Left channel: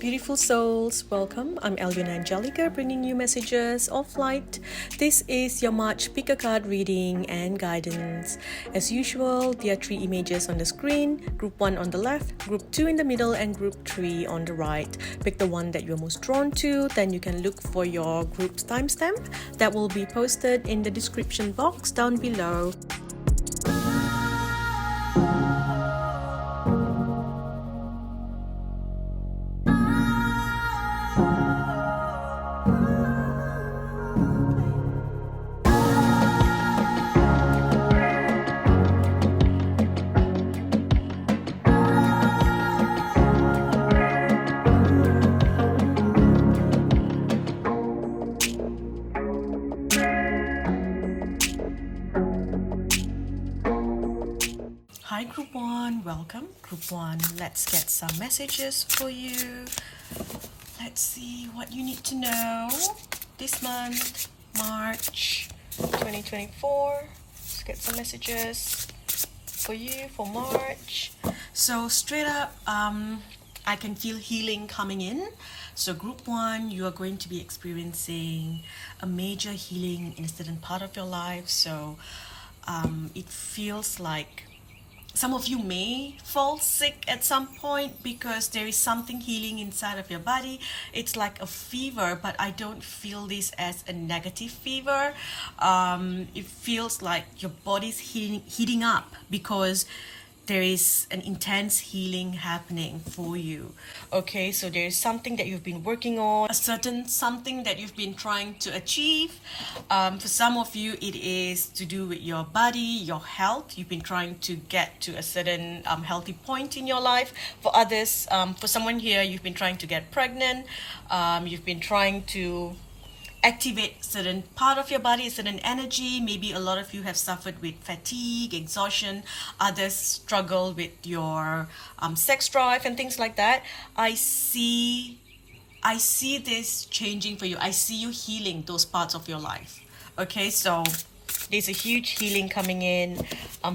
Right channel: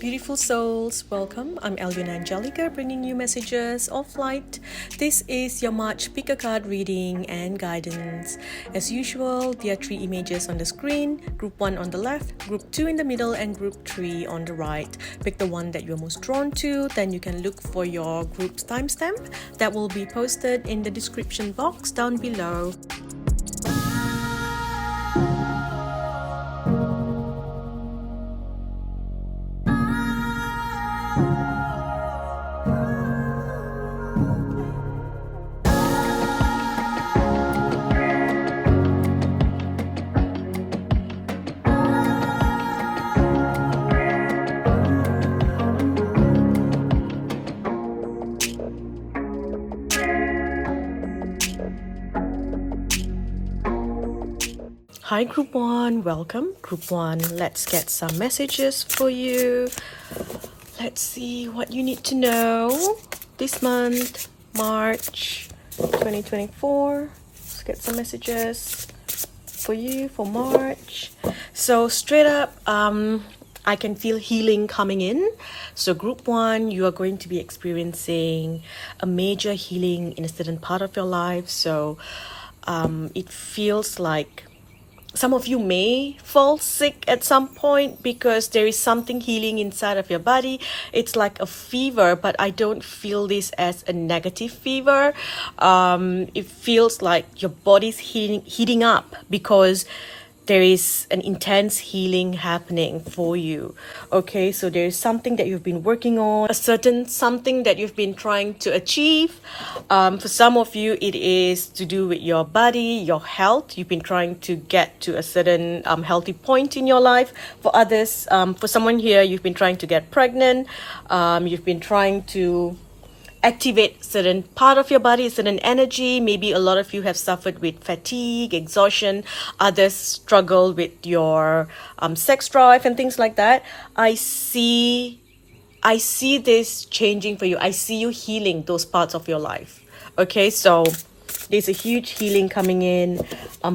Beautiful souls, welcome. I'm Alyonna Angelica, bringing you messages of light. This is your March pick a card reading and guidance. As usual, there are 3 images on the screen, group 1 on the left, group 2 in the middle, and group 3 on the right. Pick the one that you're most drawn to, then you can look for your group's timestamp that will be posted in the description box down below. Hi Group 1, welcome. Group 1, let's get some messages for you. Let's see what you need to know this month, March 2024. Let's get some messages for you for March. So straight up, I can feel healing coming in. So group 1, you are going to be experiencing a major healing in a certain part of your life. So it feels like some of you may fall sick at some point because there is something healing inside of your body. It's like a fever, but I don't feel this as a negative fever. It feels like your body's heating up because there is an intense healing happening for you. Okay, so there is something that you've been working on, a certain something that you've been trying to achieve. For some of you, it is to do with your body, your health. You've been trying to get to a certain healthy point in your life. For others, for someone here, you've been trying to get pregnant. You've been trying to activate certain part of your body, certain energy. Maybe a lot of you have suffered with fatigue, exhaustion. Others struggle with your sex drive and things like that. I see this changing for you. I see you healing those parts of your life. Okay, so there's a huge healing coming in,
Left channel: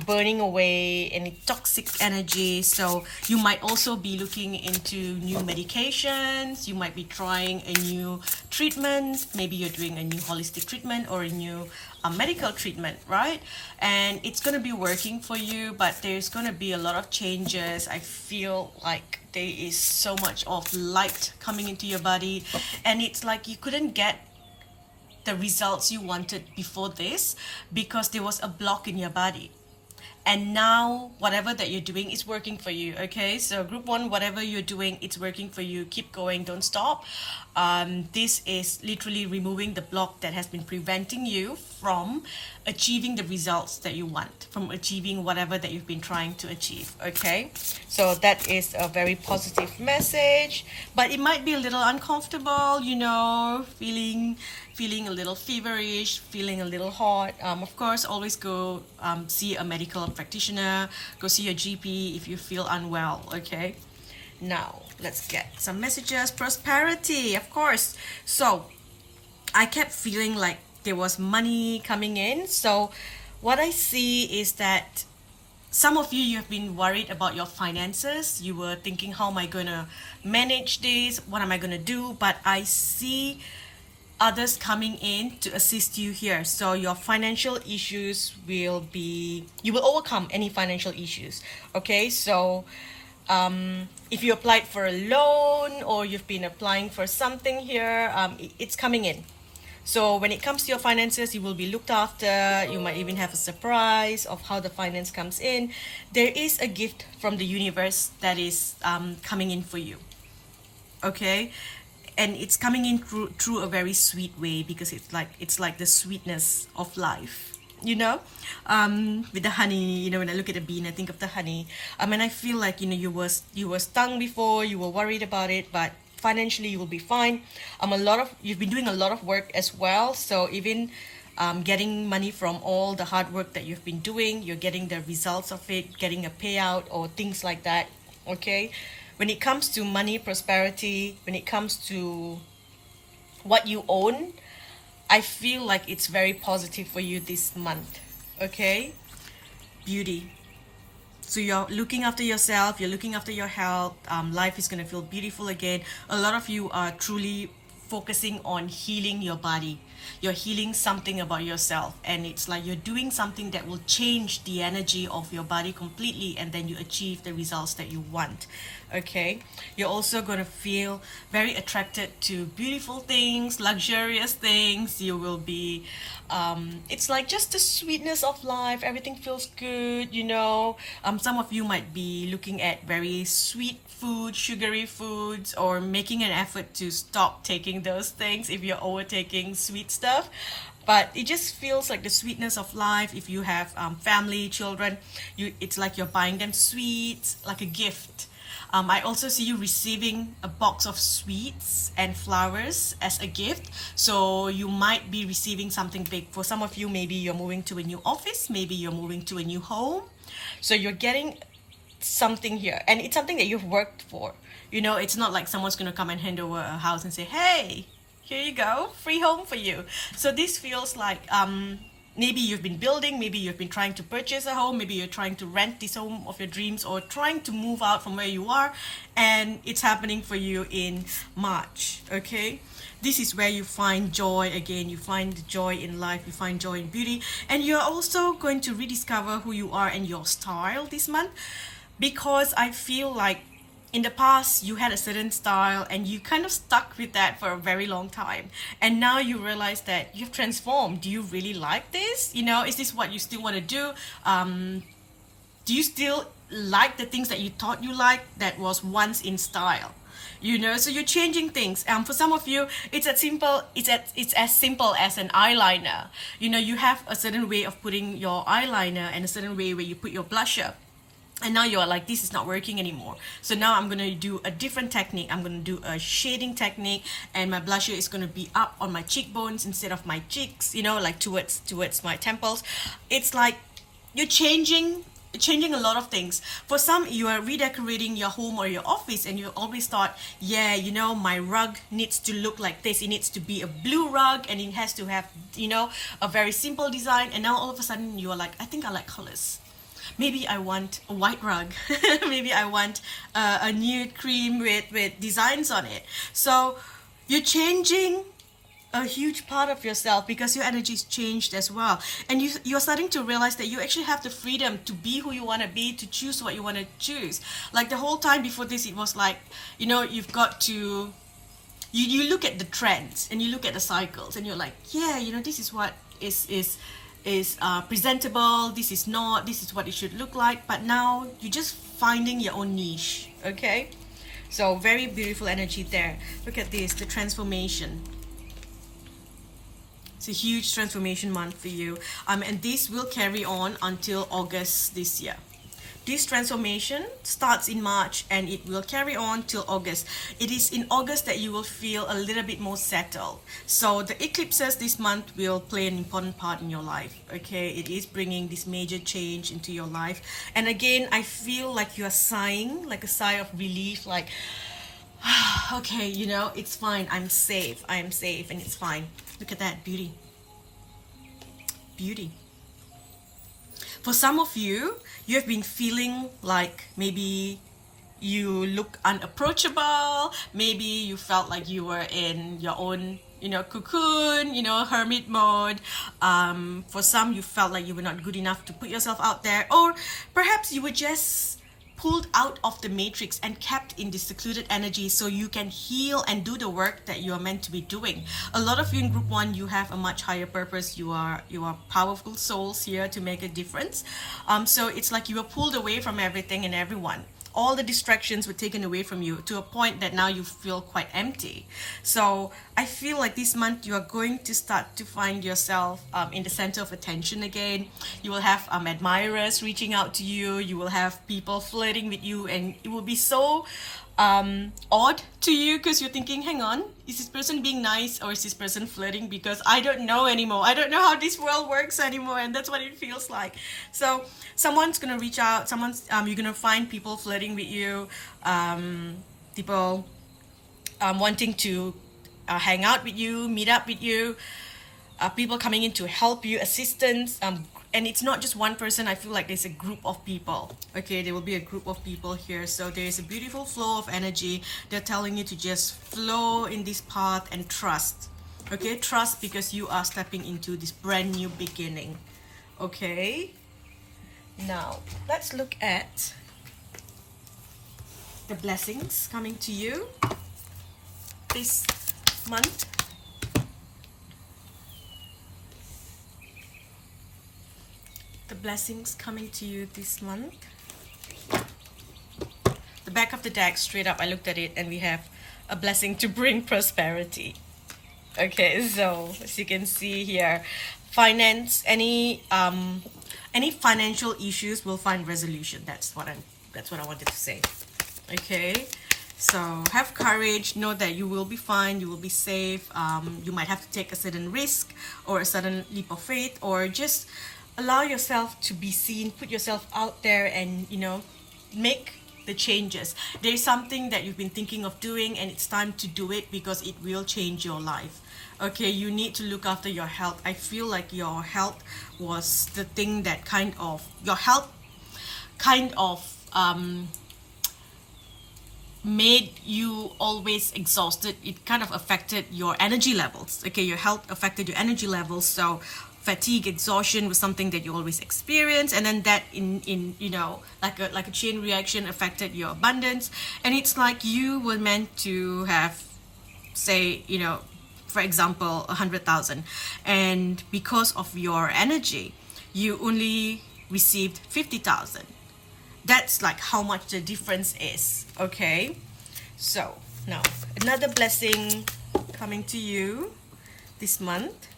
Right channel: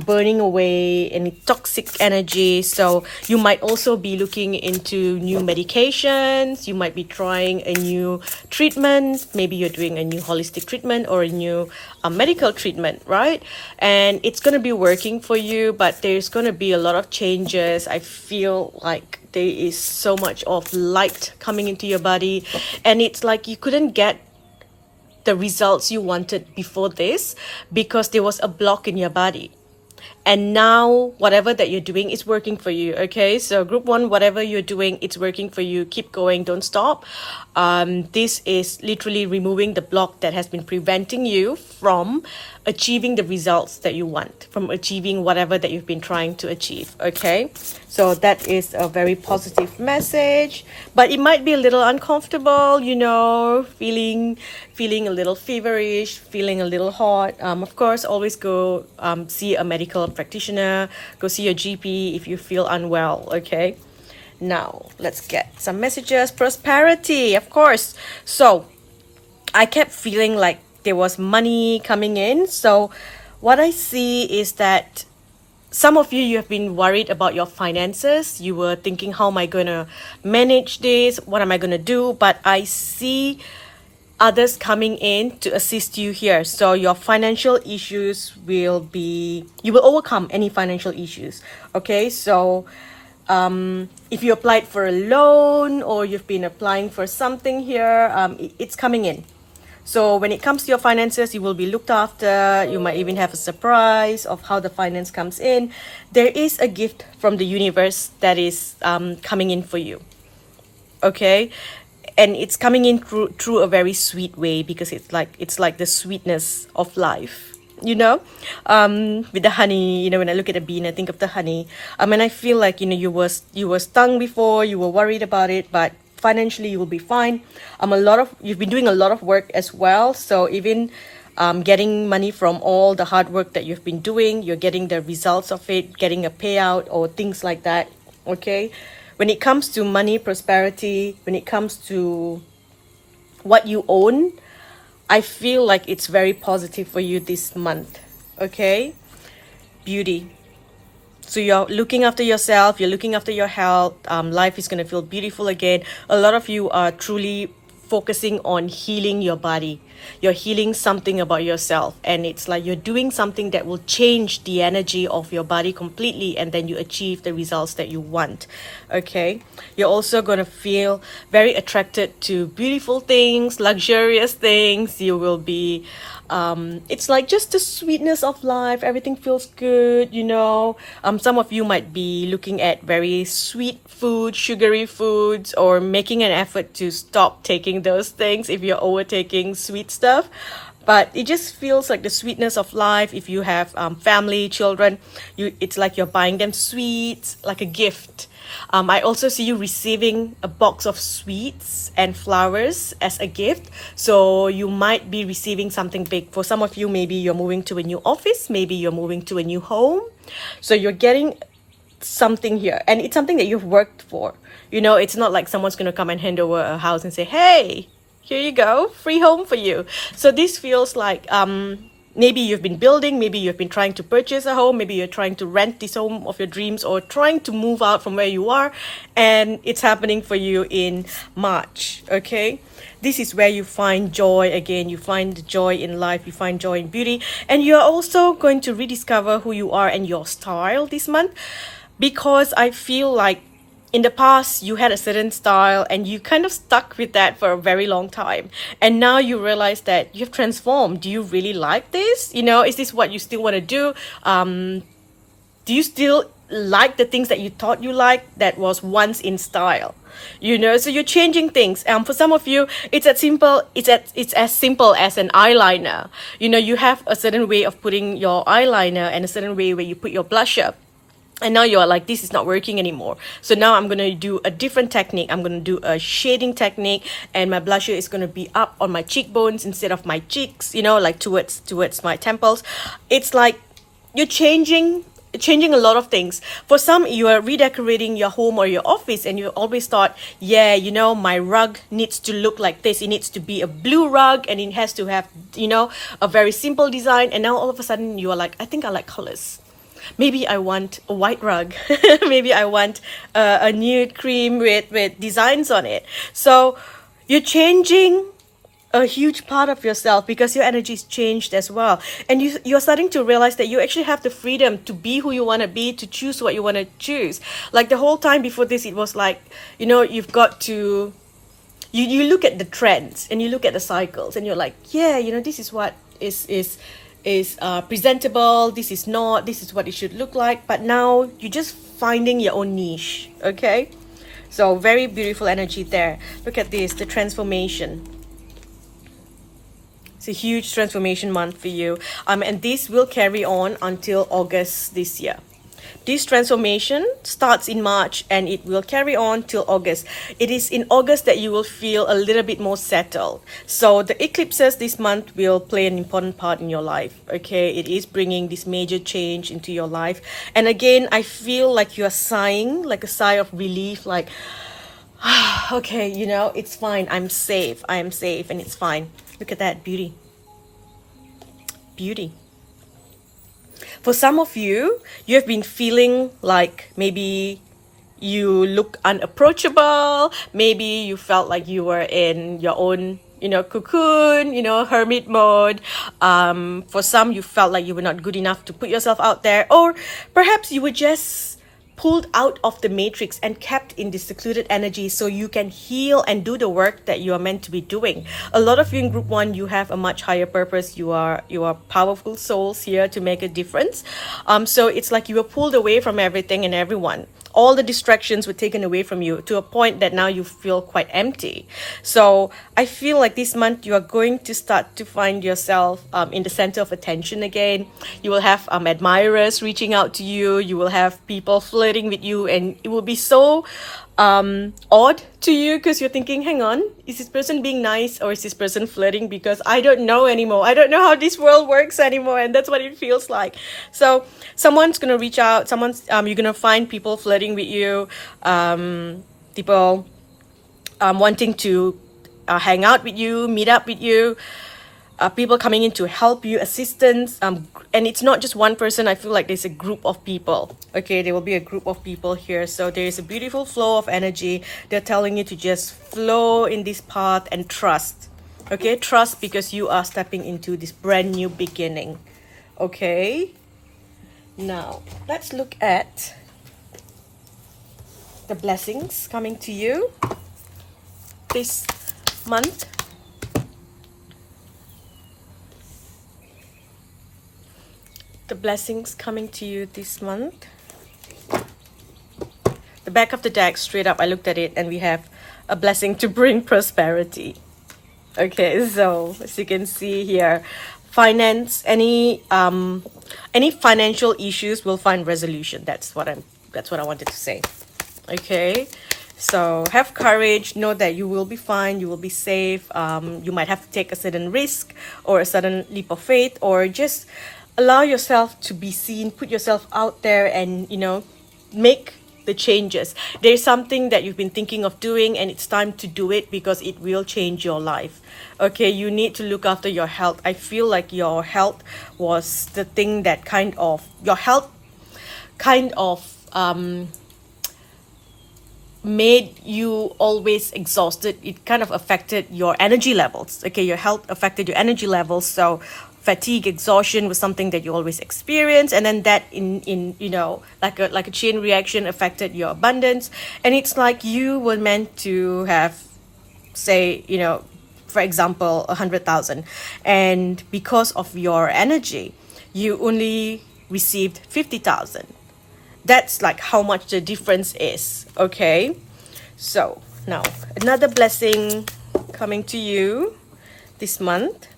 burning away any toxic energy. So you might also be looking into new medications. You might be trying a new treatment. Maybe you're doing a new holistic treatment or a new medical treatment, right? And it's going to be working for you, but there's going to be a lot of changes. I feel like there is so much of light coming into your body, and it's like you couldn't get the results you wanted before this because there was a block in your body, and now whatever that you're doing is working for you. Okay, so group 1, whatever you're doing, it's working for you. Keep going, don't stop. This is literally removing the block that has been preventing you from achieving the results that you want, from achieving whatever that you've been trying to achieve. Okay, so that is a very positive message, but it might be a little uncomfortable, you know, feeling a little feverish, feeling a little hot. Of course, always go see a medical practitioner, go see your GP if you feel unwell. Okay, now let's get some messages. Prosperity, of course. So I kept feeling like there was money coming in. So what I see is that some of you have been worried about your finances. You were thinking, how am I going to manage this? What am I going to do? But I see others coming in to assist you here. So your financial issues you will overcome any financial issues. Okay, so if you applied for a loan or you've been applying for something here, it's coming in. So when it comes to your finances, you will be looked after. You might even have a surprise of how the finance comes in. There is a gift from the universe that is coming in for you. Okay, and it's coming in through a very sweet way because it's like the sweetness of life. You know, with the honey. You know, when I look at a bean, I think of the honey. And I feel like, you know, you were stung before. You were worried about it, but financially you will be fine. You've been doing a lot of work as well, so even getting money from all the hard work that you've been doing, you're getting the results of it, getting a payout or things like that. Okay, when it comes to money, prosperity, when it comes to what you own, I feel like it's very positive for you this month. Okay, beauty. So you're looking after yourself, you're looking after your health. Life is going to feel beautiful again. A lot of you are truly focusing on healing your body. You're healing something about yourself, and it's like you're doing something that will change the energy of your body completely, and then you achieve the results that you want. Okay, you're also going to feel very attracted to beautiful things, luxurious things. You will be it's like just the sweetness of life. Everything feels good, you know. Some of you might be looking at very sweet food, sugary foods, or making an effort to stop taking those things if you're overtaking sweet stuff. But it just feels like the sweetness of life. If you have family, children, it's like you're buying them sweets, like a gift. I also see you receiving a box of sweets and flowers as a gift. So you might be receiving something big. For some of you, maybe you're moving to a new office, maybe you're moving to a new home. So you're getting something here, and it's something that you've worked for. You know, it's not like someone's going to come and hand over a house and say, hey, here you go, free home for you. So this feels like maybe you've been building, maybe you've been trying to purchase a home, maybe you're trying to rent this home of your dreams, or trying to move out from where you are, and it's happening for you in March. Okay, this is where you find joy again. You find joy in life, you find joy in beauty, and you're also going to rediscover who you are and your style this month, because I feel like in the past you had a certain style and you kind of stuck with that for a very long time, and now you realize that you've transformed. Do you really like this? You know, is this what you still want to do? Do you still like the things that you thought you liked that was once in style? You know, so you're changing things. For some of you, it's as simple as an eyeliner. You know, you have a certain way of putting your eyeliner and a certain way where you put your blusher, and now you're like, this is not working anymore. So now I'm going to do a different technique. I'm going to do a shading technique, and my blusher is going to be up on my cheekbones instead of my cheeks, you know, like towards my temples. It's like you're changing a lot of things. For some, you are redecorating your home or your office, and you always thought, yeah, you know, my rug needs to look like this. It needs to be a blue rug, and it has to have, you know, a very simple design. And now all of a sudden you are like, I think I like colors. Maybe I want a white rug. Maybe I want a nude cream with designs on it. So you're changing a huge part of yourself because your energy's changed as well. And you're starting to realize that you actually have the freedom to be who you want to be, to choose what you want to choose. Like the whole time before this, it was like, you know, you've got to... You look at the trends and you look at the cycles and you're like, yeah, you know, this is what is presentable, this is not, this is what it should look like. But now you're just finding your own niche. Okay, so very beautiful energy there. Look at this, the transformation. It's a huge transformation month for you, and this will carry on until August this year. This transformation starts in March and it will carry on till August. It is in August that you will feel a little bit more settled. So the eclipses this month will play an important part in your life. Okay, it is bringing this major change into your life. And again, I feel like you're sighing, like a sigh of relief, like, okay, you know, it's fine. I am safe and it's fine. Look at that beauty. Beauty. For some of you, you have been feeling like maybe you look unapproachable. Maybe you felt like you were in your own, you know, cocoon, you know, hermit mode. For some, you felt like you were not good enough to put yourself out there. Or perhaps you were just pulled out of the matrix and kept in this secluded energy so you can heal and do the work that you are meant to be doing. A lot of you in group 1, you have a much higher purpose. You are powerful souls here to make a difference. So it's like you were pulled away from everything and everyone. All the distractions were taken away from you to a point that now you feel quite empty. So I feel like this month you are going to start to find yourself in the center of attention again. You will have admirers reaching out to you. You will have people flirting with you, and it will be so odd to you because you're thinking, hang on, is this person being nice or is this person flirting? Because I don't know anymore. I don't know how this world works anymore, and that's what it feels like. So someone's gonna reach out. You're gonna find people flirting with you, people wanting to hang out with you, meet up with you. people coming in to help you, assistance, and it's not just one person. I feel like there's a group of people. Okay, there will be a group of people here, so there is a beautiful flow of energy. They're telling you to just flow in this path and trust. Okay, trust, because you are stepping into this brand new beginning. Okay, now let's look at the blessings coming to you this month. The blessings coming to you this month. The back of the deck, straight up, I looked at it and we have a blessing to bring prosperity. Okay, so as you can see here, finance, any financial issues will find resolution. That's what I wanted to say. Okay, so have courage, know that you will be fine, you will be safe. You might have to take a certain risk or a sudden leap of faith, or just allow yourself to be seen, put yourself out there, and make the changes. There's something that you've been thinking of doing, and it's time to do it, because it will change your life. Okay, you need to look after your health. I feel like your health was the thing that your health kind of made you always exhausted. It kind of affected your energy levels. Okay, your health affected your energy levels. So fatigue, exhaustion was something that you always experience, and then that in like a chain reaction affected your abundance. And it's like you were meant to have, say, for example, 100,000, and because of your energy you only received 50,000. That's like how much the difference is. Okay, so now another blessing coming to you this month.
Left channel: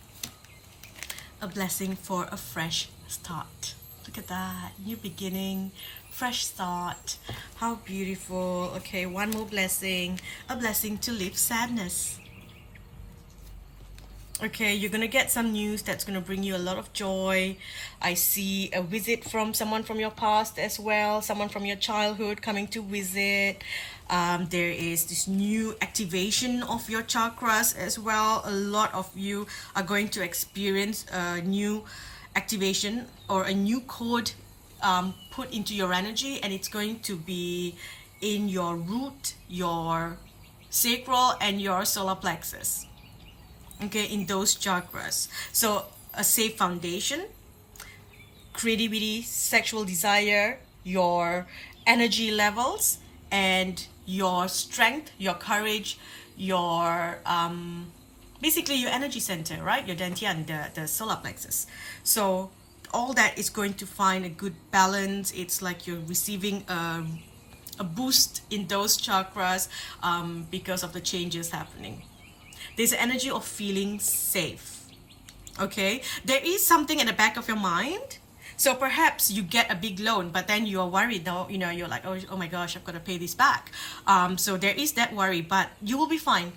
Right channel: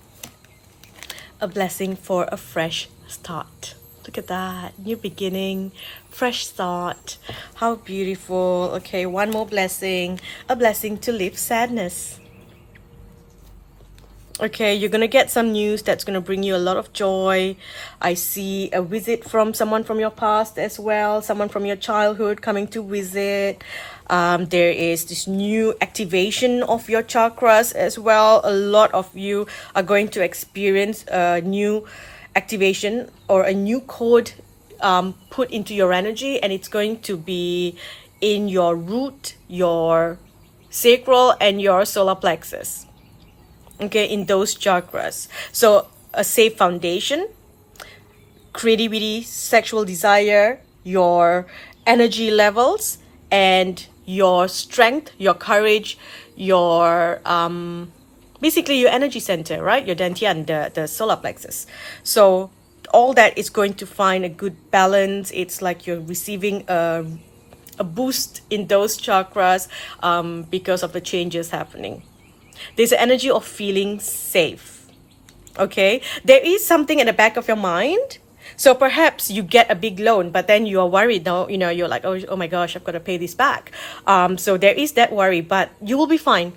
A blessing for a fresh start. Look at that, new beginning, fresh start. How beautiful. Okay, one more blessing, a blessing to live sadness. Okay, you're gonna get some news that's gonna bring you a lot of joy. I see a visit from someone from your past as well, someone from your childhood coming to visit. There is this new activation of your chakras as well. A lot of you are going to experience a new activation or a new code put into your energy, and it's going to be in your root, your sacral, and your solar plexus. Okay, in those chakras. So a safe foundation, creativity, sexual desire, your energy levels, and your strength, your courage, your basically your energy center, right? Your dantian, the solar plexus. So all that is going to find a good balance. It's like you're receiving a boost in those chakras because of the changes happening. There's an energy of feeling safe. Okay, there is something in the back of your mind. So perhaps you get a big loan, but then you are worried now, you're like, oh my gosh, I've got to pay this back. So there is that worry, but you will be fine.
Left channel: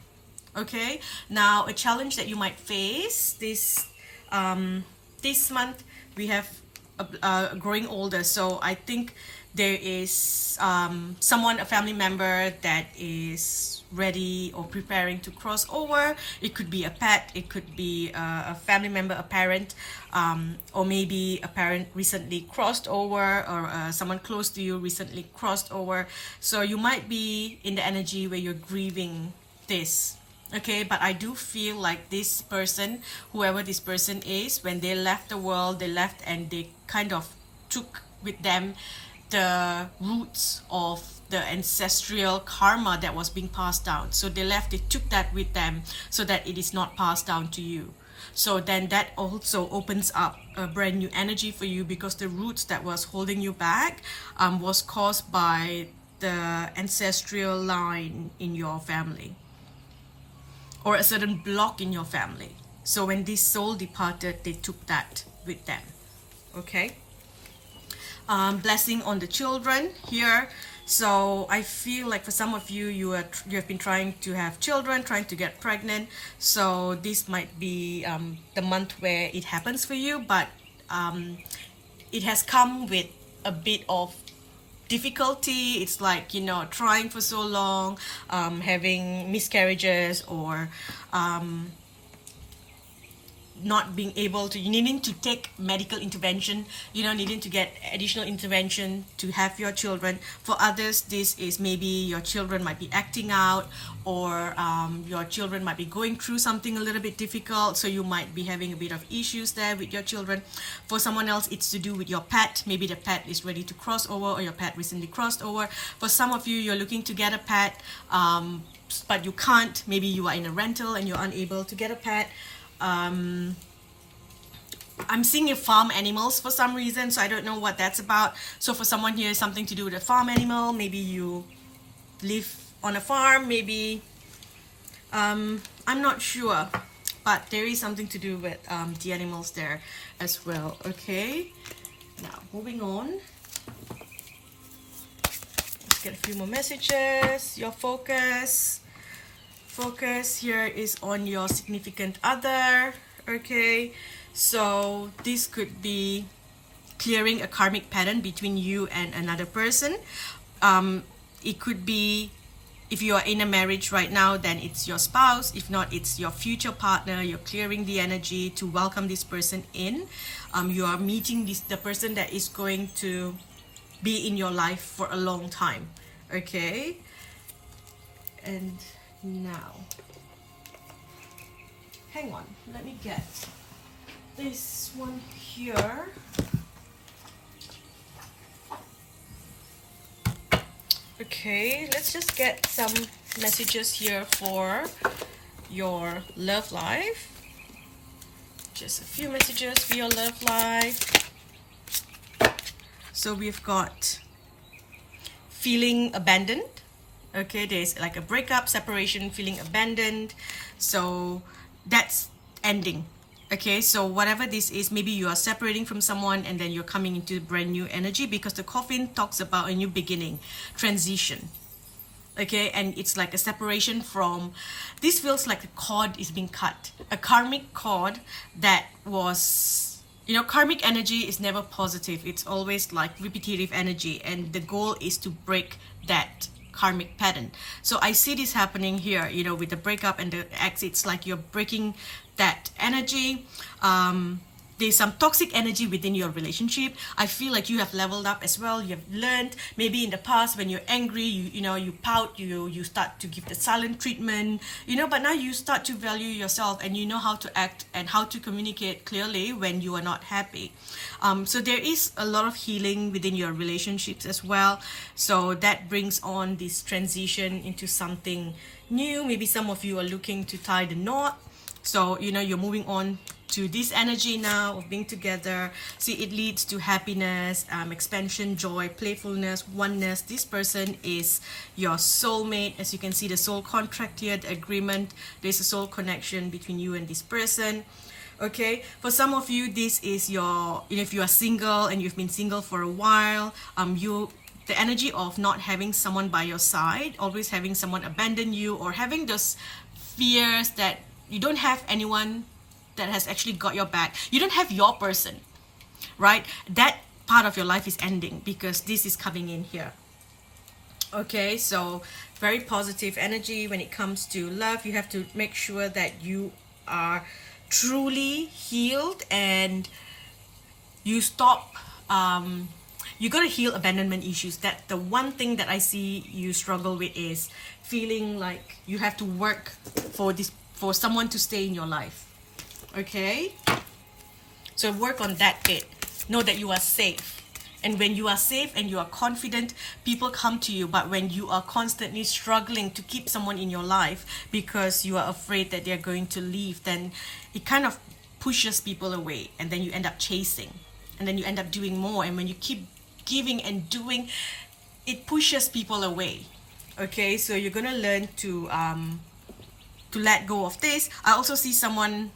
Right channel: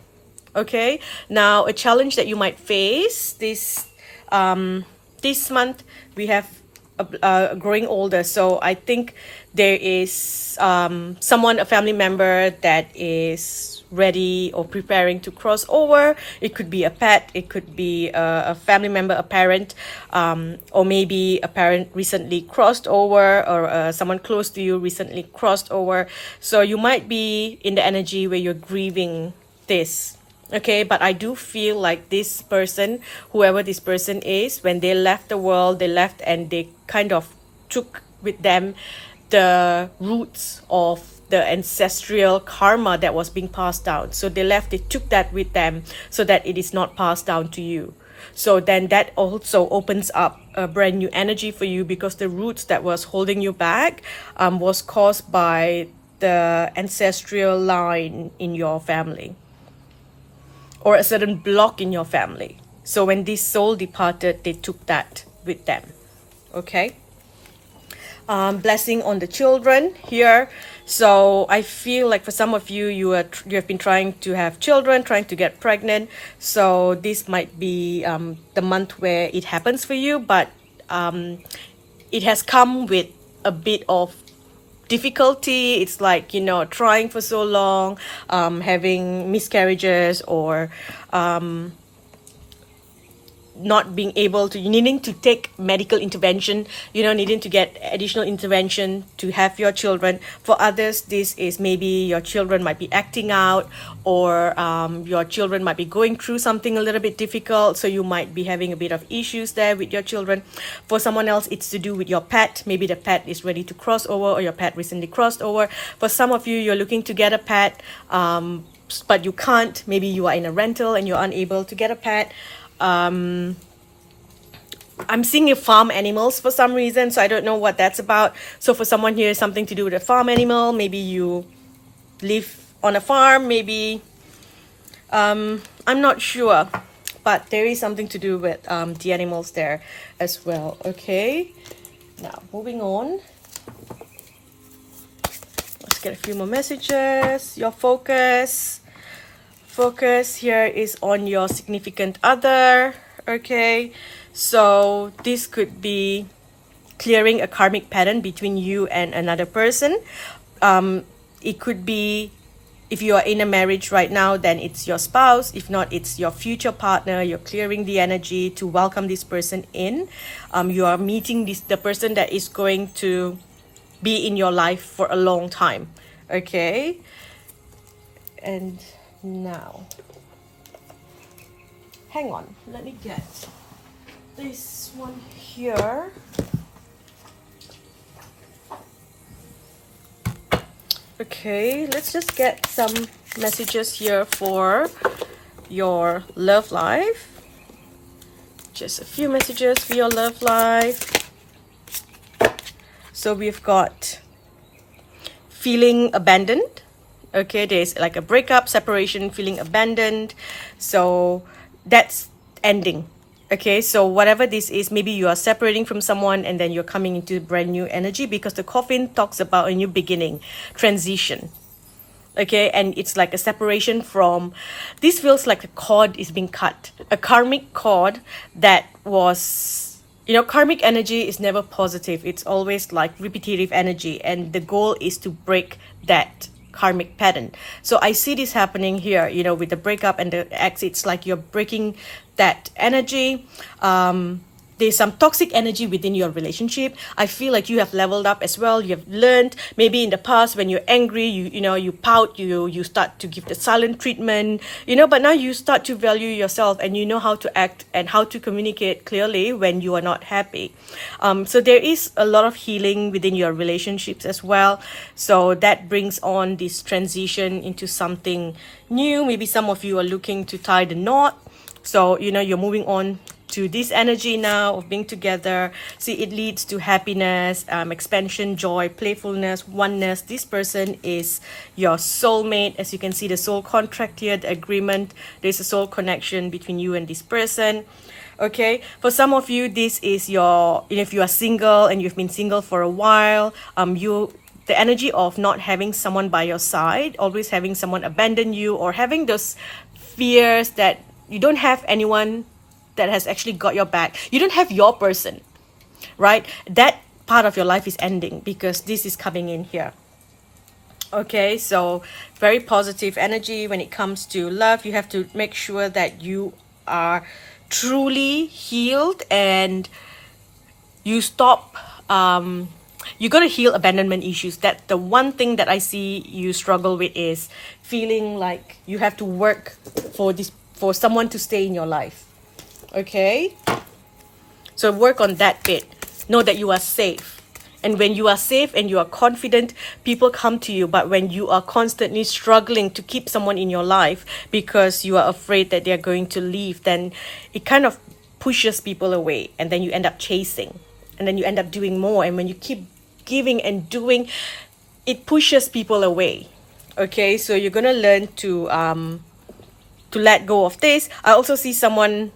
Okay, now a challenge that you might face this month, we have growing older. So I think there is someone, a family member, that is ready or preparing to cross over. It could be a pet, it could be a family member, a parent, or maybe a parent recently crossed over, or someone close to you recently crossed over. So you might be in the energy where you're grieving this. Okay, but I do feel like this person, whoever this person is, when they left the world, they left and they kind of took with them the roots of the ancestral karma that was being passed down. So they took that with them so that it is not passed down to you. So then that also opens up a brand new energy for you, because the roots that was holding you back was caused by the ancestral line in your family, or a certain block in your family. So when this soul departed, they took that with them. Okay. Blessing on the children here. So I feel like for some of you, you have been trying to have children, trying to get pregnant. So this might be the month where it happens for you, but it has come with a bit of difficulty. It's like, trying for so long, having miscarriages, or not being able to, needing to take medical intervention, needing to get additional intervention to have your children. For others, this is maybe your children might be acting out, or your children might be going through something a little bit difficult, so you might be having a bit of issues there with your children. For someone else, it's to do with your pet. Maybe the pet is ready to cross over, or your pet recently crossed over. For some of you, you're looking to get a pet, but you can't. Maybe you are in a rental and you're unable to get a pet. I'm seeing farm animals for some reason, so I don't know what that's about. So for someone here, something to do with a farm animal. Maybe you live on a farm, maybe I'm not sure, but there is something to do with the animals there as well. Okay, now moving on, let's get a few more messages. Your focus here is on your significant other. Okay, so this could be clearing a karmic pattern between you and another person. It could be, if you are in a marriage right now, then it's your spouse. If not, it's your future partner. You're clearing the energy to welcome this person in. You are meeting the person that is going to be in your life for a long time. Okay, and now, hang on, let me get this one here. Okay, let's just get some messages here for your love life. Just a few messages for your love life. So we've got feeling abandoned. Okay, there's like a breakup, separation, feeling abandoned. So that's ending. Okay, so whatever this is, maybe you are separating from someone and then you're coming into brand new energy, because the coffin talks about a new beginning, transition. Okay, and it's like a separation from, this feels like a cord is being cut, a karmic cord that was, karmic energy is never positive. It's always like repetitive energy, and the goal is to break that karmic pattern. So I see this happening here, with the breakup and the ex. It's like you're breaking that energy. There's some toxic energy within your relationship. I feel like you have leveled up as well. You have learned, maybe in the past when you're angry, you pout, you start to give the silent treatment, but now you start to value yourself, and you know how to act and how to communicate clearly when you are not happy. So there is a lot of healing within your relationships as well. So that brings on this transition into something new. Maybe some of you are looking to tie the knot. So, you're moving on to this energy now of being together. See, it leads to happiness, expansion, joy, playfulness, oneness. This person is your soulmate. As you can see, the soul contract here, the agreement. There's a soul connection between you and this person. Okay, for some of you, this is your, if you are single and you've been single for a while, the energy of not having someone by your side, always having someone abandon you, or having those fears that you don't have anyone that has actually got your back. You don't have your person, right? That part of your life is ending, because this is coming in here. Okay, so very positive energy when it comes to love. You have to make sure that you are truly healed, and you stop, you got to heal abandonment issues. That the one thing that I see you struggle with is feeling like you have to work for someone to stay in your life. Okay, so work on that bit. Know that you are safe, and when you are safe and you are confident, people come to you. But when you are constantly struggling to keep someone in your life because you are afraid that they're going to leave, then it kind of pushes people away, and then you end up chasing, and then you end up doing more. And when you keep giving and doing, it pushes people away. Okay, so you're gonna learn to let go of this. I also see someone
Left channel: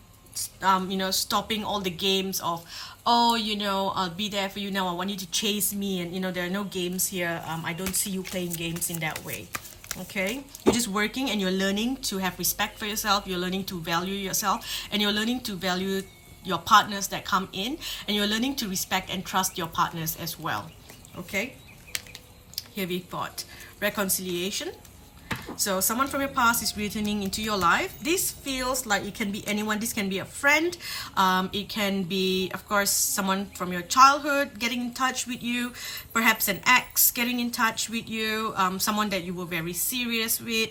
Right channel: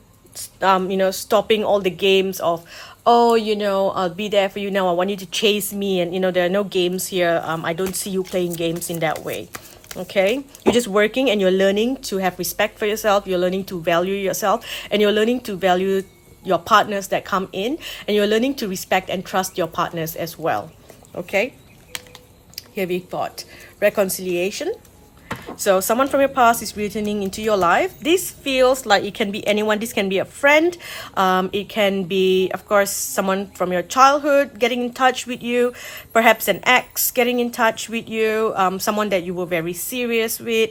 stopping all the games of, I'll be there for you now, I want you to chase me, and there are no games here. I don't see you playing games in that way. Okay, you're just working, and you're learning to have respect for yourself. You're learning to value yourself, and you're learning to value your partners that come in, and you're learning to respect and trust your partners as well. Okay, here we've got reconciliation. So someone from your past is returning into your life. This feels like it can be anyone. This can be a friend. It can be, of course, someone from your childhood getting in touch with you. Perhaps an ex getting in touch with you. Someone that you were very serious with.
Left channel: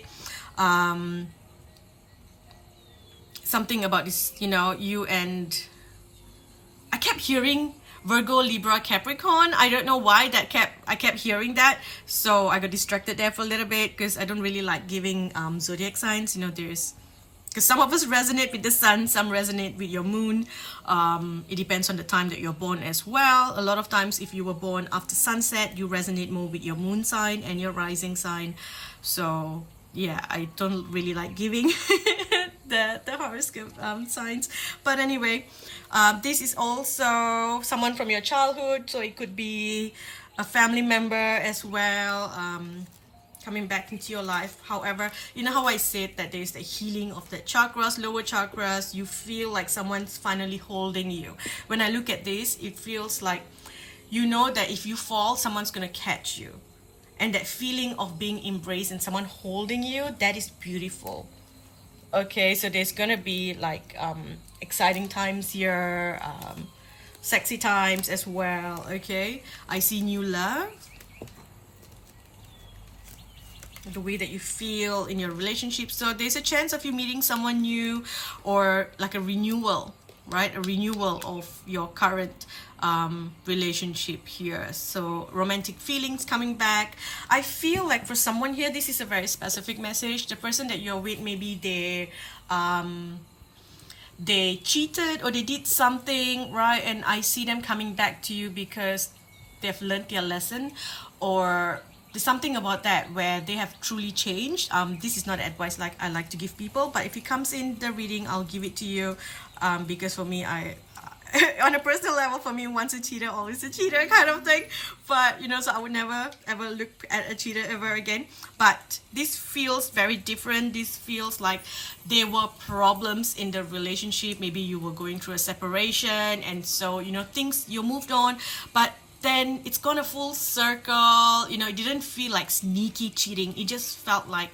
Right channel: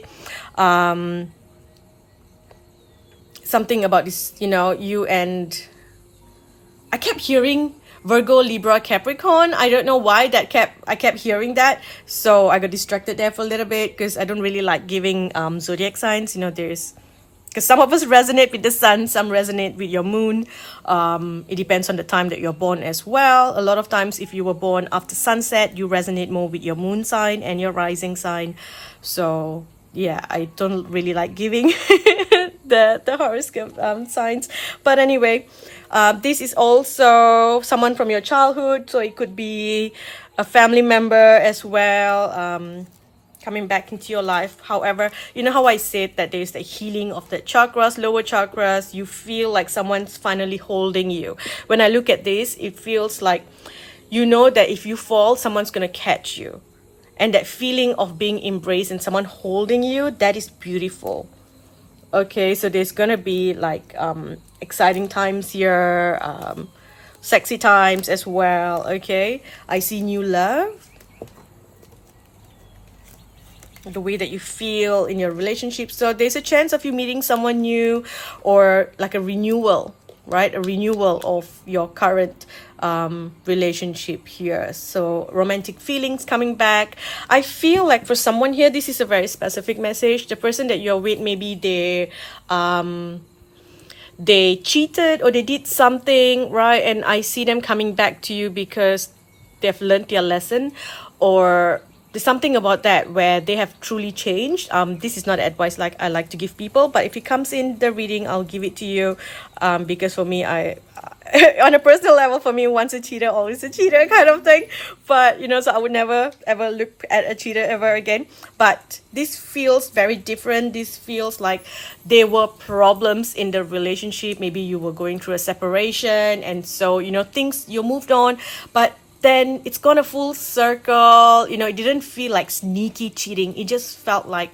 Something about this, you and... I kept hearing Virgo, Libra, Capricorn. I don't know why I kept hearing that. So I got distracted there for a little bit because I don't really like giving zodiac signs. Because some of us resonate with the sun, some resonate with your moon. It depends on the time that you're born as well. A lot of times if you were born after sunset, you resonate more with your moon sign and your rising sign. So yeah, I don't really like giving the horoscope signs. But anyway, this is also someone from your childhood, so it could be a family member as well, coming back into your life. However, you know how I said that there's the healing of the chakras, lower chakras. You feel like someone's finally holding you. When I look at this, it feels like that if you fall, someone's gonna catch you. And that feeling of being embraced and someone holding you, that is beautiful. Okay, so there's gonna be like exciting times here, sexy times as well. Okay, I see new love, the way that you feel in your relationship. So there's a chance of you meeting someone new, or like a renewal, right? A renewal of your current relationship here. So romantic feelings coming back. I feel like for someone here, this is a very specific message. The person that you're with, maybe they cheated or they did something, right? And I see them coming back to you because they've learned their lesson, or there's something about that where they have truly changed. This is not advice like I like to give people, but if it comes in the reading, I'll give it to you, because for me, I on a personal level, for me, once a cheater, always a cheater kind of thing. But so I would never ever look at a cheater ever again. But this feels very different. This feels like there were problems in the relationship. Maybe you were going through a separation, and so things, you moved on, but then it's gone a full circle. It didn't feel like sneaky cheating. It just felt like,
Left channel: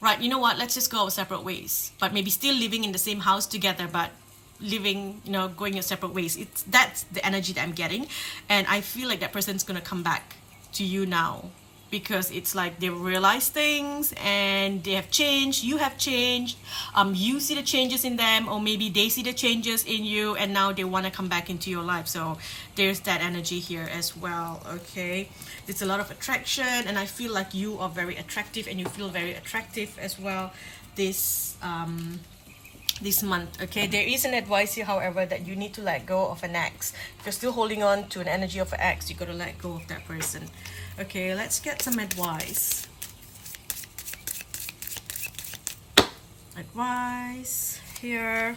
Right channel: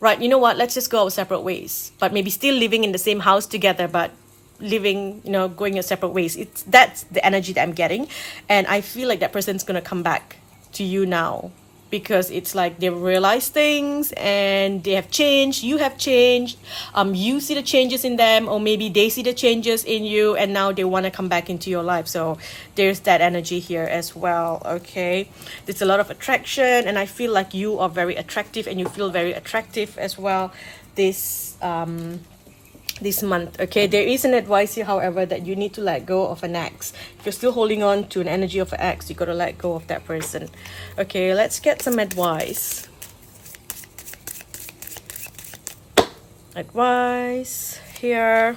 right, you know what, let's just go our separate ways. But maybe still living in the same house together, but living, going your separate ways. That's the energy that I'm getting. And I feel like that person's gonna come back to you now, because it's like they realize things and they have changed, you have changed, you see the changes in them, or maybe they see the changes in you, and now they want to come back into your life. So there's that energy here as well. Okay, there's a lot of attraction, and I feel like you are very attractive and you feel very attractive as well this month. Okay, there is an advice here, however, that you need to let go of an ex. If you're still holding on to an energy of an ex, you got to let go of that person. Okay, let's get some advice. Advice here.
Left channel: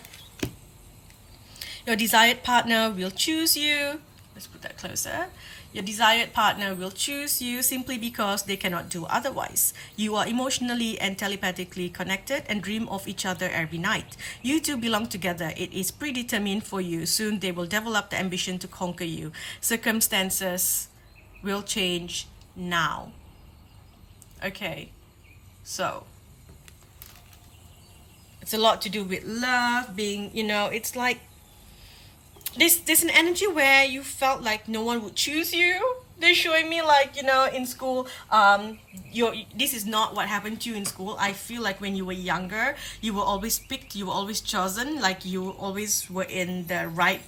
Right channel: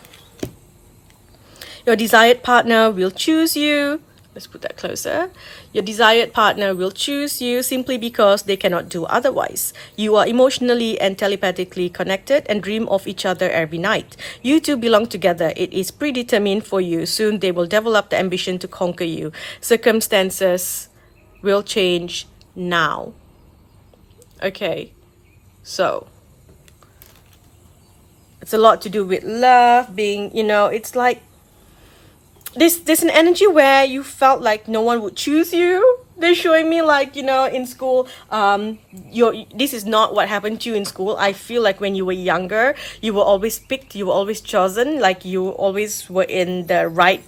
Your desired partner will choose you. Let's put that closer. Your desired partner will choose you simply because they cannot do otherwise. You are emotionally and telepathically connected and dream of each other every night. You two belong together. It is predetermined for you. Soon they will develop the ambition to conquer you. Circumstances will change now. Okay, so it's a lot to do with love, being, it's like there's an energy where you felt like no one would choose you. They're showing me like, in school, this is not what happened to you in school. I feel like when you were younger, you were always picked, you were always chosen, like you always were in the right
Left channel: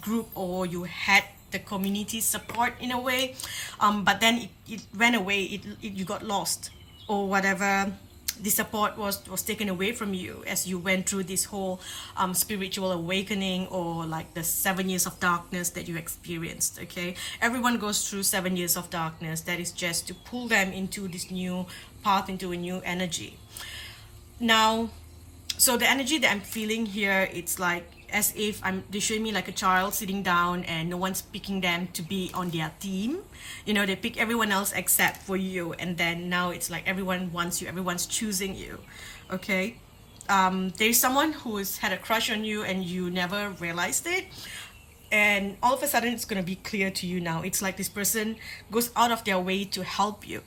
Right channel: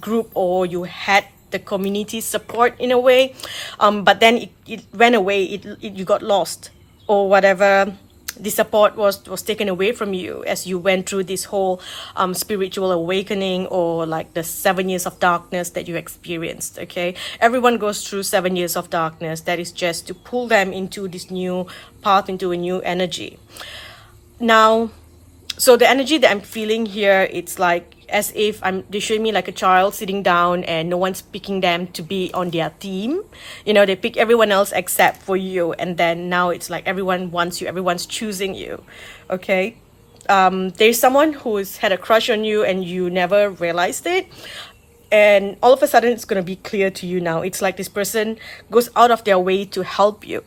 group, or you had the community support in a way. But then it went away, you got lost, or whatever. The support was taken away from you as you went through this whole spiritual awakening, or like the 7 years of darkness that you experienced. Okay, everyone goes through 7 years of darkness. That is just to pull them into this new path, into a new energy. Now, so the energy that I'm feeling here, it's like as if they're showing me like a child sitting down and no one's picking them to be on their team. They pick everyone else except for you, and then now it's like everyone wants you, everyone's choosing you. Okay, there's someone who's had a crush on you and you never realized it. and all of a sudden it's going to be clear to you now. It's like this person goes out of their way to help you,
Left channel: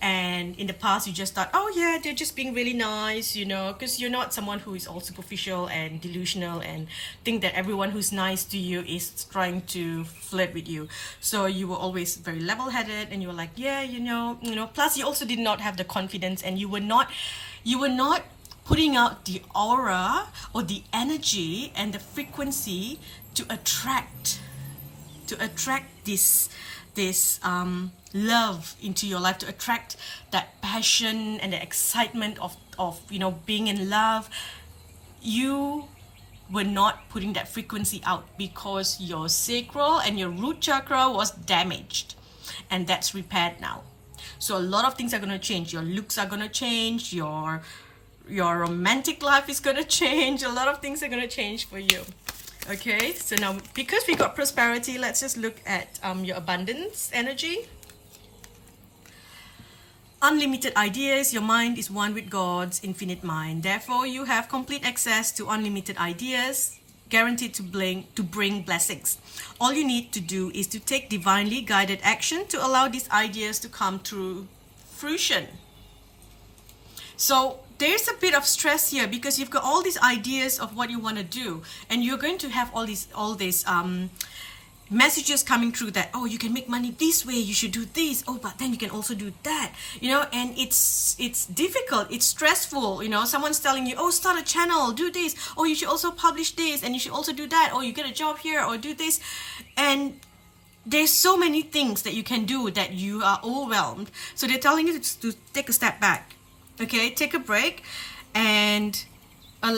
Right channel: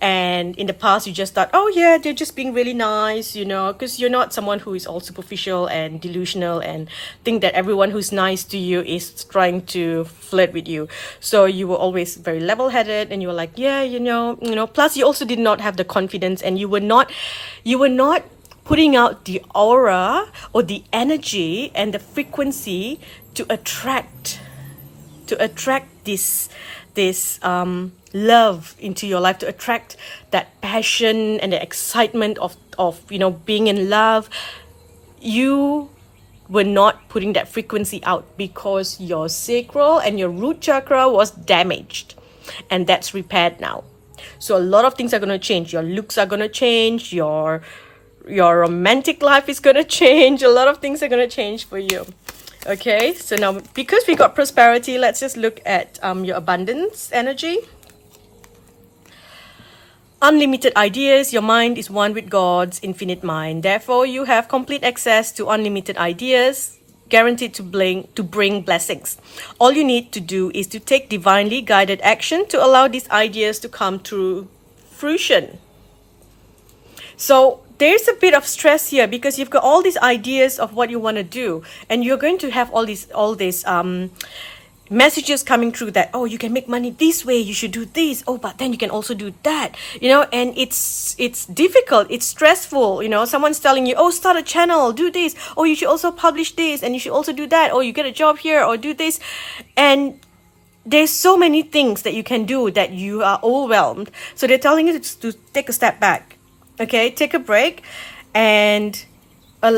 and in the past you just thought, oh yeah, they're just being really nice, you know, because you're not someone who is all superficial and delusional and think that everyone who's nice to you is trying to flirt with you. So you were always very level-headed, and you were like, yeah, plus you also did not have the confidence, and you were not putting out the aura or the energy and the frequency to attract this love into your life, to attract that passion and the excitement of being in love. You were not putting that frequency out because your sacral and your root chakra was damaged, and that's repaired now. So a lot of things are going to change. Your looks are going to change, your romantic life is going to change. A lot of things are going to change for you. Okay, so now because we got prosperity, let's just look at your abundance energy. Unlimited ideas. Your mind is one with God's infinite mind. Therefore, you have complete access to unlimited ideas, guaranteed to bring blessings. All you need to do is to take divinely guided action to allow these ideas to come to fruition. So there's a bit of stress here because you've got all these ideas of what you want to do, and you're going to have all these messages coming through that, oh, you can make money this way, you should do this, oh, but then you can also do that, and it's difficult, it's stressful. Someone's telling you, oh, start a channel, do this, oh, you should also publish this, and you should also do that, or you get a job here, or do this, and there's so many things that you can do that you are overwhelmed. So they're telling you to take a step back. Okay, take a break, and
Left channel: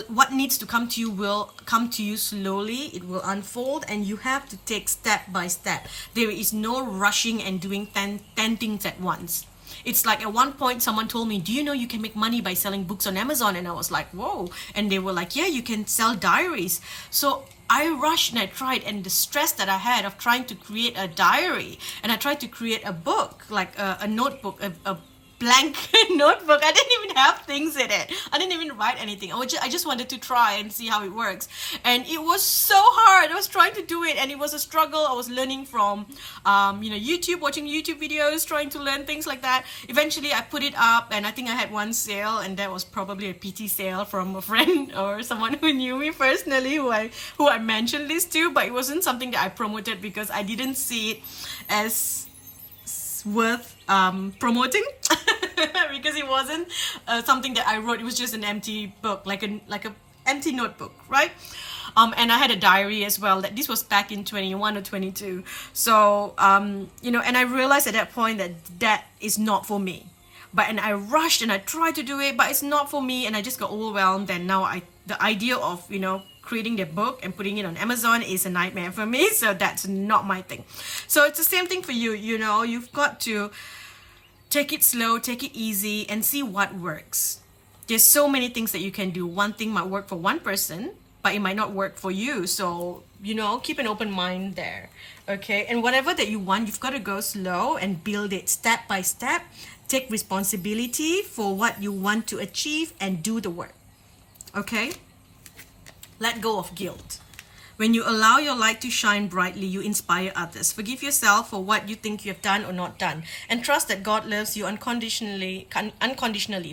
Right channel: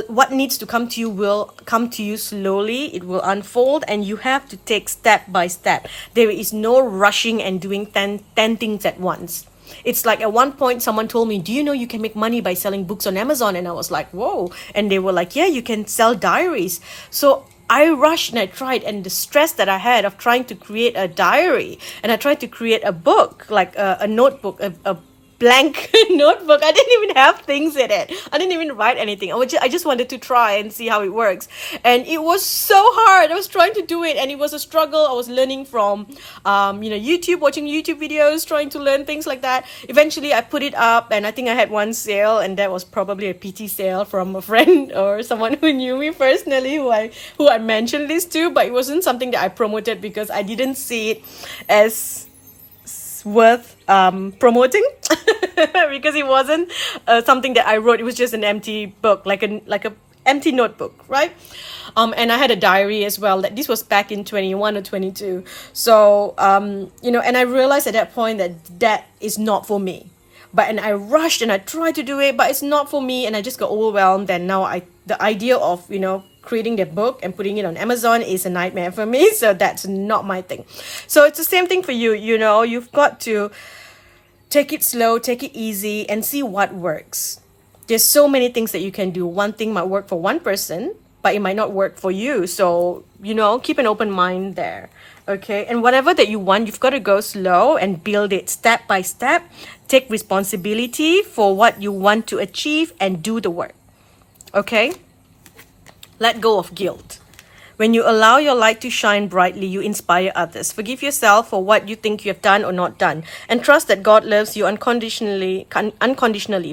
what needs to come to you will come to you slowly. It will unfold, and you have to take step by step. There is no rushing and doing 10 things at once. It's like at one point someone told me, do you know you can make money by selling books on Amazon? And I was like, whoa. And they were like, yeah, you can sell diaries. So I rushed and I tried, and the stress that I had of trying to create a diary, and I tried to create a book, like a notebook, a blank notebook. I didn't even have things in it. I didn't even write anything. I just wanted to try and see how it works, and it was so hard. I was trying to do it, and it was a struggle. I was learning from YouTube, watching YouTube videos, trying to learn things like that. Eventually I put it up, and I think I had one sale, and that was probably a PT sale from a friend or someone who knew me personally, who I mentioned this to, but it wasn't something that I promoted because I didn't see it as worth promoting because it wasn't something that I wrote. It was just an empty book, like a empty notebook, right? And I had a diary as well. That this was back in 21 or 22. So and I realized at that point that is not for me. And I rushed and I tried to do it, but it's not for me, and I just got overwhelmed. And now the idea of creating the book and putting it on Amazon is a nightmare for me. So that's not my thing. So it's the same thing for you. You've got to take it slow, take it easy, and see what works. There's so many things that you can do. One thing might work for one person, but it might not work for you. So keep an open mind there. Okay, and whatever that you want, you've got to go slow and build it step by step. Take responsibility for what you want to achieve and do the work. Okay? Let go of guilt. When you allow your light to shine brightly, you inspire others. Forgive yourself for what you think you have done or not done, and trust that God loves you unconditionally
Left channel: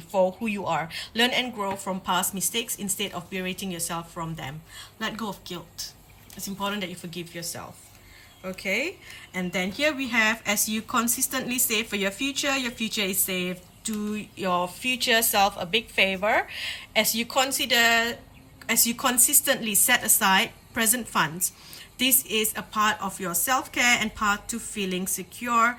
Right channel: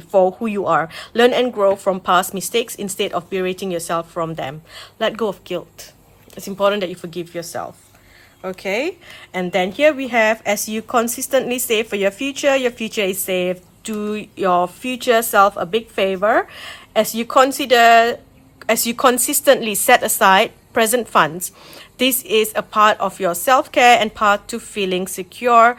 for who you are. Learn and grow from past mistakes instead of berating yourself from them. Let go of guilt. It's important that you forgive yourself. Okay, and then here we have, as you consistently save for your future is safe. Do your future self a big favor as you consistently set aside present funds. This is a part of your self-care and part to feeling secure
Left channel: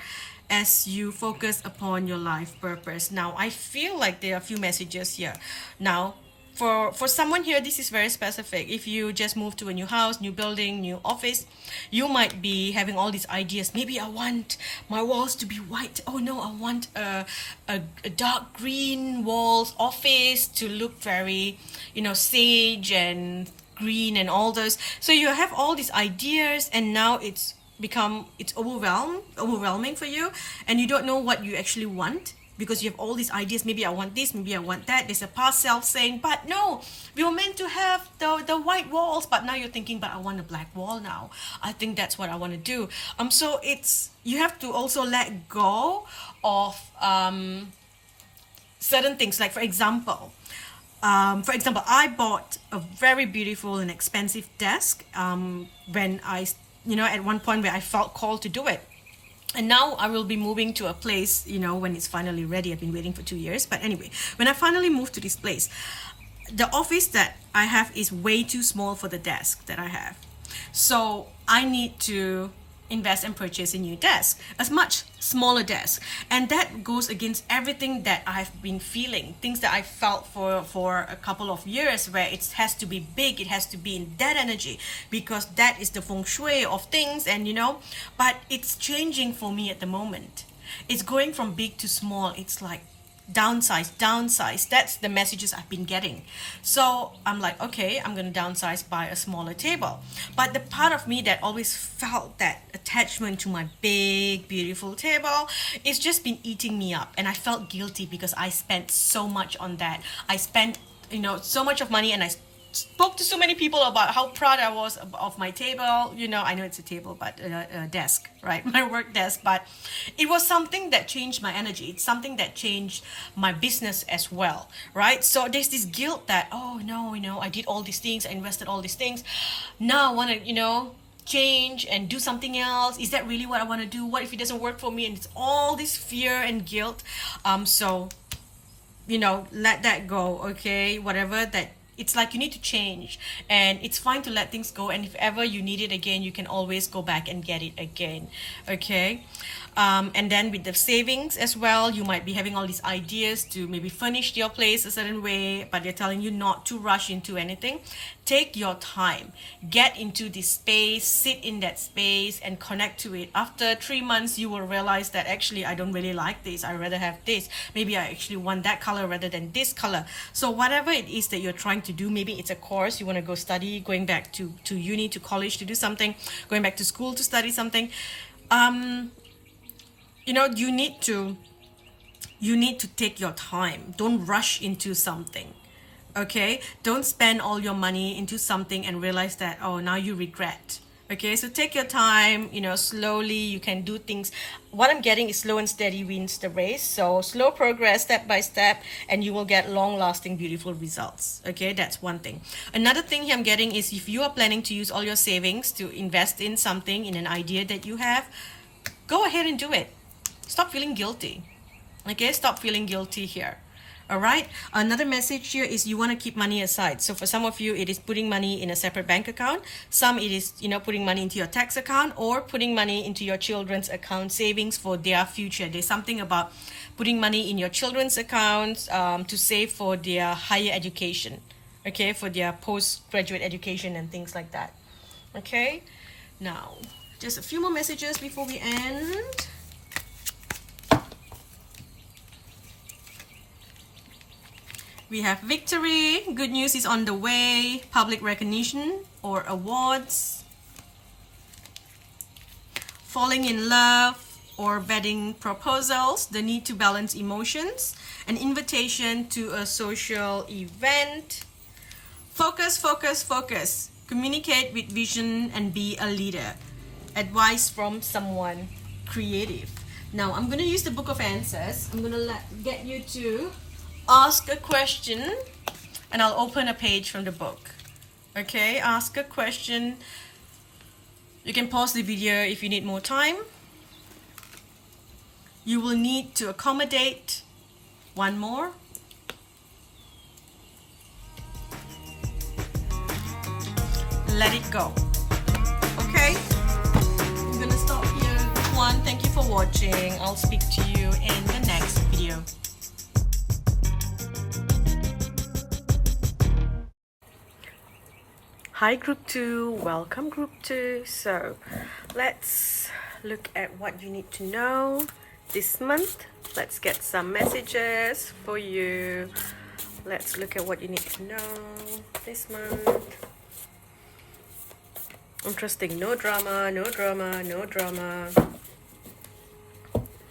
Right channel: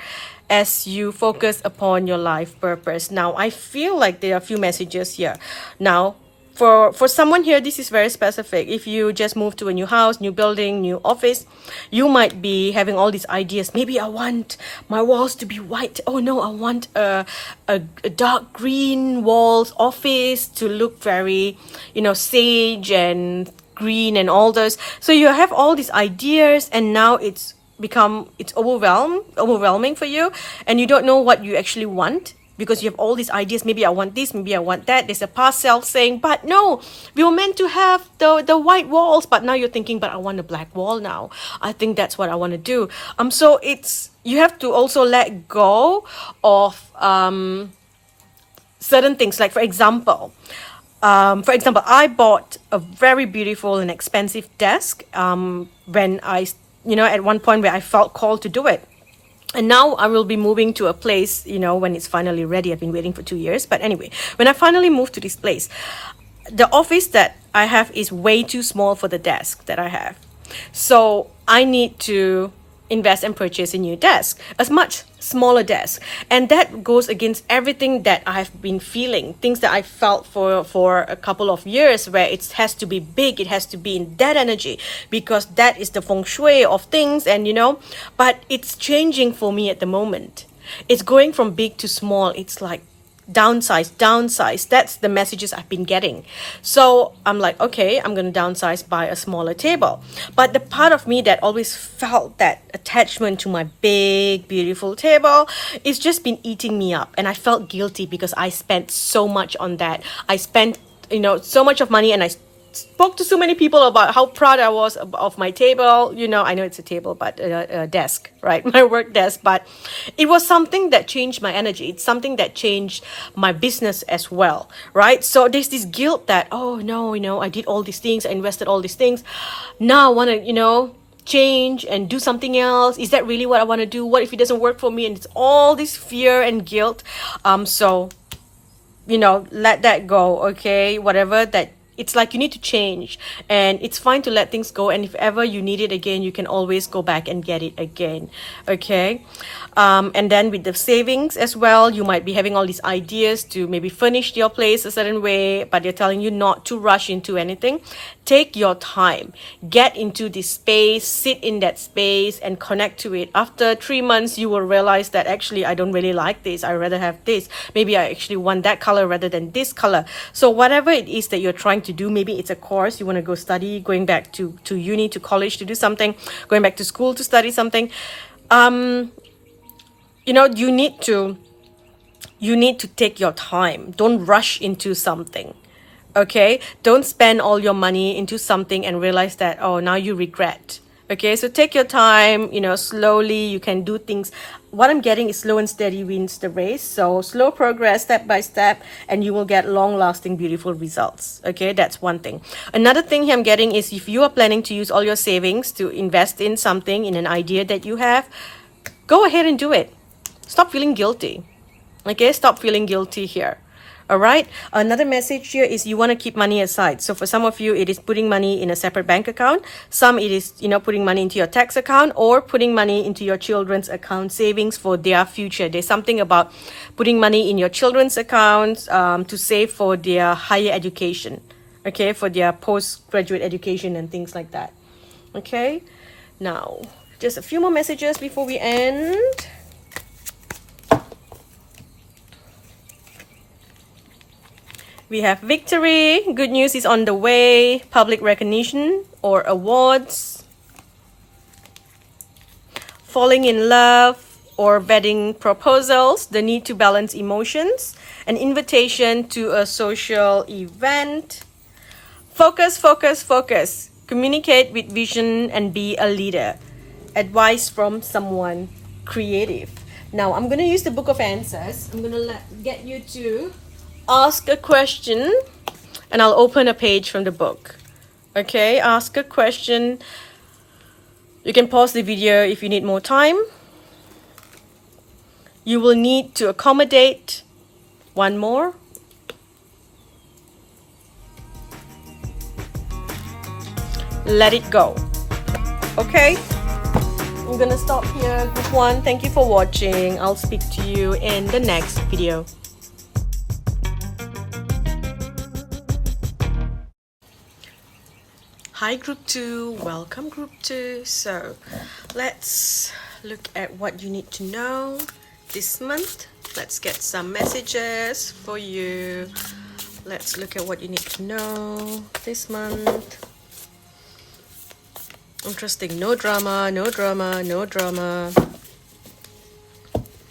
as you focus upon your life purpose. Now, I feel like there are a few messages here. Now, for someone here, this is very specific. If you just moved to a new house, new building, new office, you might be having all these ideas. Maybe I want my walls to be white. Oh no, I want a dark green walls office to look very, sage and green and all those. So you have all these ideas, and now it's overwhelming for you, and you don't know what you actually want. because you have all these ideas. Maybe I want this, maybe I want that. There's a past self saying, but no, we were meant to have the white walls, but now you're thinking, but I want a black wall now. I think that's what I want to do. So you have to also let go of certain things. Like for example, I bought a very beautiful and expensive desk when at one point where I felt called to do it. And now I will be moving to a place, when it's finally ready. I've been waiting for 2 years. But anyway, when I finally moved to this place, the office that I have is way too small for the desk that I have. So I need to invest and purchase a new desk, a much smaller desk. And that goes against everything that I've been feeling, things that I felt for a couple of years, where it has to be big, it has to be in that energy, because that is the feng shui of things. And but it's changing for me at the moment. It's going from big to small. It's like downsize. That's the messages I've been getting. So I'm like, okay, I'm going to downsize, buy a smaller table. But the part of me that always felt that attachment to my big, beautiful table, it's just been eating me up. And I felt guilty because I spent so much on that. I spent, so much of money, and I spoke to so many people about how proud I was of my table. I know it's a table, but a desk, right? My work desk. But it was something that changed my energy. It's something that changed my business as well, right? So there's this guilt that, oh no, I did all these things, I invested all these things. Now I want to, change and do something else. Is that really what I want to do? What if it doesn't work for me? And it's all this fear and guilt. So let that go, okay? Whatever that. It's like you need to change, and it's fine to let things go. And if ever you need it again, you can always go back and get it again. Okay. And then with the savings as well, you might be having all these ideas to maybe furnish your place a certain way, but they're telling you not to rush into anything. Take your time, get into this space, sit in that space and connect to it. After 3 months, you will realize that actually I don't really like this. I rather have this. Maybe I actually want that color rather than this color. So whatever it is that you're trying to do, maybe it's a course you want to go study, going back to uni, to college to do something, going back to school to study something. You need to take your time. Don't rush into something. Okay, don't spend all your money into something and realize that, oh, now you regret. Okay, so take your time, slowly. You can do things. What I'm getting is slow and steady wins the race. So slow progress, step by step, and you will get long-lasting, beautiful results. Okay, that's one thing. Another thing I'm getting is, if you are planning to use all your savings to invest in something, in an idea that you have, go ahead and do it. Stop feeling guilty. Okay, stop feeling guilty here. All right. Another message here is you want to keep money aside. So for some of you, it is putting money in a separate bank account. Some it is, putting money into your tax account, or putting money into your children's account, savings for their future. There's something about putting money in your children's accounts to save for their higher education. Okay, for their postgraduate education and things like that. Okay. Now, just a few more messages before we end. We have victory, good news is on the way, public recognition or awards, falling in love or wedding proposals, the need to balance emotions, an invitation to a social event. Focus, focus, focus. Communicate with vision and be a leader. Advice from someone creative. Now, I'm going to use the Book of Answers. I'm going to get you to ask a question, and I'll open a page from the book. Okay, ask a question. You can pause the video if you need more time. You will need to accommodate one more. Let it go. Okay, I'm gonna stop here. Group 1, thank you for watching. I'll speak to you in the next video. Hi Group 2, welcome Group 2. So let's look at what you need to know this month. Let's get some messages for you. Let's look at what you need to know this month. Interesting, no drama, no drama, no drama.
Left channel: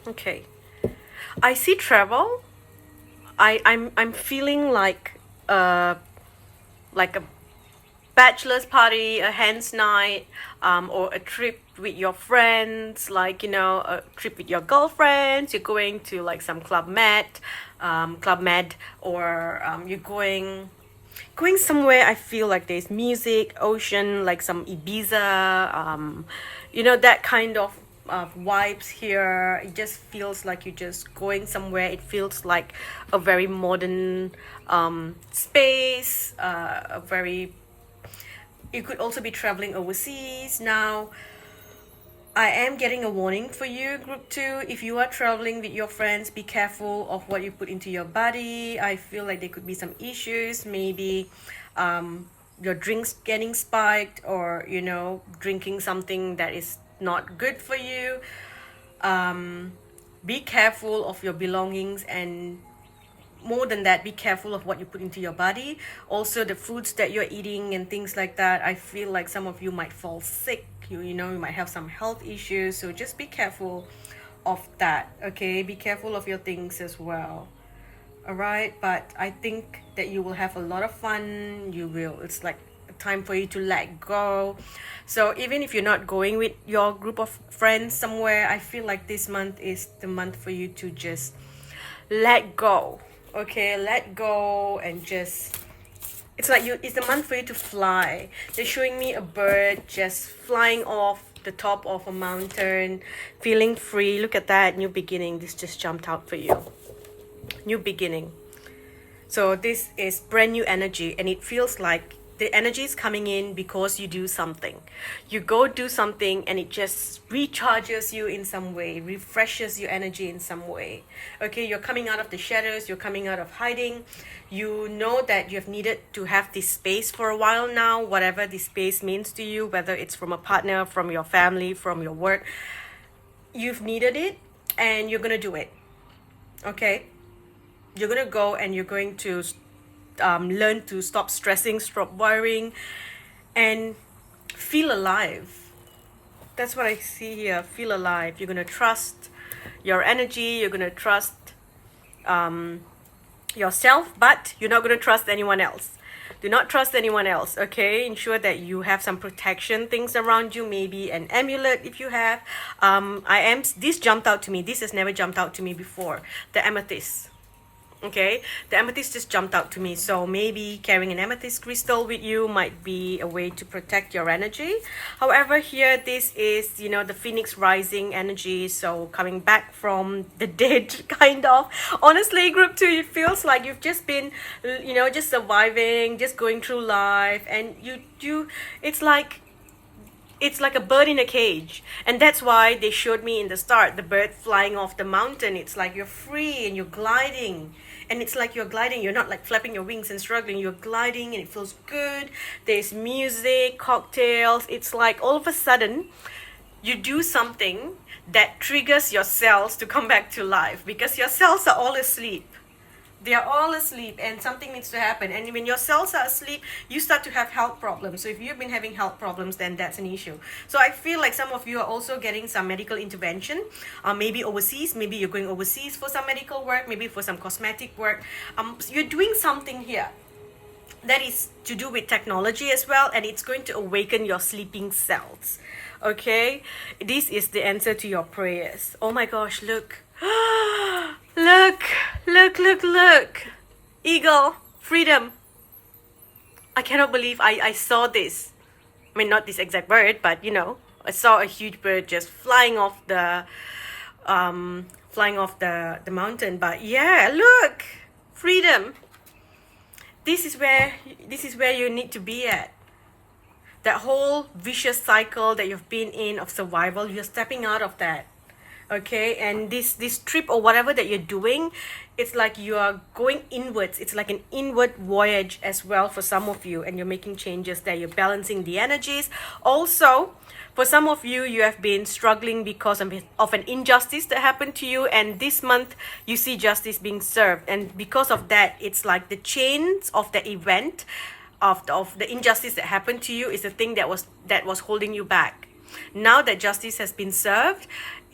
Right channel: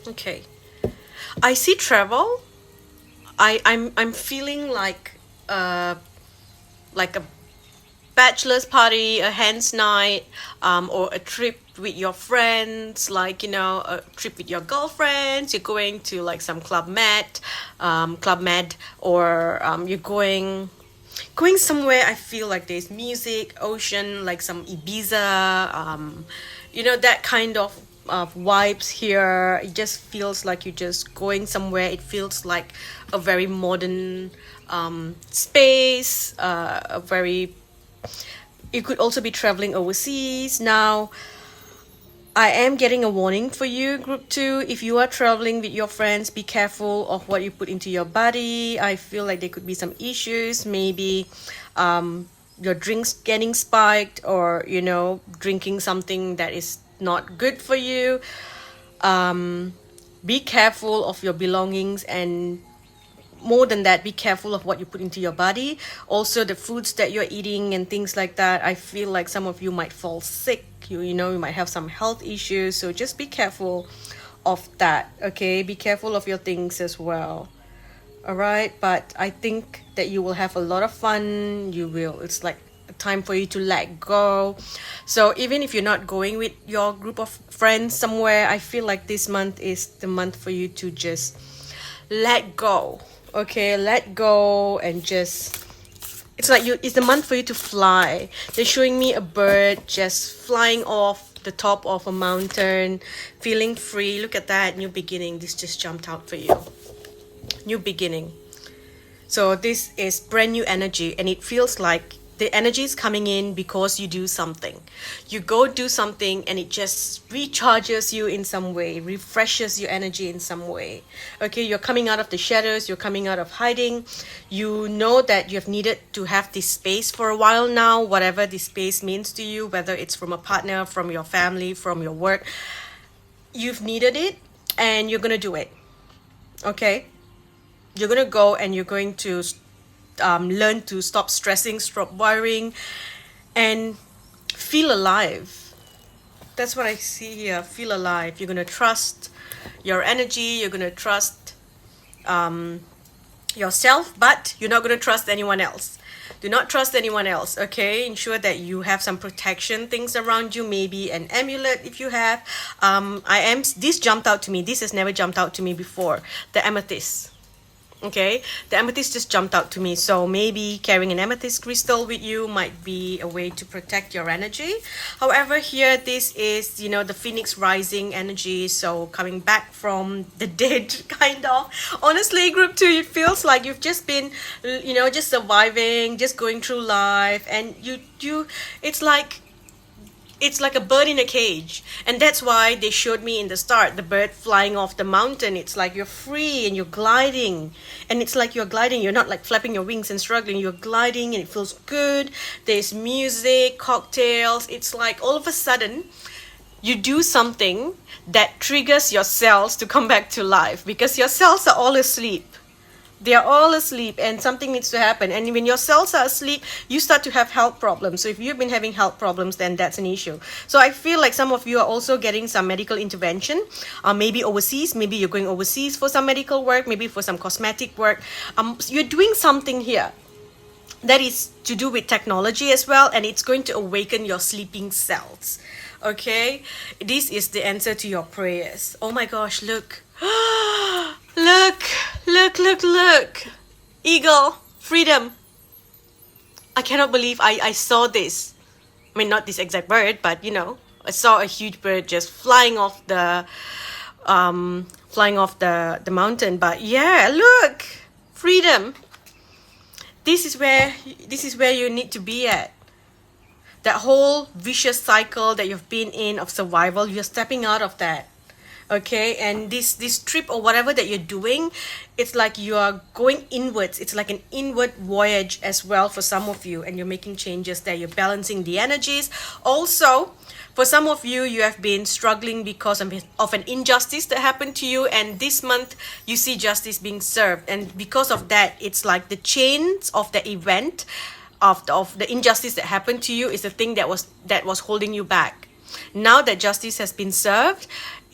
Okay. I see travel. I'm feeling like a bachelor's party, a hen's night, or a trip with your friends, like, you know, a trip with your girlfriends. You're going to like some Club Med, or you're going somewhere. I feel like there's music, ocean, like some Ibiza, you know, that kind of vibes here. It just feels like you're just going somewhere. It feels like a very modern space, a very, you could also be traveling overseas. Now, I am getting a warning for you, group 2. If you are traveling with your friends, be careful of what you put into your body. I feel like there could be some issues. Maybe your drinks getting spiked, or, you know, drinking something that is not good for you. Be careful of your belongings, and more than that, be careful of what you put into your body. Also, the foods that you're eating and things like that. I feel like some of you might fall sick. You know, you might have some health issues. So just be careful of that, okay? Be careful of your things as well. All right? But I think that you will have a lot of fun. You will. It's like a time for you to let go. So even if you're not going with your group of friends somewhere, I feel like this month is the month for you to just let go. Okay, let go, and just, it's like it's the month for you to fly. They're showing me a bird just flying off the top of a mountain, feeling free. Look at that, new beginning. This just jumped out for you. New beginning. So this is brand new energy, and it feels like the energy is coming in because you do something. You go do something, and it just recharges you in some way, refreshes your energy in some way. Okay, you're coming out of the shadows, you're coming out of hiding. You know that you've needed to have this space for a while now, whatever this space means to you, whether it's from a partner, from your family, from your work. You've needed it, and you're gonna do it. Okay? You're gonna go, and you're going to learn to stop stressing, stop worrying, and feel alive. That's what I see here. Feel alive. You're going to trust your energy. You're going to trust yourself, but you're not going to trust anyone else. Do not trust anyone else, okay? Ensure that you have some protection things around you, maybe an amulet if you have. This jumped out to me. This has never jumped out to me before. The amethyst. Okay, the amethyst just jumped out to me. So maybe carrying an amethyst crystal with you might be a way to protect your energy. However, here this is, you know, the phoenix rising energy. So coming back from the dead, kind of. Honestly, group 2, it feels like you've just been, you know, just surviving, just going through life, and it's like a bird in a cage. And that's why they showed me in the start the bird flying off the mountain. It's like you're free and you're gliding, and it's like you're gliding, you're not like flapping your wings and struggling, you're gliding, and it feels good. There's music, cocktails. It's like all of a sudden you do something that triggers your cells to come back to life, because your cells are all asleep. They are all asleep, and something needs to happen. And when your cells are asleep, you start to have health problems. So if you've been having health problems, then that's an issue. So I feel like some of you are also getting some medical intervention, maybe overseas. Maybe you're going overseas for some medical work, maybe for some cosmetic work. You're doing something here that is to do with technology as well, and it's going to awaken your sleeping cells. Okay, this is the answer to your prayers. Oh my gosh, look. Look. Eagle, freedom. I cannot believe I saw this. I mean, not this exact bird, but you know, I saw a huge bird just flying off the mountain. But yeah, look, freedom. This is where you need to be at. That whole vicious cycle that you've been in of survival, you're stepping out of that. Okay, and this trip or whatever that you're doing, it's like you are going inwards. It's like an inward voyage as well for some of you, and you're making changes there. You're balancing the energies. Also, for some of you, you have been struggling because of an injustice that happened to you, and this month you see justice being served. And because of that, it's like the chains of the event of the injustice that happened to you is the thing that was holding you back. Now that justice has been served,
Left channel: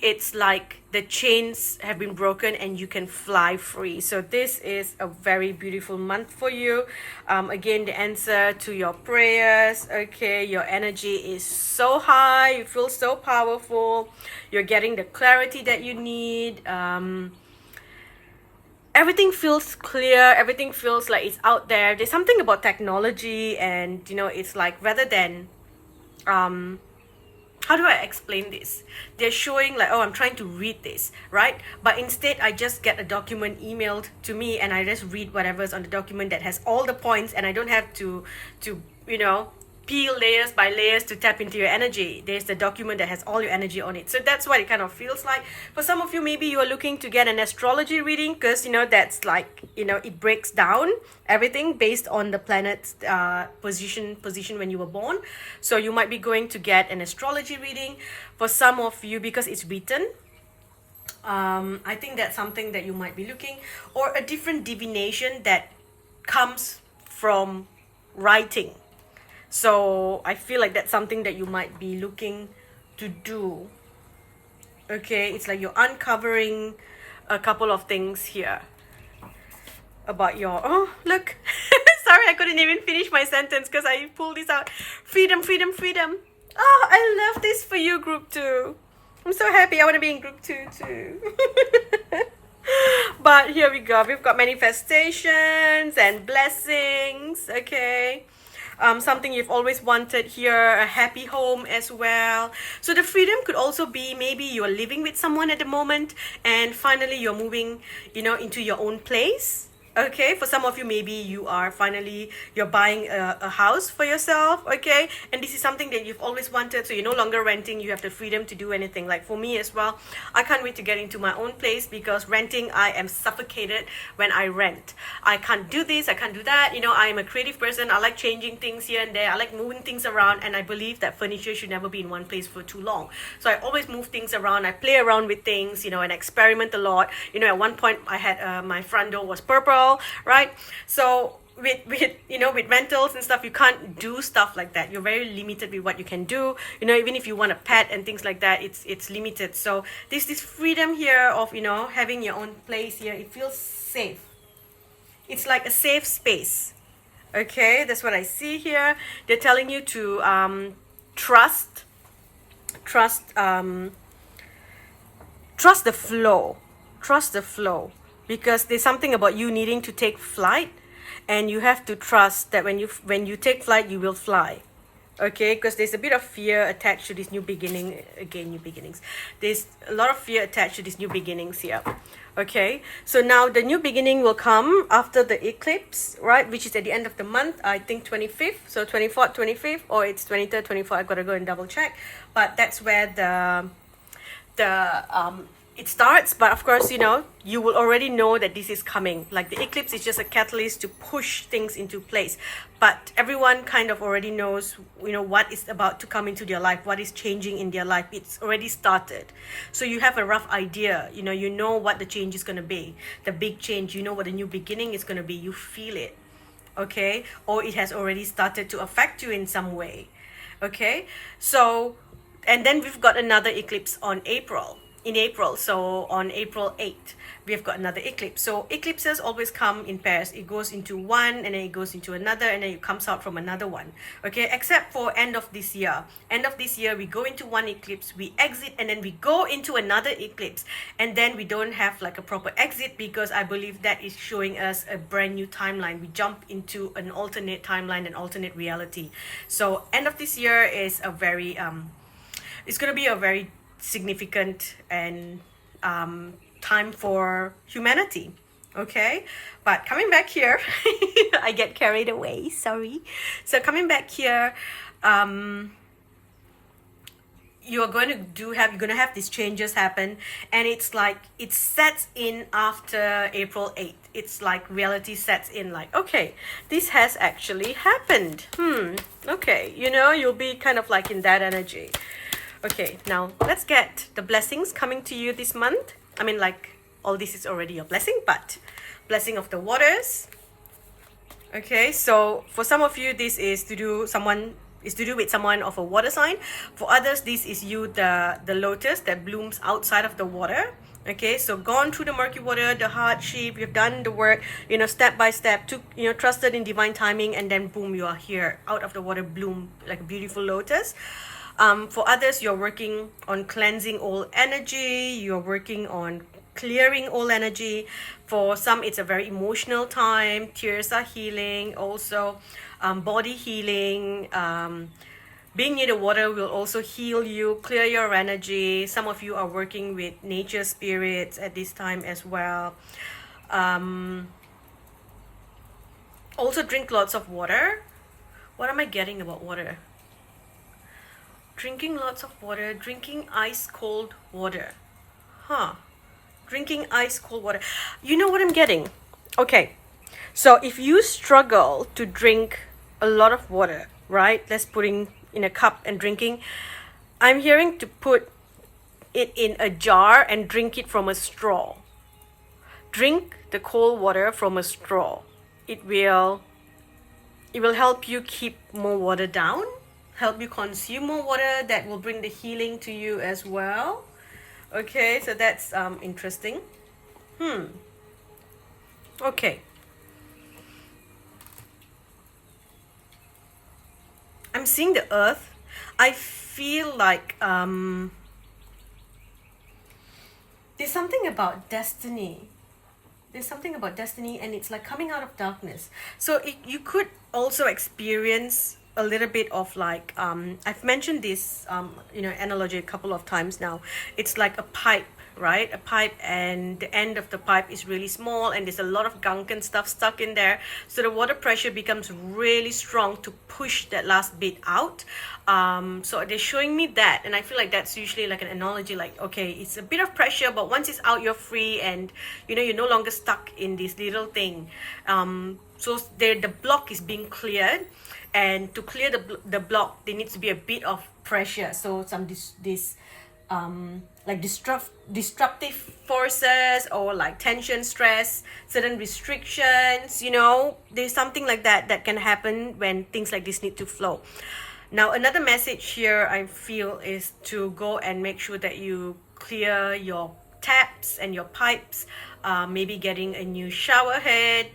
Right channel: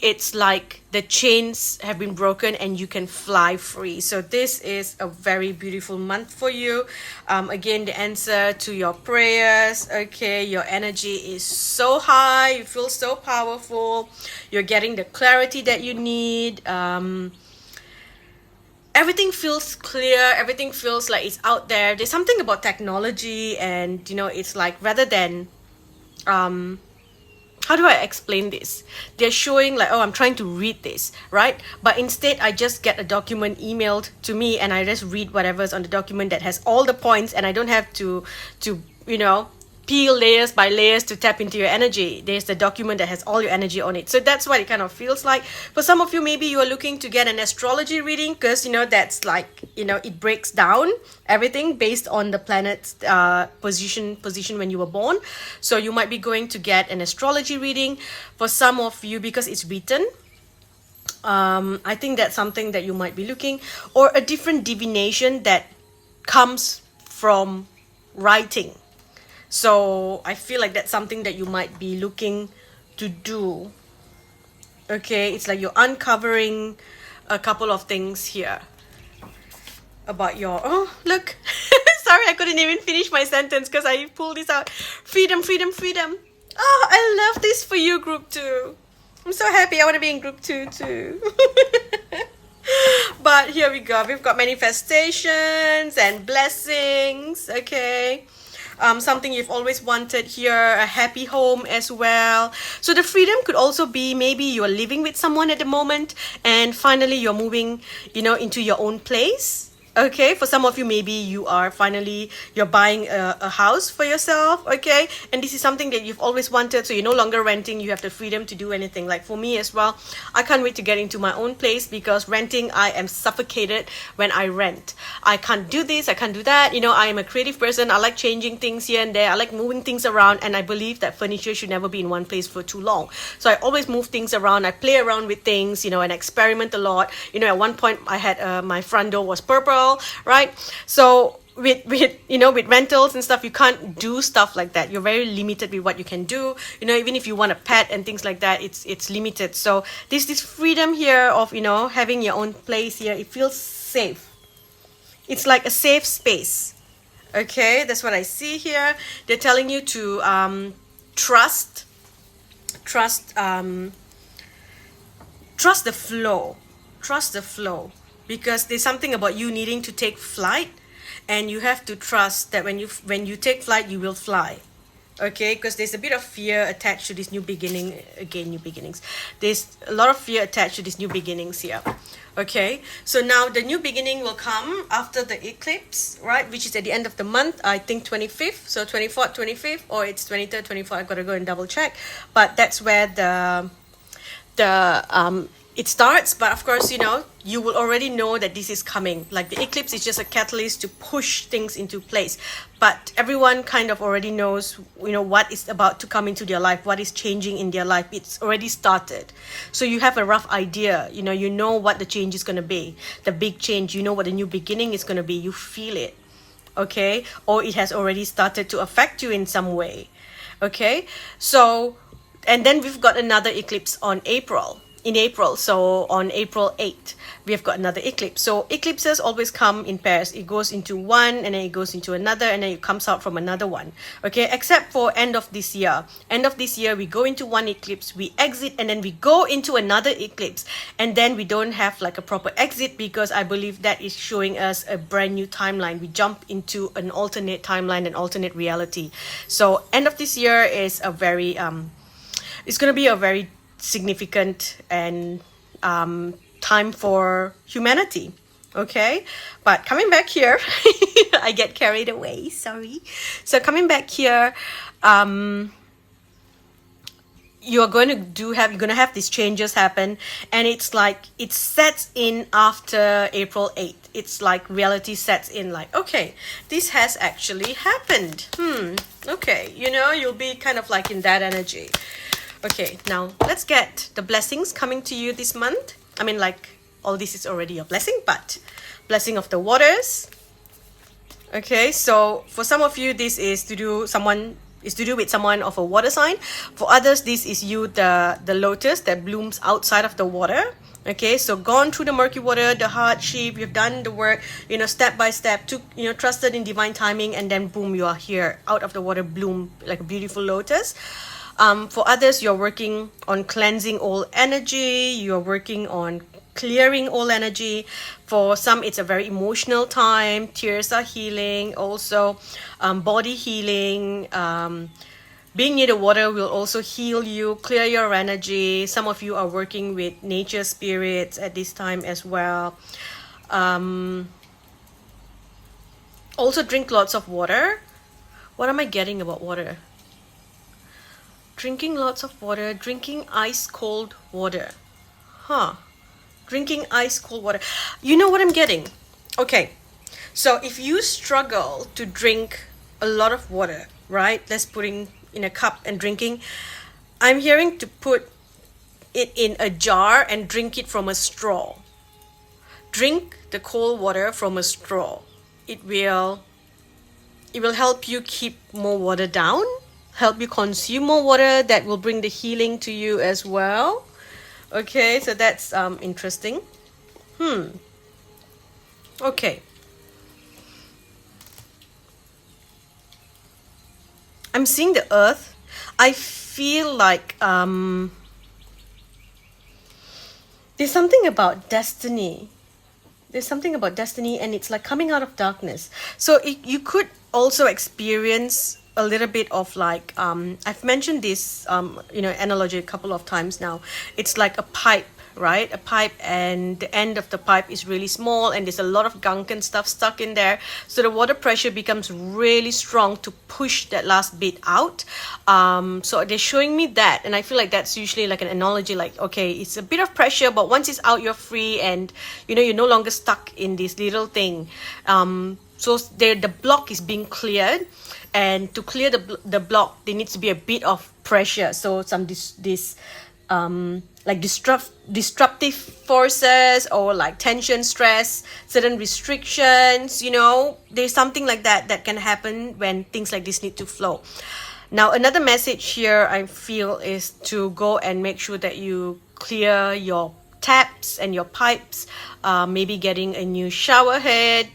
it's like the chains have been broken and you can fly free. So this is a very beautiful month for you. Again, the answer to your prayers. Okay, your energy is so high, you feel so powerful, you're getting the clarity that you need. Everything feels clear, everything feels like it's out there. There's something about technology, and you know, it's like, rather than how do I explain this? They're showing like, oh, I'm trying to read this, right? But instead, I just get a document emailed to me, and I just read whatever's on the document that has all the points, and I don't have to you know, peel layers by layers to tap into your energy. There's the document that has all your energy on it. So that's what it kind of feels like. For some of you, maybe you are looking to get an astrology reading, because, you know, that's like, you know, it breaks down everything based on the planet's position when you were born. So you might be going to get an astrology reading. For some of you, because it's written, I think that's something that you might be looking, or a different divination that comes from writing. So I feel like that's something that you might be looking to do. Okay, it's like you're uncovering a couple of things here about your, oh, look. Sorry, I couldn't even finish my sentence because I pulled this out. Freedom, freedom, freedom. Oh, I love this for you, group 2. I'm so happy. I want to be in group 2 too. But here we go. We've got manifestations and blessings. Okay. Something you've always wanted here, a happy home as well. So the freedom could also be, maybe you're living with someone at the moment and finally you're moving, you know, into your own place. Okay, for some of you, maybe you are finally, you're buying a house for yourself. Okay, and this is something that you've always wanted, so you're no longer renting, you have the freedom to do anything. Like for me as well, I can't wait to get into my own place, because renting, I am suffocated when I rent. I can't do this, I can't do that. You know, I am a creative person. I like changing things here and there, I like moving things around, and I believe that furniture should never be in one place for too long. So I always move things around, I play around with things, you know, and experiment a lot. You know, at one point I had my front door was purple, right? So with you know, with rentals and stuff, you can't do stuff like that. You're very limited with what you can do. You know, even if you want a pet and things like that, it's limited. So this freedom here of, you know, having your own place here, it feels safe. It's like a safe space. Okay, that's what I see here. They're telling you to trust the flow. Trust the flow. Because there's something about you needing to take flight, and you have to trust that when you take flight, you will fly. Okay, because there's a bit of fear attached to this new beginning. Again, new beginnings. There's a lot of fear attached to these new beginnings here. Okay, so now the new beginning will come after the eclipse, right, which is at the end of the month, I think 25th, so 24th, 25th, or it's 23rd, 24th. I've got to go and double check, but that's where it starts. But of course, you know, you will already know that this is coming. Like the eclipse is just a catalyst to push things into place, but everyone kind of already knows, you know, what is about to come into their life, what is changing in their life. It's already started, so you have a rough idea. You know what the change is going to be, the big change. You know what the new beginning is going to be. You feel it. Okay, or it has already started to affect you in some way. Okay, so, and then we've got another eclipse in April. So on April 8th, we've got another eclipse. So eclipses always come in pairs. It goes into one, and then it goes into another, and then it comes out from another one. Okay, except for end of this year. End of this year, we go into one eclipse, we exit, and then we go into another eclipse. And then we don't have like a proper exit, because I believe that is showing us a brand new timeline. We jump into an alternate timeline, an alternate reality. So end of this year is a very, it's going to be a very significant and time for humanity. Okay, but coming back here, I get carried away, sorry. So coming back here, you're going to have these changes happen, and it's like it sets in after April 8th. It's like reality sets in, like, okay, this has actually happened. Okay, you know, you'll be kind of like in that energy. Okay, now let's get the blessings coming to you this month. I mean, like, all this is already a blessing, but blessing of the waters. Okay, so for some of you, this is to do someone is to do with someone of a water sign. For others, this is you, the lotus that blooms outside of the water. Okay, so gone through the murky water, the hardship, you've done the work, you know, step by step, took, you know, trusted in divine timing, and then boom, you are here out of the water, bloom like a beautiful lotus. For others, you're working on cleansing all energy, you're working on clearing all energy. For some, it's a very emotional time, tears are healing, also body healing. Being near the water will also heal you, clear your energy. Some of you are working with nature spirits at this time as well. Also drink lots of water. What am I getting about water? Drinking lots of water, drinking ice cold water. Drinking ice cold water. You know what I'm getting? Okay, so if you struggle to drink a lot of water, right? Let's putting in a cup and drinking. I'm hearing to put it in a jar and drink it from a straw. Drink the cold water from a straw. It will help you keep more water down, help you consume more water. That will bring the healing to you as well. Okay, so that's interesting. Okay. I'm seeing the earth. I feel like there's something about destiny. There's something about destiny, and it's like coming out of darkness. So you could also experience a little bit of like, I've mentioned this, you know, analogy a couple of times now. It's like a pipe, right? A pipe, and the end of the pipe is really small, and there's a lot of gunk and stuff stuck in there. So the water pressure becomes really strong to push that last bit out. So they're showing me that, and I feel like that's usually like an analogy, like, okay, it's a bit of pressure, but once it's out, you're free, and you know, you're no longer stuck in this little thing. So the block is being cleared, and to clear the block, there needs to be a bit of pressure. So some like disruptive forces, or like tension, stress, certain restrictions, you know, there's something like that can happen when things like this need to flow. Now, another message here I feel is to go and make sure that you clear your taps and your pipes, maybe getting a new shower head,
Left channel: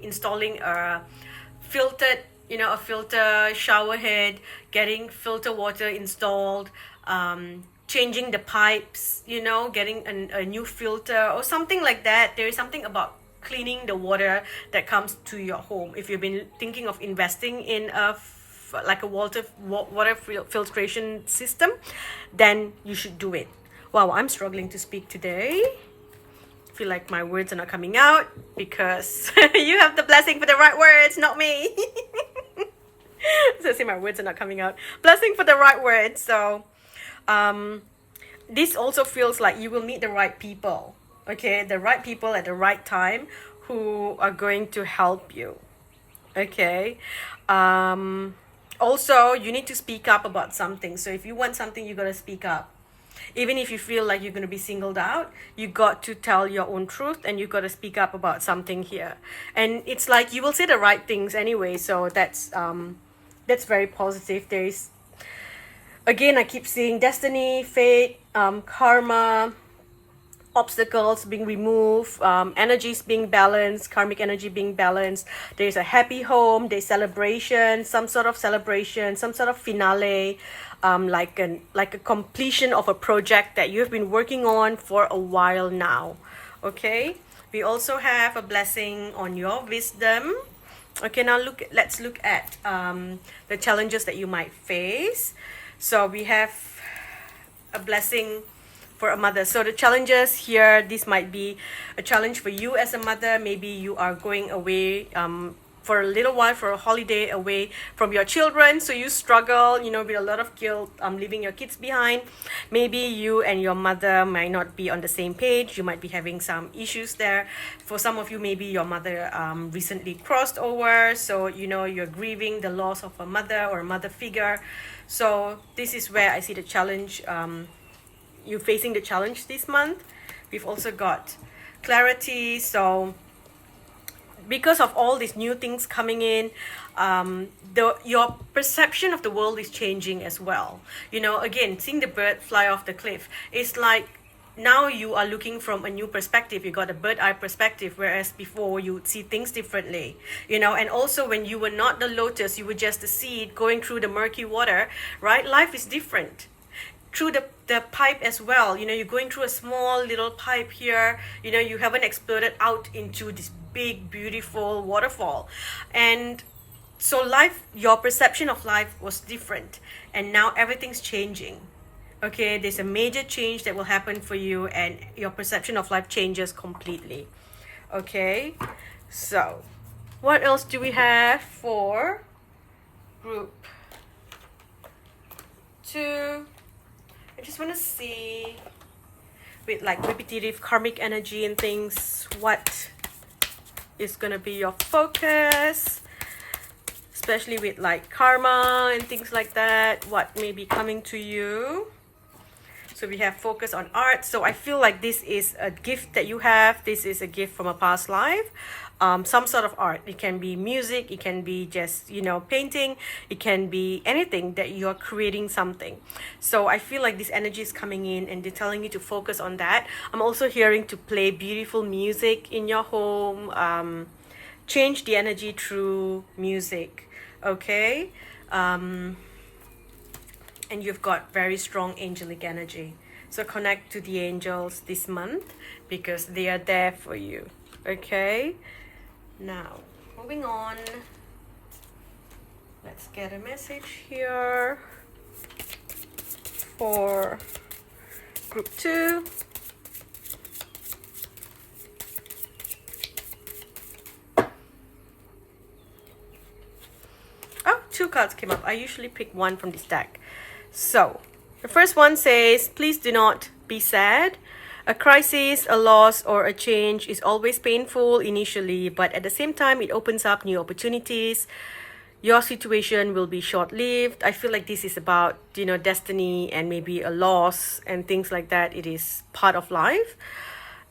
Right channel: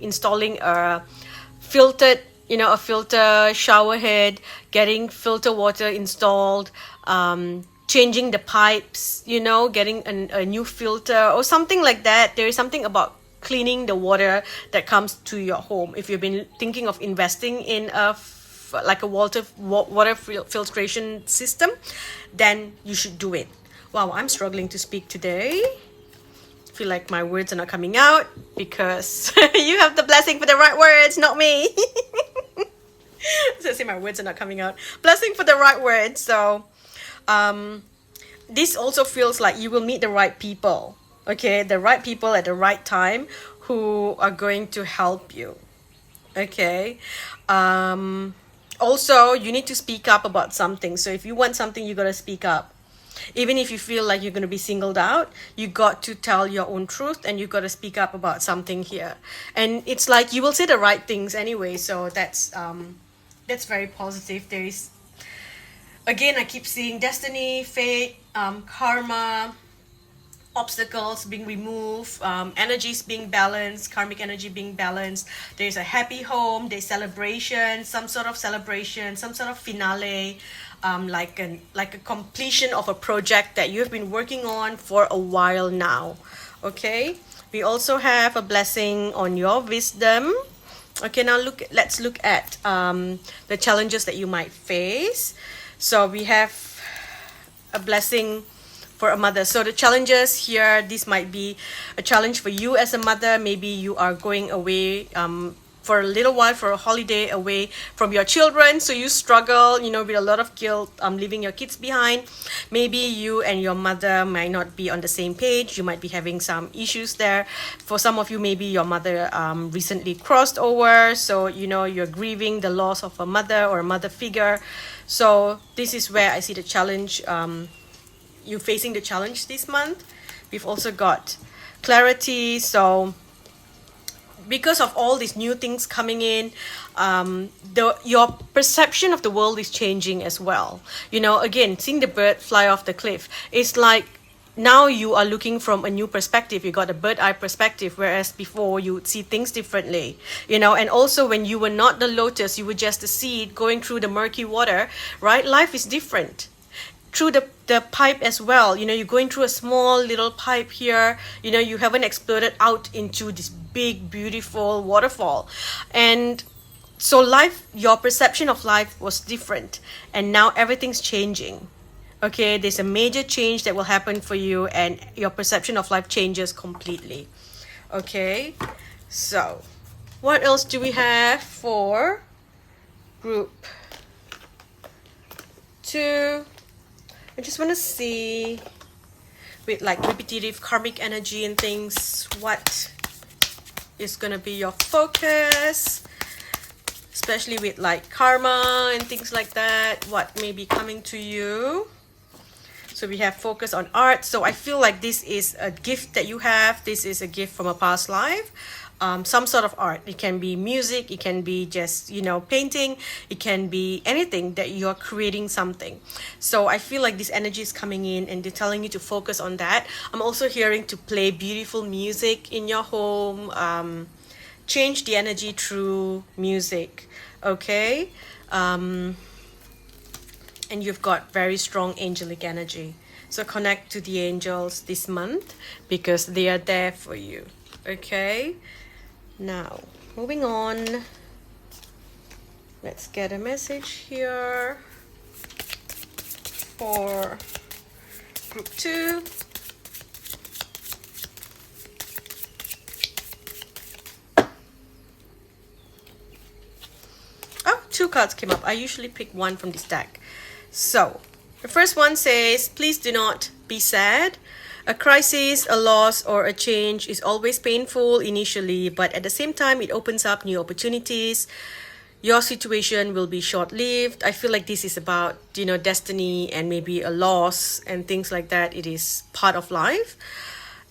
installing a filter shower head, getting filter water installed, changing the pipes, you know, getting a new filter or something like that. There is something about cleaning the water that comes to your home. If you've been thinking of investing in like a water filtration system, then you should do it. Wow, I'm struggling to speak today. I feel like my words are not coming out because you have the blessing for the right words, not me. So I say my words are not coming out. Blessing for the right words. So this also feels like you will meet the right people. Okay, the right people at the right time who are going to help you. Okay. Also, you need to speak up about something. So if you want something, you got to speak up. Even if you feel like you're going to be singled out, you got to tell your own truth, and you got to speak up about something here. And it's like you will say the right things anyway. So that's very positive. There is, again, I keep seeing destiny, fate, karma, obstacles being removed, energies being balanced, karmic energy being balanced. There's a happy home, there's celebration, some sort of celebration, some sort of finale, like a completion of a project that you've been working on for a while now. Okay, we also have a blessing on your wisdom. Okay, now let's look at the challenges that you might face. So we have a blessing for a mother. So the challenges here, this might be a challenge for you as a mother. Maybe you are going away for a little while, for a holiday, away from your children, so you struggle, you know, with a lot of guilt, leaving your kids behind. Maybe you and your mother might not be on the same page. You might be having some issues there. For some of you, maybe your mother recently crossed over, so you know, you're grieving the loss of a mother or a mother figure. So this is where I see the challenge. You're facing the challenge this month. We've also got clarity. So because of all these new things coming in, your perception of the world is changing as well. You know, again, seeing the bird fly off the cliff, it's like now you are looking from a new perspective. You got a bird eye perspective, whereas before you would see things differently, you know. And also when you were not the lotus, you were just the seed going through the murky water, right? Life is different through the pipe as well. You know, you're going through a small little pipe here, you know, you haven't exploded out into this big beautiful waterfall. And so life, your perception of life was different, and now everything's changing. Okay, there's a major change that will happen for you, and your perception of life changes completely. Okay, so what else do we have for group 2? I just want to see with like repetitive karmic energy and things, what is going to be your focus, especially with like karma and things like that, what may be coming to you. So we have focus on art. So I feel like this is a gift that you have. This is a gift from a past life. Some sort of art. It can be music. It can be just, you know, painting. It can be anything that you're creating something. So I feel like this energy is coming in and they're telling you to focus on that. I'm also hearing to play beautiful music in your home. Change the energy through music. Okay? And you've got very strong angelic energy. So connect to the angels this month because they are there for you. Okay? Now, moving on. Let's get a message here for group 2. Oh, 2 cards came up. I usually pick one from this deck. So, the first one says, please do not be sad. A crisis, a loss, or a change is always painful initially, but at the same time, it opens up new opportunities. Your situation will be short-lived. I feel like this is about, you know, destiny and maybe a loss and things like that. It is part of life.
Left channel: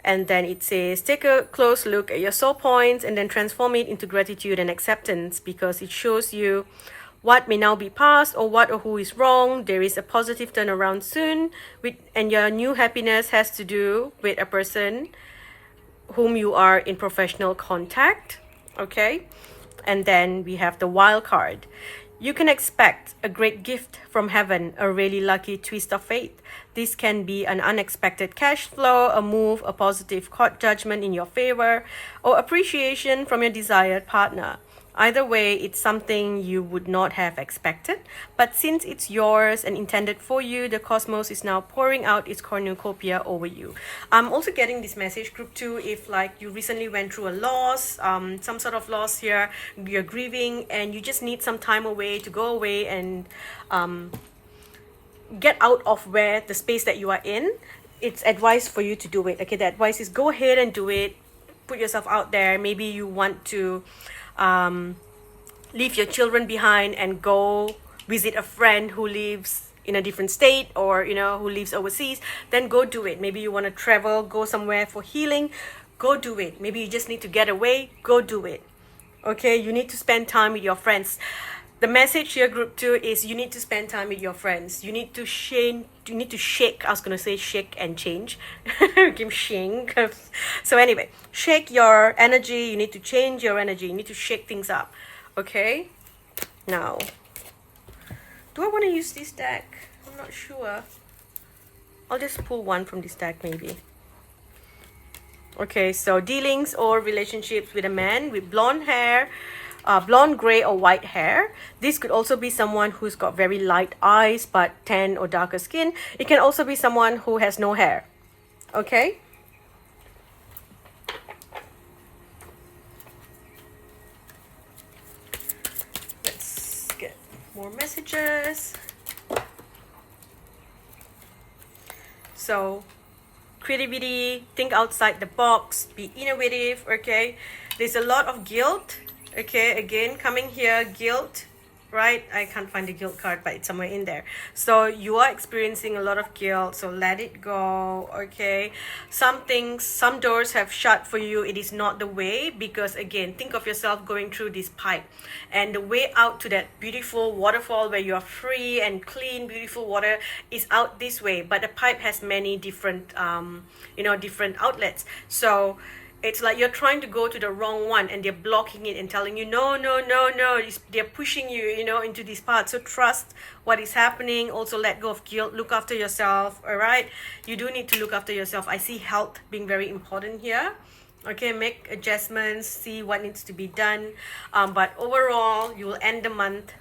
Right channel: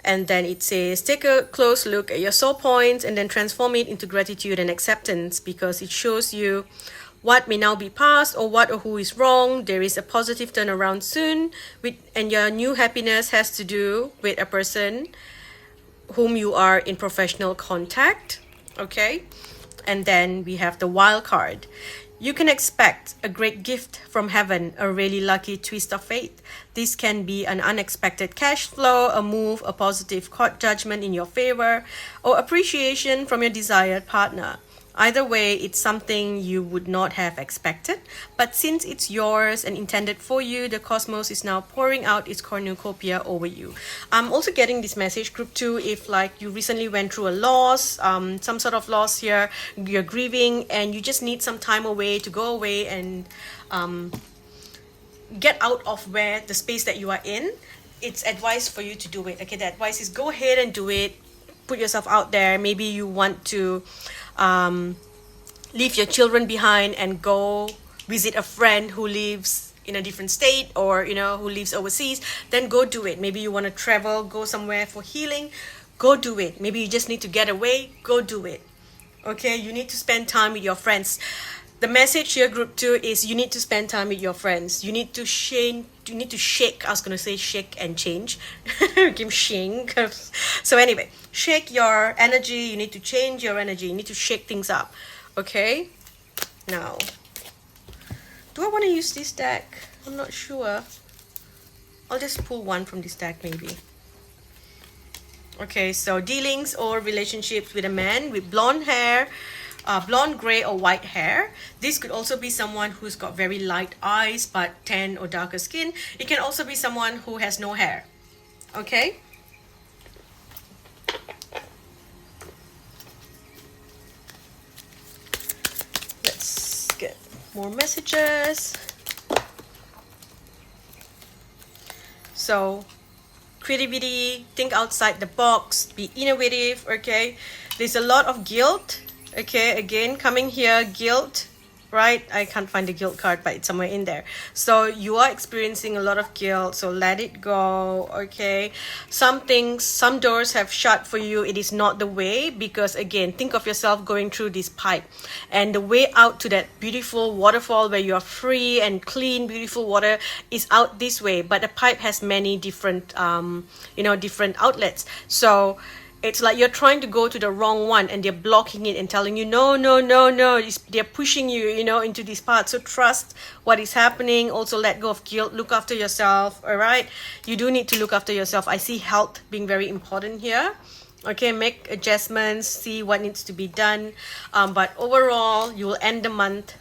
And then it says, take a close look at your soul points and then transform it into gratitude and acceptance because it shows you what may now be past or what or who is wrong. There is a positive turnaround soon, and your new happiness has to do with a person whom you are in professional contact. Okay, and then we have the wild card. You can expect a great gift from heaven, a really lucky twist of fate. This can be an unexpected cash flow, a move, a positive court judgment in your favor, or appreciation from your desired partner. Either way, it's something you would not have expected, but since it's yours and intended for you, the cosmos is now pouring out its cornucopia over you. I'm also getting this message, group 2, if like you recently went through a loss, some sort of loss here, you're grieving and you just need some time away to go away and get out of where the space that you are in. It's advice for you to do it. Okay, the advice is go ahead and do it. Put yourself out there. Maybe you want to leave your children behind and go visit a friend who lives in a different state, or you know, who lives overseas. Then go do it. Maybe you want to travel, go somewhere for healing, go do it. Maybe you just need to get away, go do it. Okay, you need to spend time with your friends. The message here, group 2, is you need to spend time with your friends. You need to shake. I was going to say shake and change. Give shake. So anyway, shake your energy. You need to change your energy. You need to shake things up. Okay? Now, do I want to use this deck? I'm not sure. I'll just pull one from this deck maybe. Okay, so dealings or relationships with a man with blonde hair, blonde, gray, or white hair. This could also be someone who's got very light eyes but tan or darker skin. It can also be someone who has no hair. Okay? Let's get more messages. So, creativity, think outside the box, be innovative, okay? There's a lot of guilt. Okay, again, coming here, guilt, right? I can't find the guilt card, but it's somewhere in there. So you are experiencing a lot of guilt, so let it go, okay? Some things, some doors have shut for you. It is not the way, because again, think of yourself going through this pipe, and the way out to that beautiful waterfall where you are free and clean, beautiful water is out this way, but the pipe has many different, different outlets. So it's like you're trying to go to the wrong one, and they're blocking it and telling you, no, no, no, no. They're pushing you, into this part. So trust what is happening. Also let go of guilt. Look after yourself, all right? You do need to look after yourself. I see health being very important here. Okay, make adjustments, see what needs to be done. But overall, you will end the month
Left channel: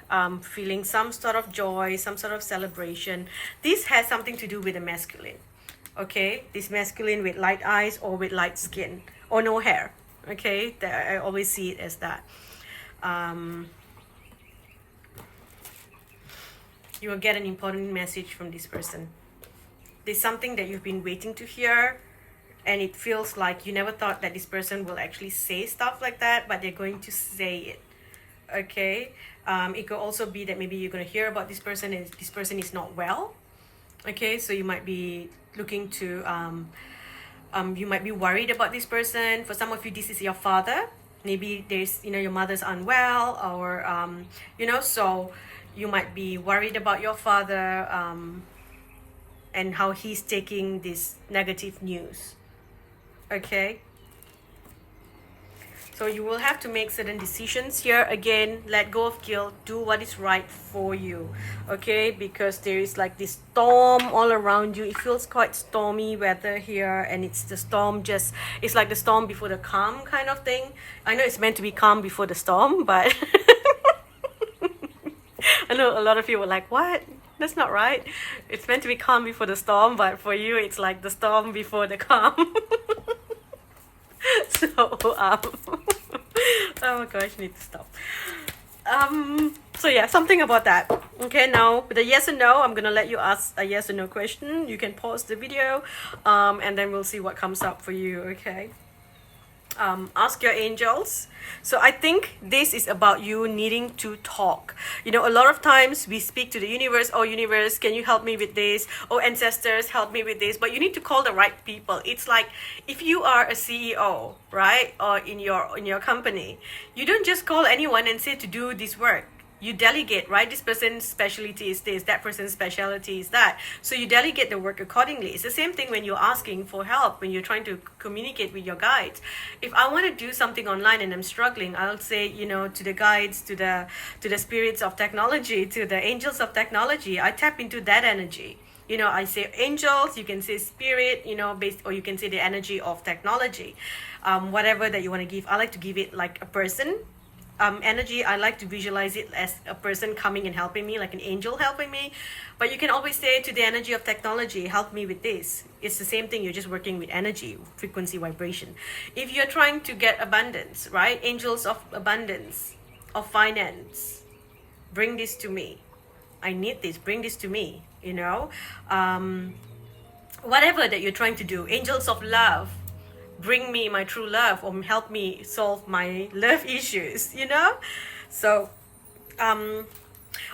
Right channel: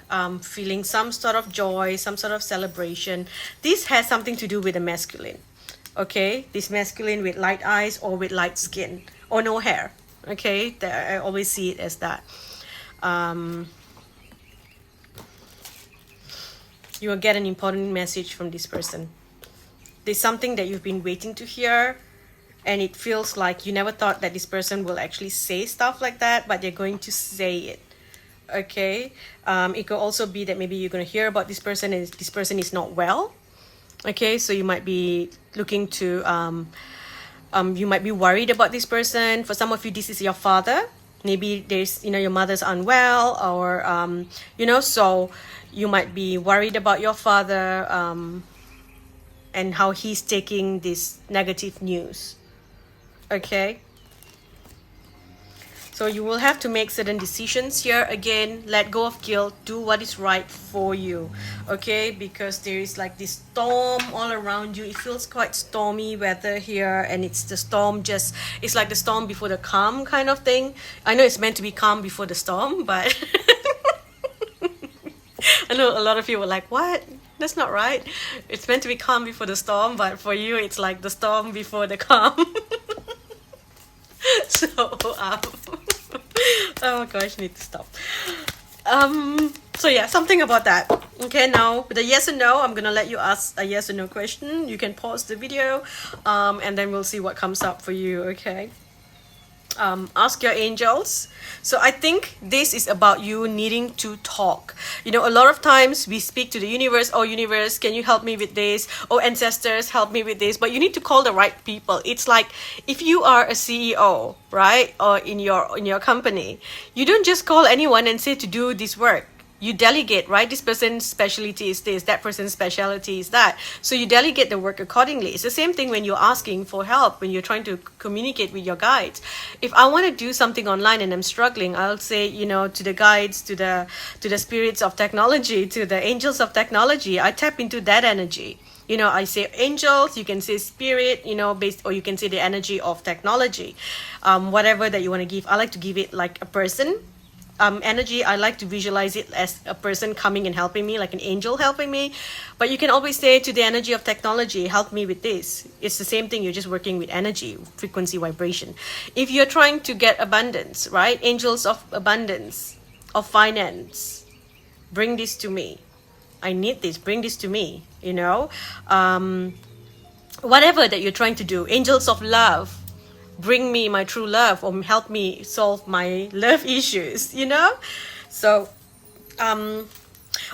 feeling some sort of joy, some sort of celebration. This has something to do with the masculine. Okay, this masculine with light eyes or with light skin or no hair. Okay, I always see it as that. You will get an important message from this person. There's something that you've been waiting to hear, and it feels like you never thought that this person will actually say stuff like that, but they're going to say it. Okay, it could also be that maybe you're going to hear about this person and this person is not well. Okay, so you might be looking to you might be worried about this person. For some of you, this is your father. Maybe there's, your mother's unwell, or so you might be worried about your father and how he's taking this negative news. Okay, so you will have to make certain decisions here. Again, let go of guilt, do what is right for you, okay? Because there is like this storm all around you. It feels quite stormy weather here, and it's the storm it's like the storm before the calm kind of thing. I know it's meant to be calm before the storm, but I know a lot of you were like, what? That's not right. It's meant to be calm before the storm, but for you, it's like the storm before the calm. So oh my gosh, I need to stop. So yeah, something about that. Okay, now with a yes or no, I'm gonna let you ask a yes or no question. You can pause the video and then we'll see what comes up for you. Okay, ask your angels. So I think this is about you needing to talk. A lot of times we speak to the universe. Oh, universe, can you help me with this? Oh, ancestors, help me with this. But you need to call the right people. It's like if you are a CEO, right, or in your company, you don't just call anyone and say to do this work. You delegate, right? This person's specialty is this, that person's specialty is that. So you delegate the work accordingly. It's the same thing when you're asking for help, when you're trying to communicate with your guides. If I want to do something online and I'm struggling, I'll say, to the guides, to the spirits of technology, to the angels of technology. I tap into that energy. I say angels, you can say spirit, or you can say the energy of technology. Whatever that you want to give. I like to give it like a person. Energy, I like to visualize it as a person coming and helping me, like an angel helping me. But you can always say to the energy of technology, help me with this. It's the same thing. You're just working with energy, frequency, vibration. If you're trying to get abundance, right? Angels of abundance, of finance, bring this to me. I need this. Bring this to me. Whatever that you're trying to do. Angels of love, bring me my true love, or help me solve my love issues. So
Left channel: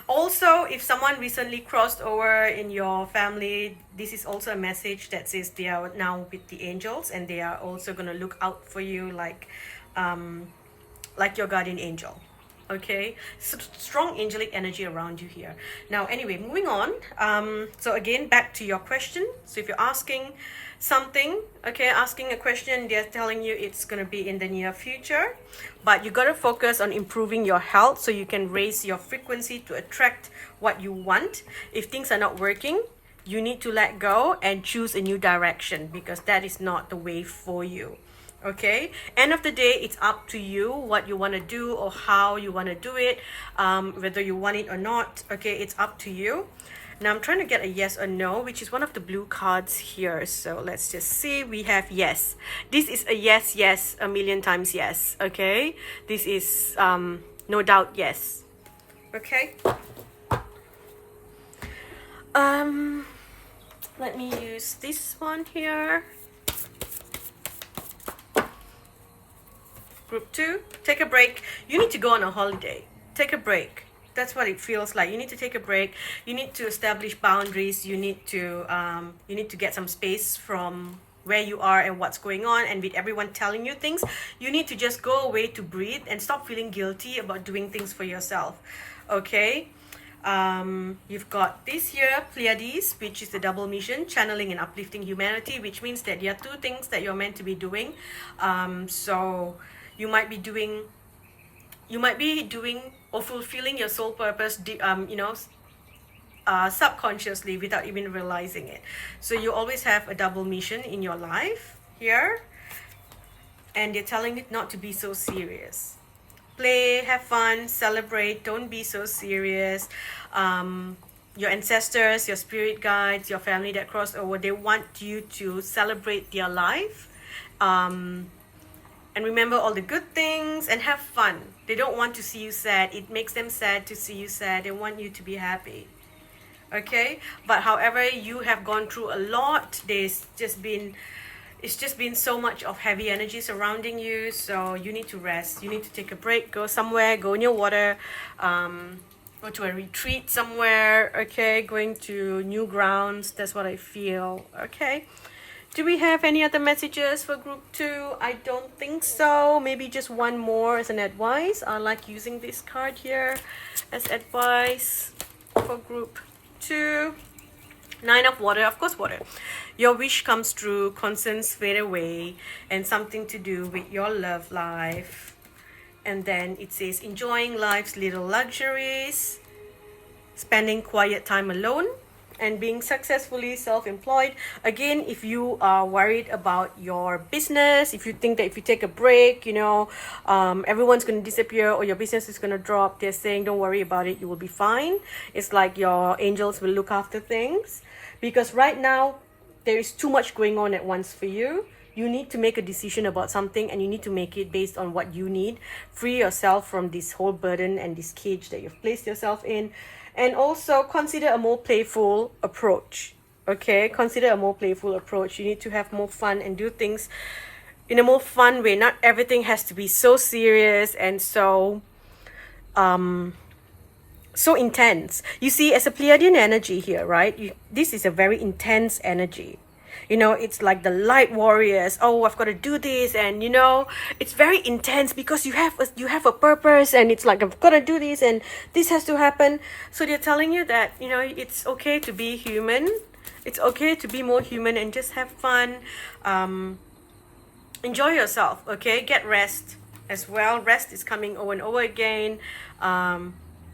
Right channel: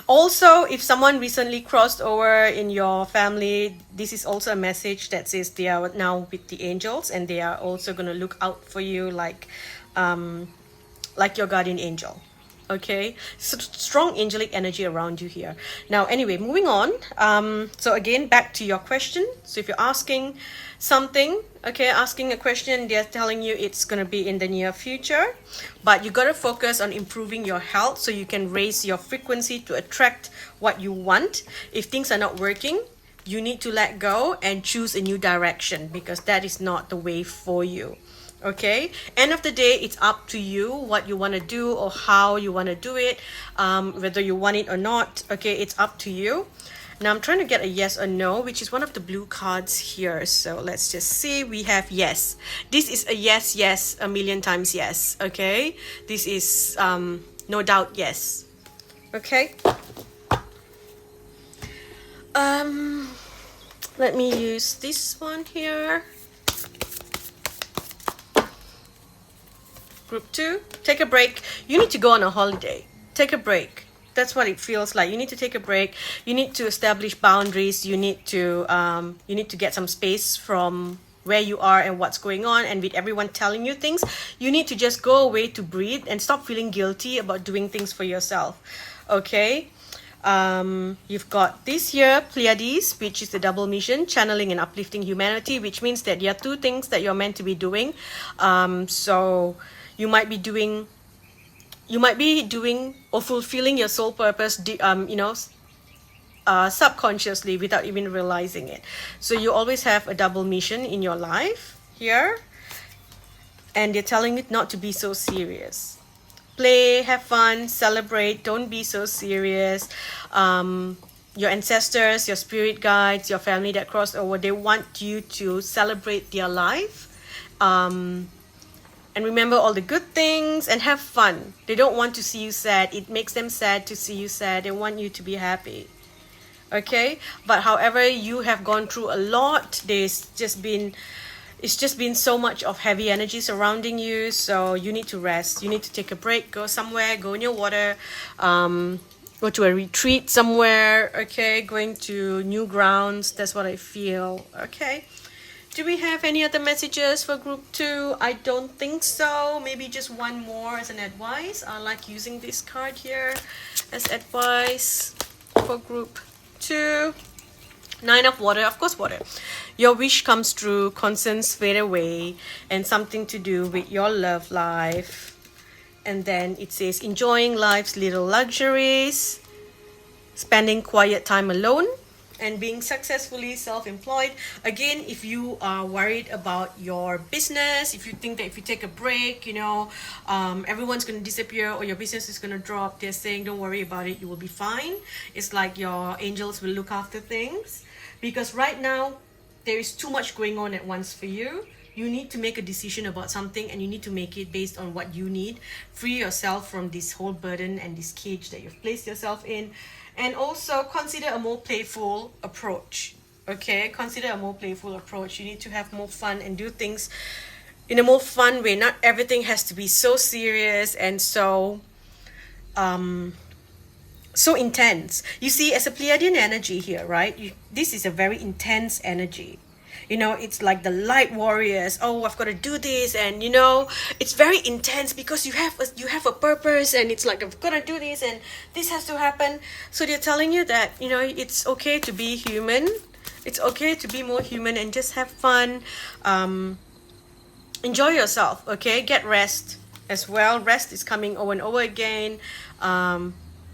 also, if someone recently crossed over in your family, this is also a message that says they are now with the angels, and they are also going to look out for you like your guardian angel. Okay, so strong angelic energy around you here. Now anyway, moving on. So again, back to your question. So if you're asking something, okay, asking a question, they're telling you it's going to be in the near future, but you got to focus on improving your health so you can raise your frequency to attract what you want. If things are not working, you need to let go and choose a new direction, because that is not the way for you. Okay, end of the day, it's up to you what you want to do or how you want to do it, whether you want it or not. Okay, it's up to you. Now I'm trying to get a yes or no, which is one of the blue cards here. So let's just see. We have yes. This is a yes, yes, a million times yes. Okay, this is no doubt yes. Okay, let me use this one here. Group 2, take a break. You need to go on a holiday. Take a break. That's what it feels like. You need to take a break. You need to establish boundaries. You need to get some space from where you are and what's going on, and with everyone telling you things, you need to just go away to breathe and stop feeling guilty about doing things for yourself. Okay. You've got this here, Pleiades, which is the double mission, channeling and uplifting humanity, which means that there are two things that you're meant to be doing. So you might be doing or fulfilling your soul purpose, subconsciously without even realizing it. So you always have a double mission in your life here, and they're telling you not to be so serious. Play, have fun, celebrate, don't be so serious. Your ancestors, your spirit guides, your family that crossed over, they want you to celebrate their life. And remember all the good things and have fun. They don't want to see you sad. It makes them sad to see you sad. They want you to be happy. Okay? But however, you have gone through a lot. It's just been so much of heavy energy surrounding you, so you need to rest. You need to take a break, go somewhere, go in your water, go to a retreat somewhere, okay? Going to new grounds, that's what I feel, okay? Do we have any other messages for group 2? I don't think so. Maybe just one more as an advice. I like using this card here as advice for group 2. 9 of water, of course water. Your wish comes true, concerns fade away, and something to do with your love life. And then it says enjoying life's little luxuries, spending quiet time alone, and being successfully self-employed. Again, if you are worried about your business, if you think that if you take a break, everyone's going to disappear or your business is going to drop, they're saying don't worry about it, you will be fine. It's like your angels will look after things. Because right now, there is too much going on at once for you. You need to make a decision about something, and you need to make it based on what you need. Free yourself from this whole burden and this cage that you've placed yourself in. And also consider a more playful approach. Okay? Consider a more playful approach. You need to have more fun and do things in a more fun way. Not everything has to be so serious and so intense. You see, as a Pleiadian energy here, right? This is a very intense energy. It's like the light warriors. Oh, I've got to do this, and it's very intense because you have a purpose, and it's like I've got to do this, and this has to happen. So they're telling you that it's okay to be human. It's okay to be more human and just have fun. Enjoy yourself. Okay, get rest as well. Rest is coming over and over again.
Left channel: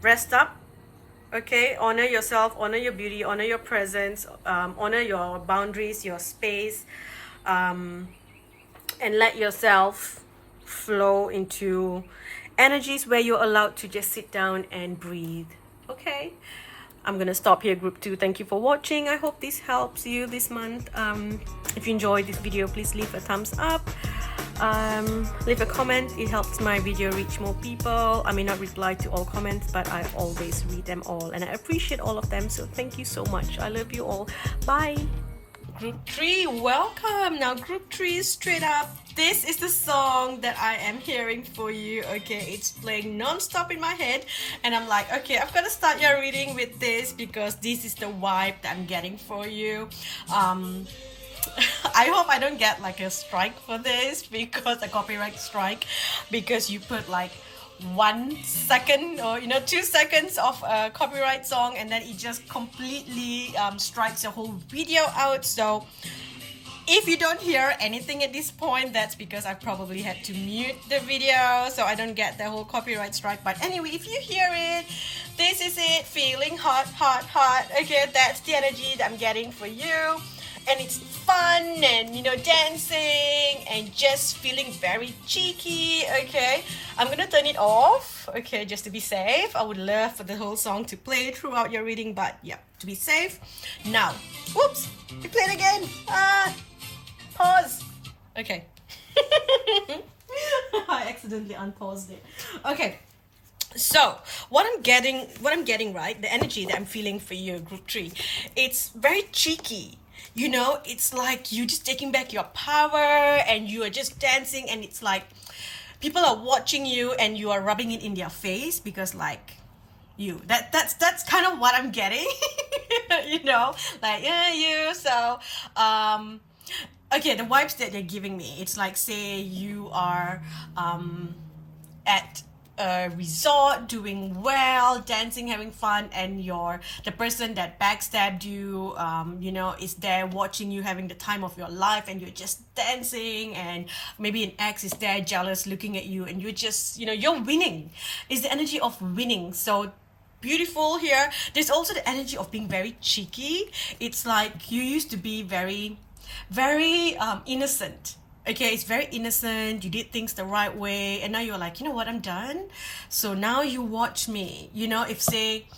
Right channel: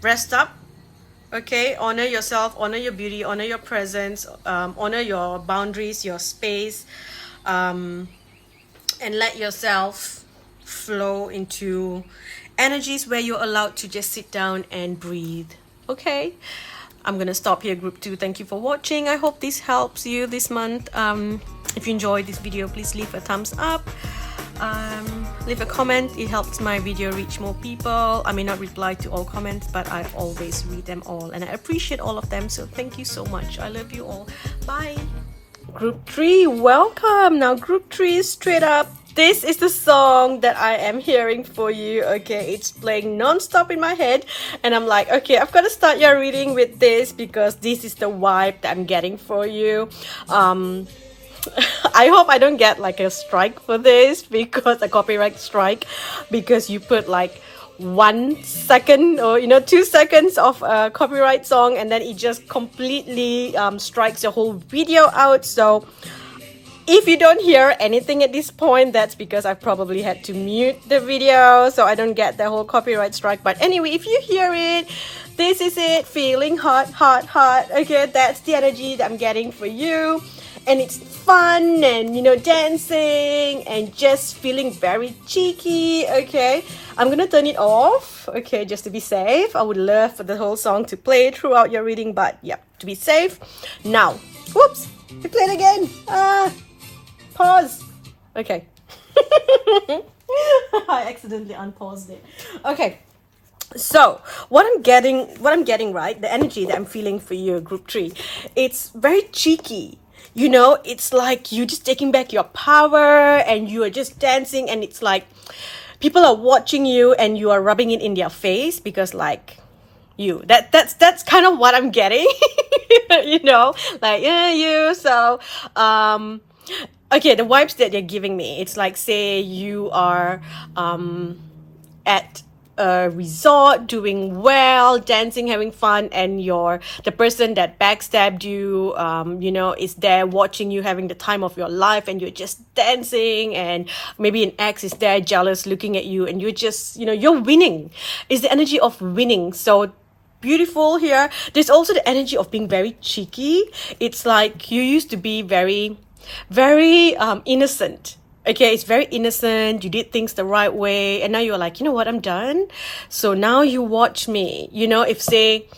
Rest up. Okay, honor yourself, honor your beauty, honor your presence, honor your boundaries, your space, and let yourself flow into energies where you're allowed to just sit down and breathe. Okay, I'm gonna stop here, group 2. Thank you for watching. I hope this helps you this month. If you enjoyed this video, please leave a thumbs up. Leave a comment. It helps my video reach more people. I may not reply to all comments, but I always read them all, and I appreciate all of them, so thank you so much. I love you all. Bye. Group 3, welcome. Now group 3 is straight up. This is the song that I am hearing for you. Okay, it's playing non-stop in my head, and I'm like, okay, I've got to start your reading with this because this is the vibe that I'm getting for you. I hope I don't get like a strike for this, because a copyright strike, because you put like 1 second or 2 seconds of a copyright song, and then it just completely strikes the whole video out. So if you don't hear anything at this point, that's because I probably had to mute the video so I don't get the whole copyright strike. But anyway, if you hear it, this is it. Feeling hot, hot, hot. Okay, that's the energy that I'm getting for you. And it's fun and dancing and just feeling very cheeky. Okay, I'm gonna turn it off, okay, just to be safe. I would love for the whole song to play throughout your reading, but yeah, to be safe. Now, whoops, we played again. Pause. Okay. I accidentally unpaused it. Okay. So what I'm getting right, the energy that I'm feeling for you, group 3, it's very cheeky. It's like you just taking back your power and you are just dancing, and it's like people are watching you and you are rubbing it in their face, because like you. That's kind of what I'm getting. You know, like, yeah, you. So okay, the vibes that you're giving me, it's like, say you are at a resort doing well, dancing, having fun, and the person that backstabbed you, you know, is there watching you having the time of your life, and you're just dancing, and maybe an ex is there jealous looking at you, and you're just, you know, you're winning. It's the energy of winning. So beautiful here. There's also the energy of being very cheeky. It's like you used to be very, very innocent. Okay, it's very innocent. You did things the right way, and now you're like, you know what, I'm done. So now you watch me. You know, if say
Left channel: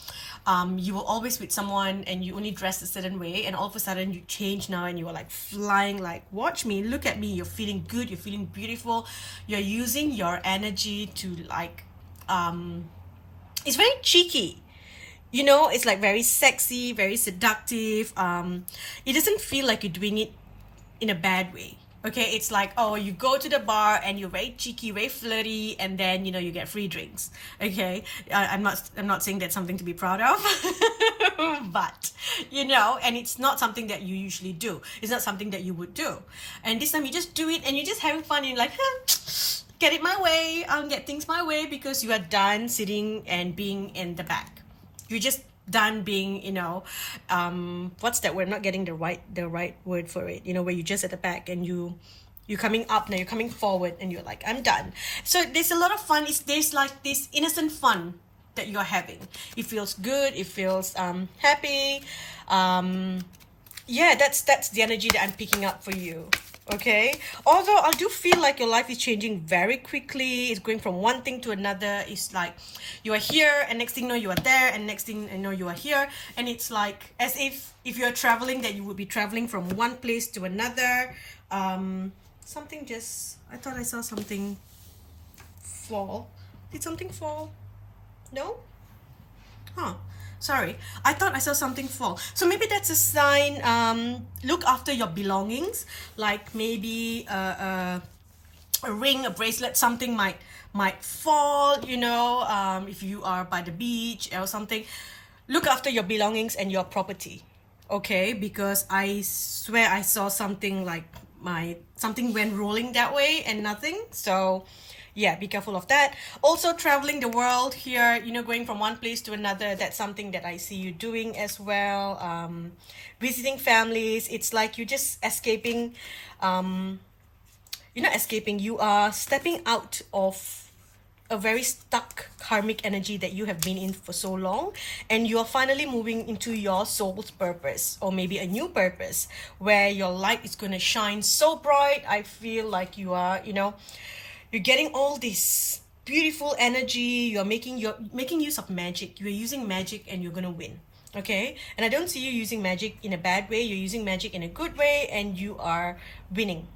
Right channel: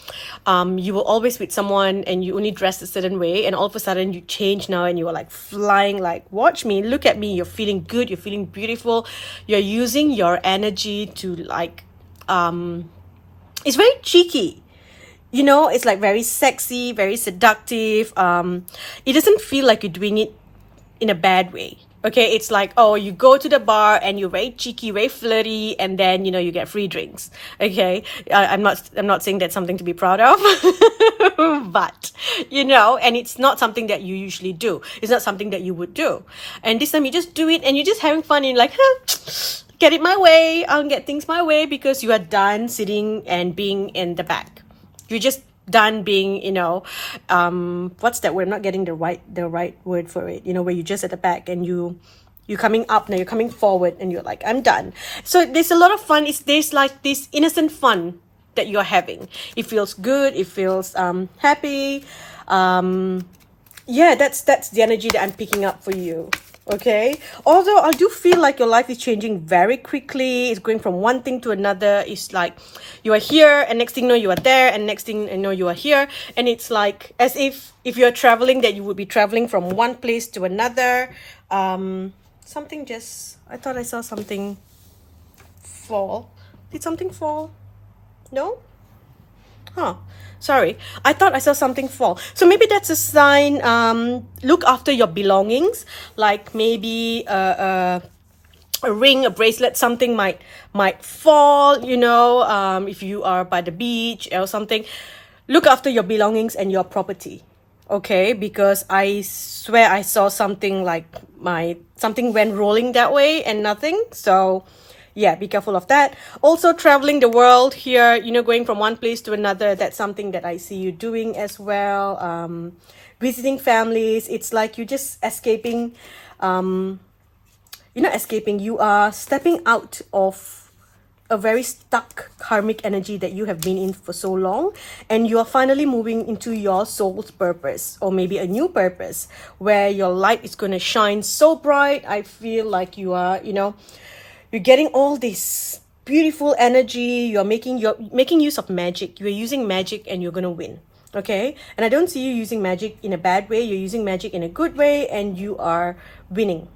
you were always with someone and you only dressed a certain way, and all of a sudden you change now and you are like flying, like, watch me, look at me, you're feeling good, you're feeling beautiful, you're using your energy to like it's very cheeky. You know, it's like very sexy, very seductive. It doesn't feel like you're doing it in a bad way. Okay, it's like, oh, you go to the bar and you're very cheeky, very flirty, and then, you know, you get free drinks. Okay, I'm not saying that's something to be proud of, but, you know, and it's not something that you usually do. It's not something that you would do. And this time you just do it, and you're just having fun, and you're like, get it my way. I'll get things my way, because you are done sitting and being in the back. You're just done being, you know, what's that word? I'm not getting the right word for it. You know, where you're just at the back and you're coming up now, you're coming forward, and you're like, I'm done. So there's a lot of fun. There's like this innocent fun that you're having. It feels good. It feels happy. Yeah, that's the energy that I'm picking up for you. Okay, although I do feel like your life is changing very quickly. It's going from one thing to another. It's like you are here, and next thing you know you are there, and next thing you know you are here, and it's like as if you're traveling, that you would be traveling from one place to another. Something just, I thought I saw something fall. Did something fall? No? Huh. Sorry, I thought I saw something fall. So maybe that's a sign. Look after your belongings, like maybe a ring, a bracelet, something might fall, you know, if you are by the beach or something. Look after your belongings and your property. Okay, because I swear I saw something like something went rolling that way and nothing. So yeah, be careful of that. Also, traveling the world here, you know, going from one place to another, that's something that I see you doing as well. Visiting families, it's like you're just escaping. You're not escaping, you are stepping out of a very stuck karmic energy that you have been in for so long, and you are finally moving into your soul's purpose, or maybe a new purpose where your light is going to shine so bright. I feel like you are, you know, you're getting all this beautiful energy. You're making use of magic. You're using magic, and you're gonna win. Okay, and I don't see you using magic in a bad way. You're using magic in a good way, and you are winning.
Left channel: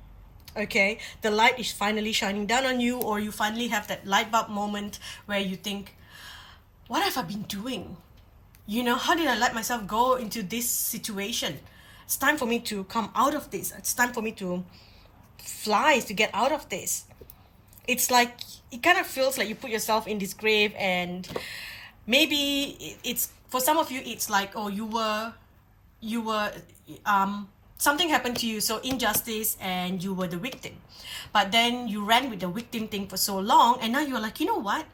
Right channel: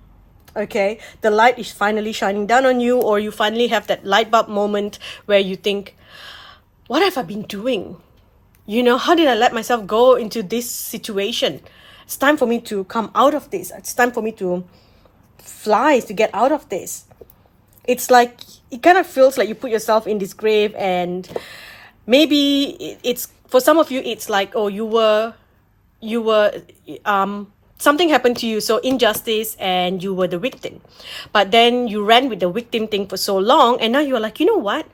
Okay, the light is finally shining down on you, or you finally have that light bulb moment where you think, what have I been doing? You know, how did I let myself go into this situation? It's time for me to come out of this. It's time for me to fly, to get out of this. It's like, it kind of feels like you put yourself in this grave, and maybe it's, for some of you, it's like, oh, you were something happened to you, so injustice, and you were the victim. But then you ran with the victim thing for so long, and now you're like, you know what?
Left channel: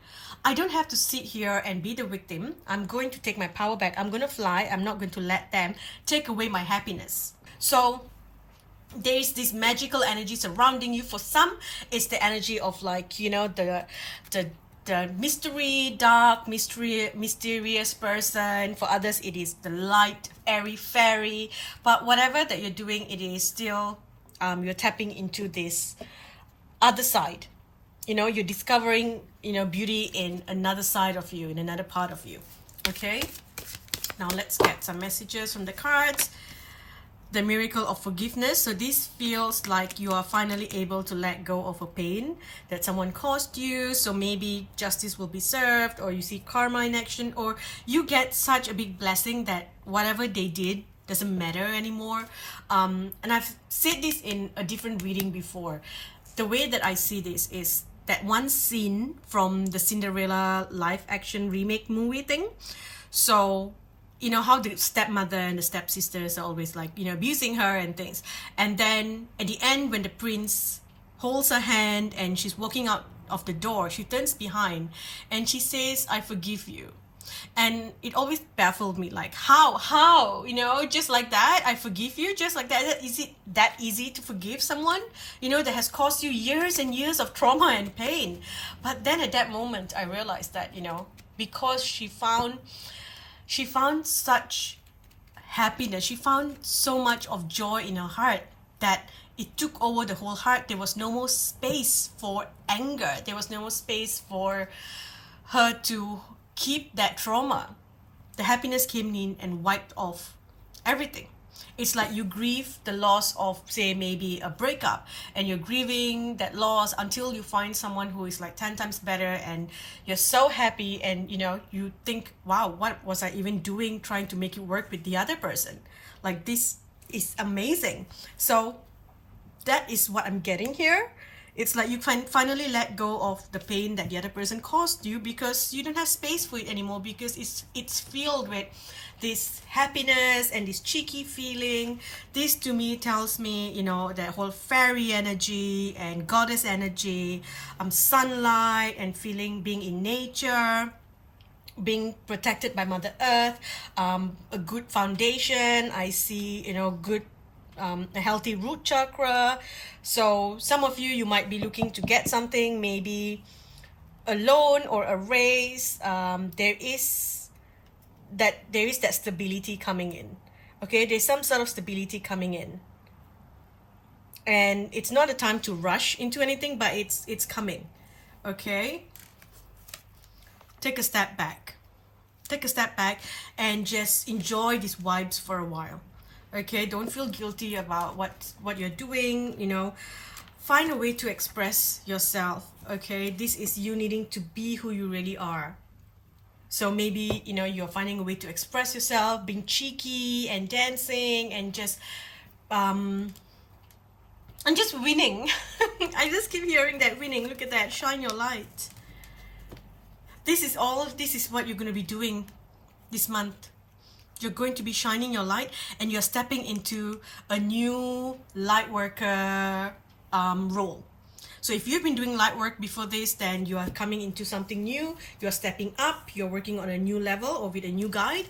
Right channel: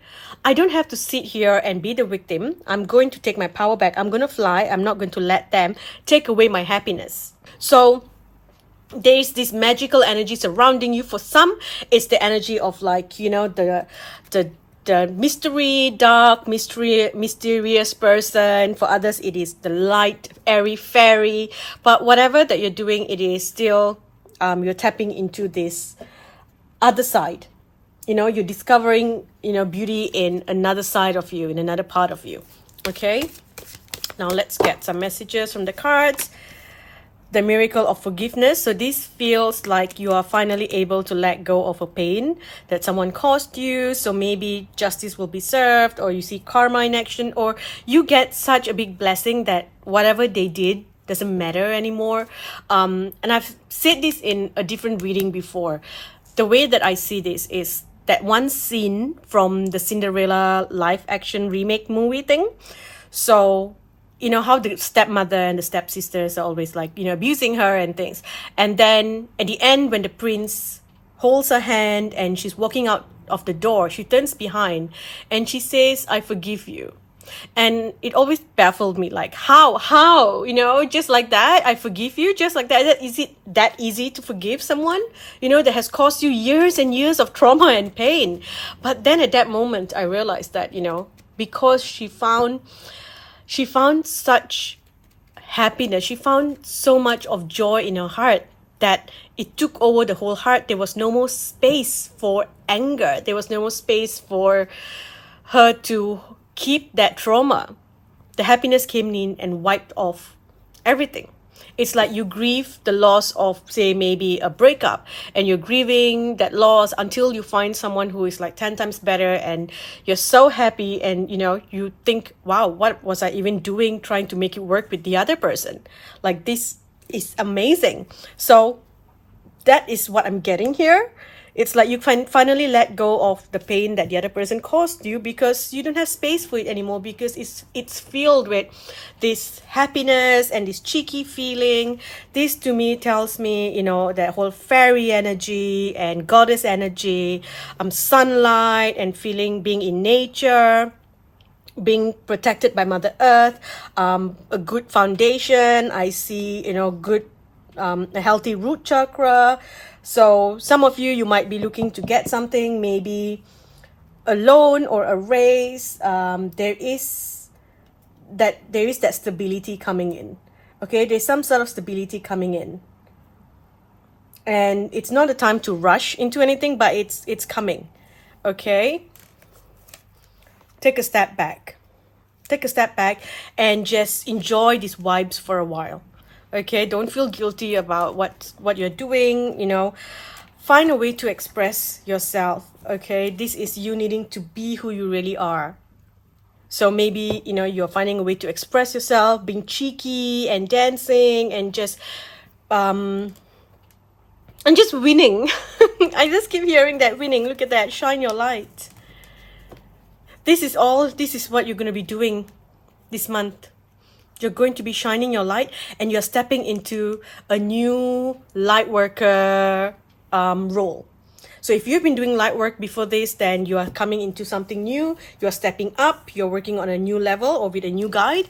I don't have to sit here and be the victim. I'm going to take my power back. I'm going to fly. I'm not going to let them take away my happiness. So there's this magical energy surrounding you. For some, it's the energy of, like, you know, the mysterious person. For others, it is the light, airy fairy. But whatever that you're doing, it is still you're tapping into this other side. You know, you're discovering, you know, beauty in another side of you, in another part of you. Okay, now let's get some messages from the cards. The miracle of forgiveness. So this feels like you are finally able to let go of a pain that someone caused you. So maybe justice will be served, or you see karma in action, or you get such a big blessing that whatever they did doesn't matter anymore. And I've said this in a different reading before. The way that I see this is that one scene from the Cinderella live action remake movie thing. So, you know how the stepmother and the stepsisters are always like, you know, abusing her and things. And then at the end, when the prince holds her hand and she's walking out of the door, she turns behind and she says, "I forgive you." And it always baffled me, like, how, you know, just like that, I forgive you, just like that. Is it that easy to forgive someone, you know, that has caused you years and years of trauma and pain? But then at that moment, I realized that, you know, because she found such happiness, she found so much of joy in her heart that it took over the whole heart. There was no more space for anger. There was no more space for her to keep that trauma. The happiness came in and wiped off everything. It's like you grieve the loss of, say, maybe a breakup, and you're grieving that loss until you find someone who is like 10 times better, and you're so happy, and, you know, you think, wow, what was I even doing trying to make it work with the other person? Like, this is amazing. So that is what I'm getting here. It's like you finally let go of the pain that the other person caused you, because you don't have space for it anymore, because it's filled with this happiness and this cheeky feeling. This to me tells me, you know, that whole fairy energy and goddess energy, sunlight and feeling, being in nature, being protected by Mother Earth, a good foundation. I see, you know, good, a healthy root chakra. So some of you might be looking to get something, maybe a loan or a raise. There is that stability coming in. Okay, there's some sort of stability coming in, and it's not a time to rush into anything, but it's coming. Okay, take a step back and just enjoy these vibes for a while. Okay, don't feel guilty about what you're doing, you know. Find a way to express yourself. Okay, this is you needing to be who you really are. So maybe, you know, you're finding a way to express yourself, being cheeky and dancing and just winning. I just keep hearing that winning. Look at that, shine your light. This is what you're going to be doing this month. You're going to be shining your light, and you're stepping into a new light worker role. So if you've been doing light work before this, then you are coming into something new. You're stepping up. You're working on a new level or with a new guide.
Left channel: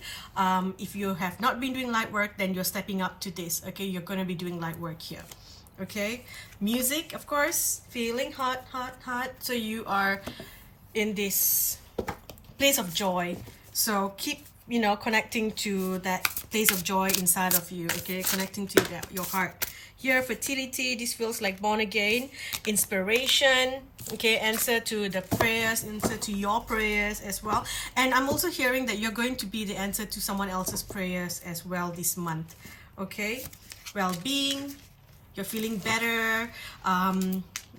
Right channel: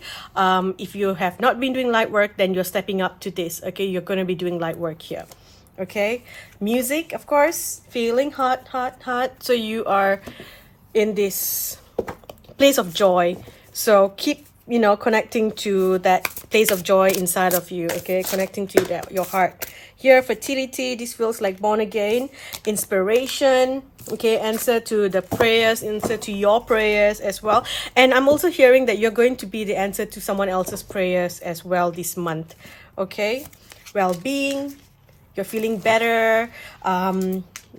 If you have not been doing light work, then you're stepping up to this. Okay, you're going to be doing light work here. Okay, music, of course, feeling hot. So you are in this place of joy. So keep, you know, connecting to that place of joy inside of you. Okay, connecting to that, your heart. Here, fertility, this feels like born again, inspiration. Okay, answer to the prayers, answer to your prayers as well. And I'm also hearing that you're going to be the answer to someone else's prayers as well this month. Okay, well-being, you're feeling better.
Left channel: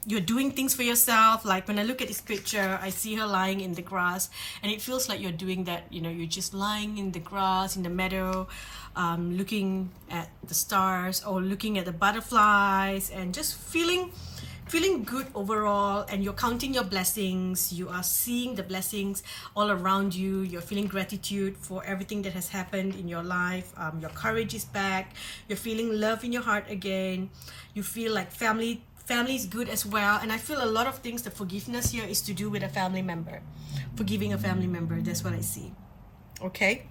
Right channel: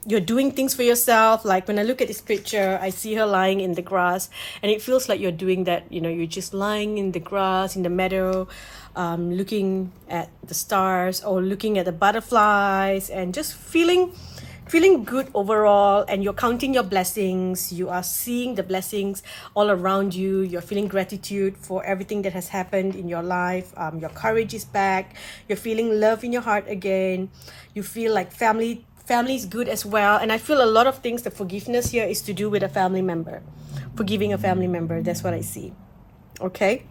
You're doing things for yourself. Like when I look at this picture, I see her lying in the grass, and it feels like you're doing that. You know, you're just lying in the grass, in the meadow, looking at the stars or looking at the butterflies, and just feeling good overall. And you're counting your blessings. You are seeing the blessings all around you. You're feeling gratitude for everything that has happened in your life. Your courage is back. You're feeling love in your heart again. You feel like family is good as well. And I feel a lot of things, the forgiveness here is to do with a family member. Forgiving a family member, that's what I see. Okay,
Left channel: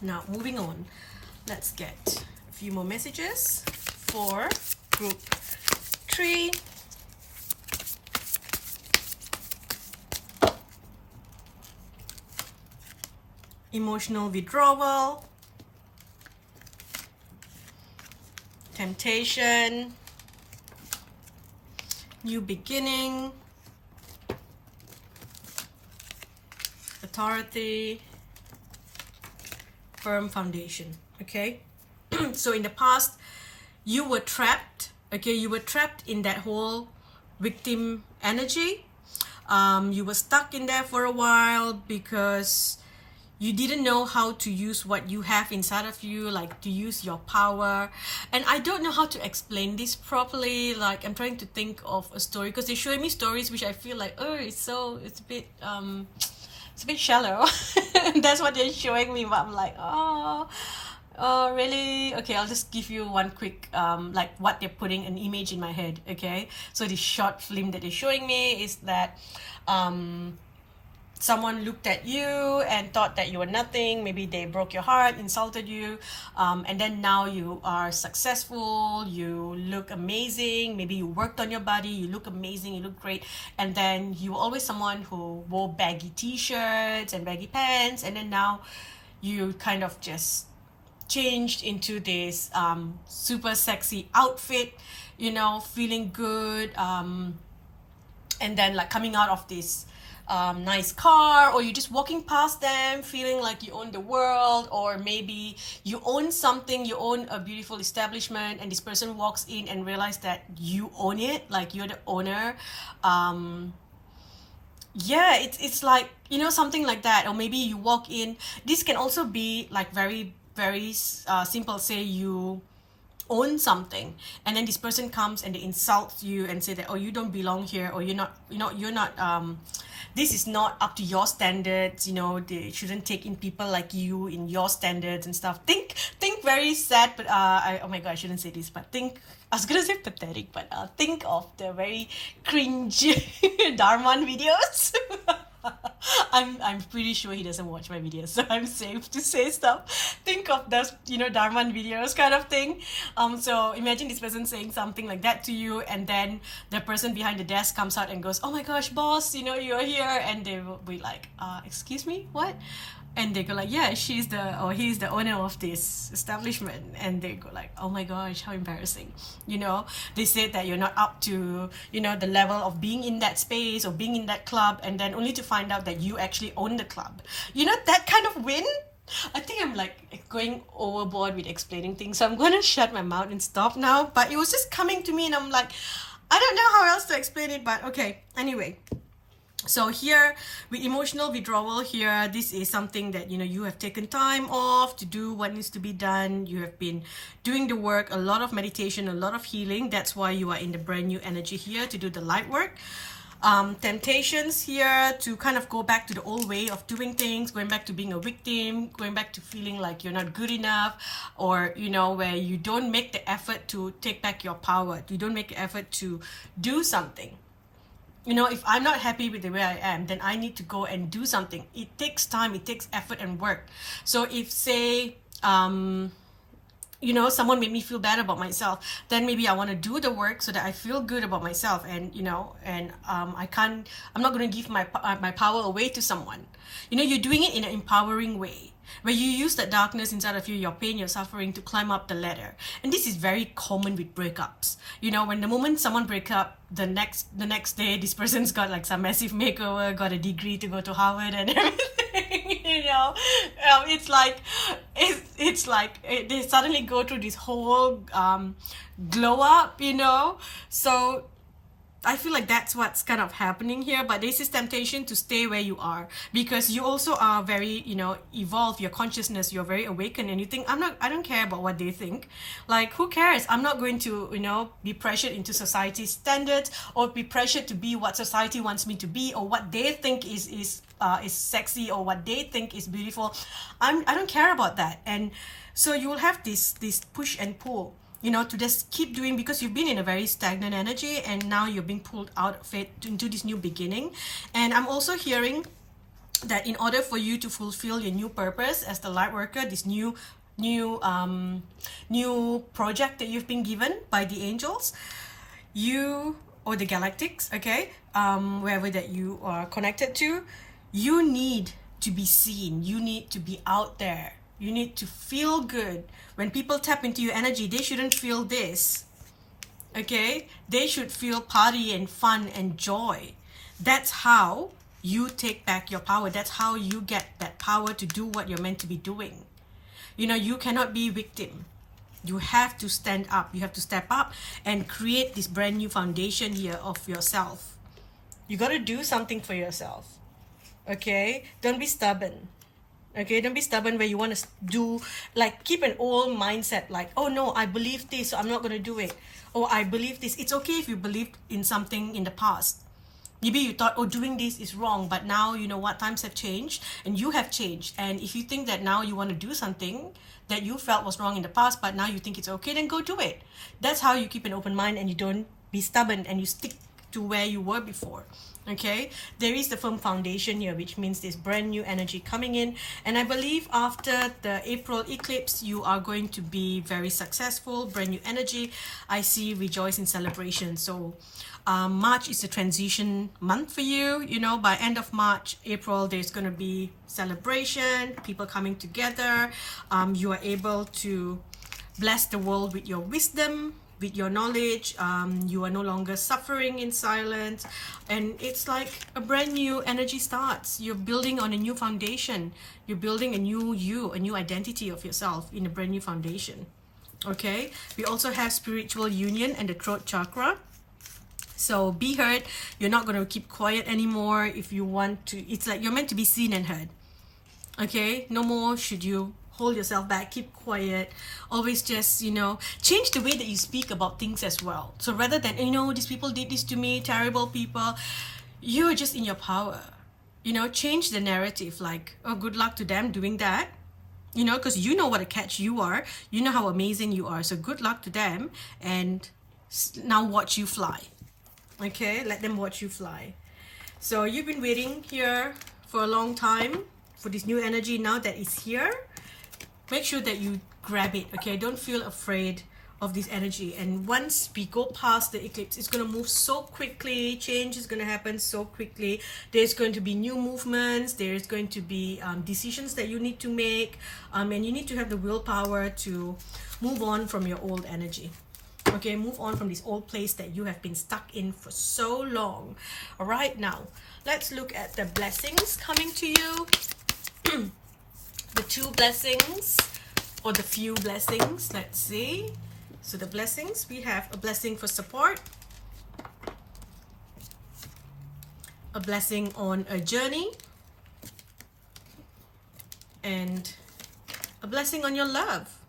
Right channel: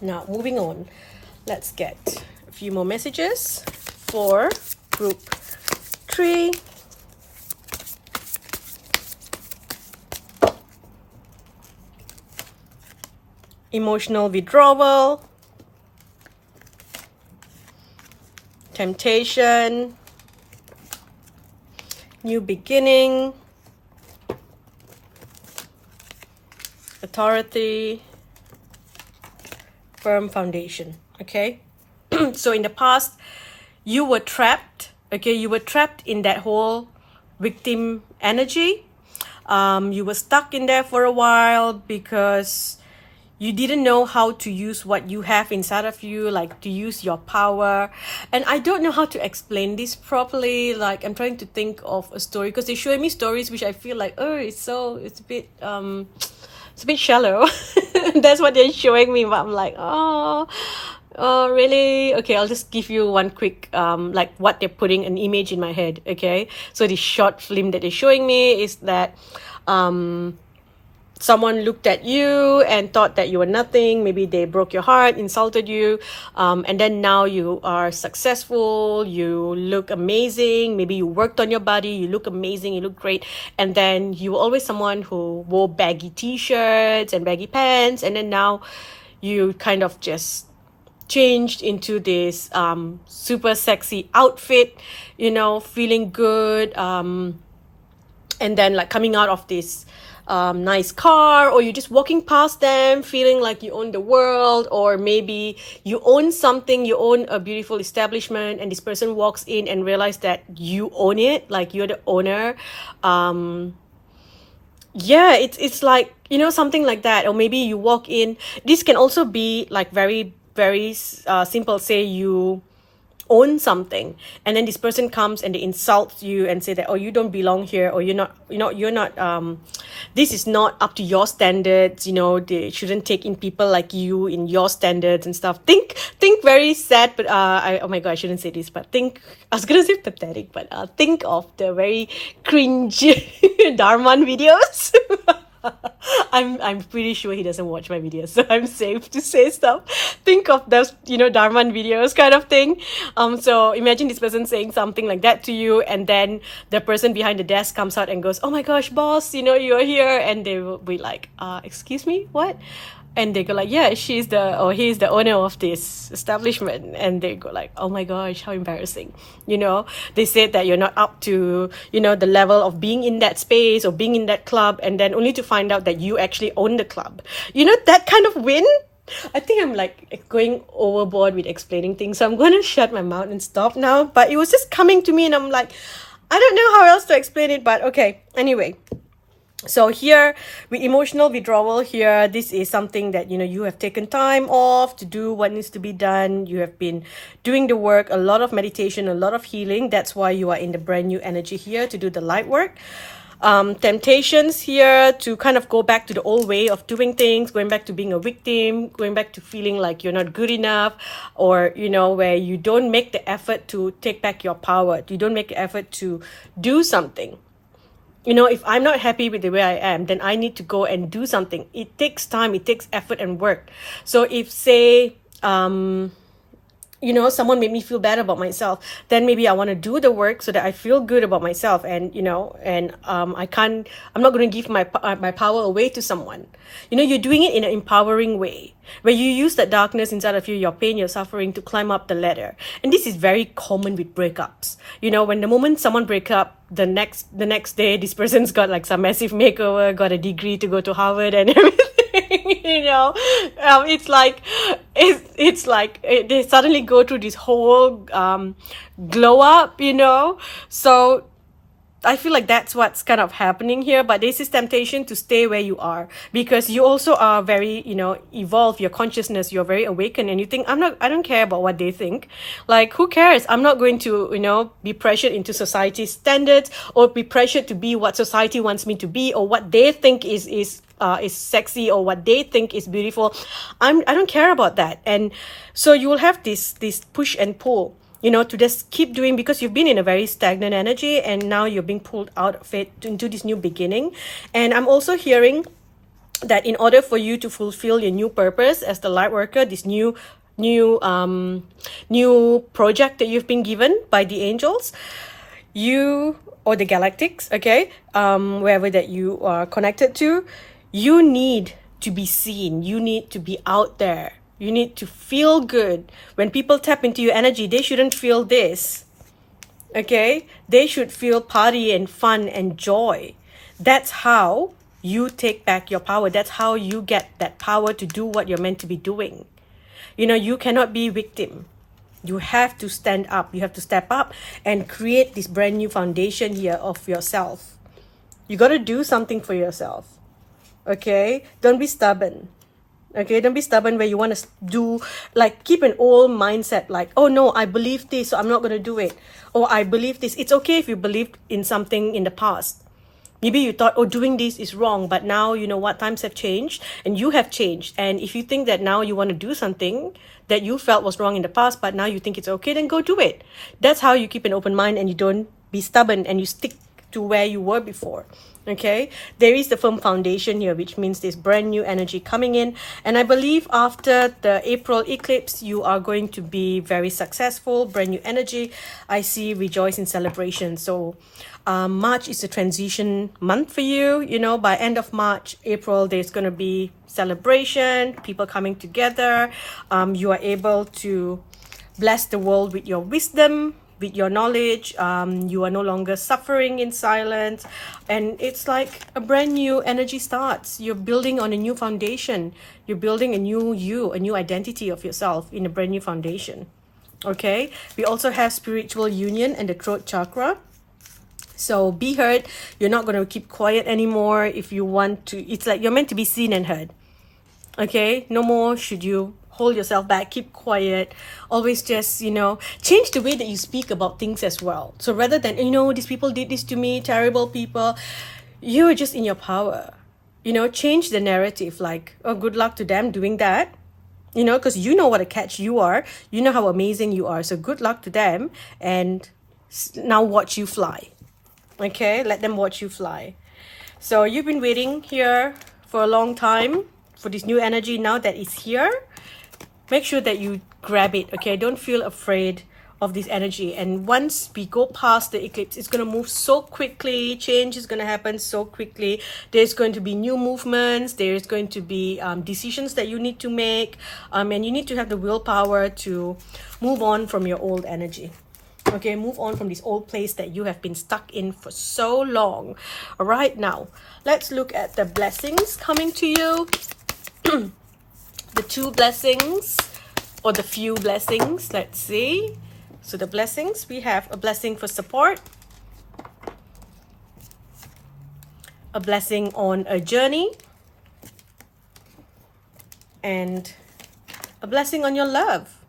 now moving on. Let's get a few more messages for group 3. Emotional withdrawal, temptation, new beginning, authority, firm foundation. Okay, so in the past you were trapped. Okay, you were trapped in that whole victim energy. You were stuck in there for a while because you didn't know how to use what you have inside of you, like to use your power. And I don't know how to explain this properly. Like, I'm trying to think of a story, because they show me stories which I feel like, oh, it's a bit shallow. That's what they're showing me, but I'm like, oh, really? Okay, I'll just give you one quick, like what they're putting an image in my head. Okay, so the short film that they're showing me is that, someone looked at you and thought that you were nothing. Maybe they broke your heart, insulted you, and then now you are successful, you look amazing, maybe you worked on your body, you look amazing, you look great, and then you were always someone who wore baggy t-shirts and baggy pants, and then now you kind of just changed into this super sexy outfit, feeling good, and then like coming out of this nice car, or you're just walking past them feeling like you own the world, or maybe you own something, you own a beautiful establishment, and this person walks in and realize that you own it, like you're the owner. Yeah, it's like, something like that. Or maybe you walk in, this can also be like very, very simple. Say you own something, and then this person comes and they insult you and say that, oh, you don't belong here, or you're not this is not up to your standards, they shouldn't take in people like you in your standards and stuff. Think very sad, but oh my god, I shouldn't say this, but I was gonna say pathetic, but think of the very cringe Dharman videos. I'm pretty sure he doesn't watch my videos, so I'm safe to say stuff. Think of those, Dharman videos kind of thing. So imagine this person saying something like that to you, and then the person behind the desk comes out and goes, "Oh my gosh, boss, you're here," and they will be like, "Excuse me, what?" And they go like, yeah, he's the owner of this establishment. And they go like, oh my gosh, how embarrassing. They said that you're not up to, the level of being in that space or being in that club, and then only to find out that you actually own the club. That kind of win. I think I'm like going overboard with explaining things, so I'm going to shut my mouth and stop now. But it was just coming to me, and I'm like, I don't know how else to explain it, but okay. Anyway. So here, with emotional withdrawal here, this is something that, you have taken time off to do what needs to be done. You have been doing the work, a lot of meditation, a lot of healing. That's why you are in the brand new energy here to do the light work. Temptations here to kind of go back to the old way of doing things, going back to being a victim, going back to feeling like you're not good enough, or, where you don't make the effort to take back your power. You don't make the effort to do something. If I'm not happy with the way I am, then I need to go and do something. It takes time, it takes effort and work. So if, say, someone made me feel bad about myself, then maybe I want to do the work so that I feel good about myself, and I'm not going to give my power away to someone. You're doing it in an empowering way, where you use that darkness inside of you, your pain, your suffering, to climb up the ladder. And this is very common with breakups. When the moment someone breaks up, the next day, this person's got like some massive makeover, got a degree to go to Harvard and everything. It's like they suddenly go through this whole glow up, so I feel like that's what's kind of happening here. But this is temptation to stay where you are, because you also are very, evolved, your consciousness, you're very awakened, and you think, I don't care about what they think. Like, who cares? I'm not going to, be pressured into society's standards, or be pressured to be what society wants me to be, or what they think is sexy, or what they think is beautiful. I don't care about that. And so you will have this push and pull, to just keep doing, because you've been in a very stagnant energy, and now you're being pulled out of it into this new beginning. And I'm also hearing that in order for you to fulfill your new purpose as the light worker, this new project that you've been given by the angels, you, or the galactics, okay, wherever that you are connected to, you need to be seen, you need to be out there. You need to feel good. When people tap into your energy, they shouldn't feel this. Okay? They should feel party and fun and joy. That's how you take back your power. That's how you get that power to do what you're meant to be doing. You cannot be victim. You have to stand up. You have to step up and create this brand new foundation here of yourself. You got to do something for yourself. Okay? Don't be stubborn. Okay, don't be stubborn where you want to do, like, keep an old mindset, like, oh no, I believe this, so I'm not going to do it. Or I believe this. It's okay if you believed in something in the past. Maybe you thought, oh, doing this is wrong, but now you know what, times have changed and you have changed. And if you think that now you want to do something that you felt was wrong in the past, but now you think it's okay, then go do it. That's how you keep an open mind and you don't be stubborn and you stick to where you were before. Okay, there is the firm foundation here, which means there's brand new energy coming in. And I believe after the April eclipse, you are going to be very successful, brand new energy. I see rejoice in celebration. So March is a transition month for you. You know, by end of March, April, there's going to be celebration, people coming together. You are able to bless the world with your wisdom, with your knowledge. You are no longer suffering in silence, and it's like a brand new energy starts. You're building on a new foundation. You're building a new you, a new identity of yourself in a brand new foundation. Okay, we also have spiritual union and the throat chakra. So be heard. You're not going to keep quiet anymore. If you want to, it's like you're meant to be seen and heard. Okay, no more should you hold yourself back, keep quiet. Always just, you know, change the way that you speak about things as well. So rather than, you know, these people did this to me, terrible people, you are just in your power. You know, change the narrative, like, oh, good luck to them doing that. You know, because you know what a catch you are. You know how amazing you are. So good luck to them. And now watch you fly. Okay, let them watch you fly. So you've been waiting here for a long time for this new energy. Now that it's here, make sure that you grab it. Okay, don't feel afraid of this energy. And once we go past the eclipse, it's going to move so quickly. Change is going to happen so quickly. There's going to be new movements. There's going to be decisions that you need to make, and you need to have the willpower to move on from your old energy. Okay, move on from this old place that you have been stuck in for so long. All right, now let's look at the blessings coming to you. The two blessings or the few blessings. Let's see. So the blessings, we have a blessing for support, a blessing on a journey, and a blessing on your love.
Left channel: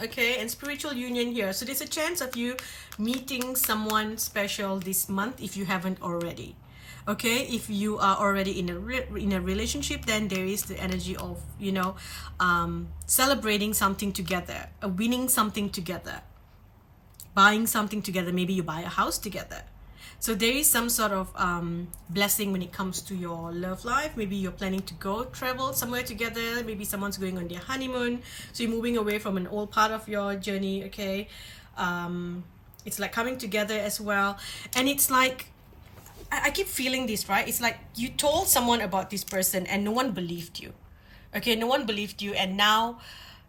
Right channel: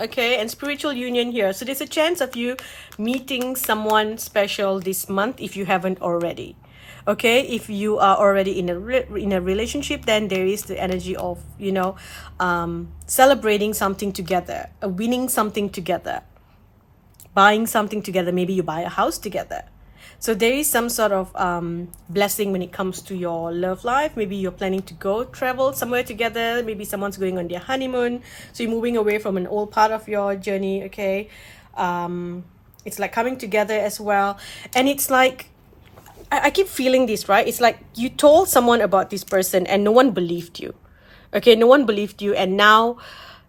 Okay, and spiritual union here. So there's a chance of you meeting someone special this month if you haven't already. Okay, if you are already in a relationship, then there is the energy of, you know, celebrating something together, winning something together, buying something together. Maybe you buy a house together. So there is some sort of blessing when it comes to your love life. Maybe you're planning to go travel somewhere together. Maybe someone's going on their honeymoon. So you're moving away from an old part of your journey, okay? It's like coming together as well. And it's like, I keep feeling this, right? It's like you told someone about this person and no one believed you. Okay, no one believed you. And now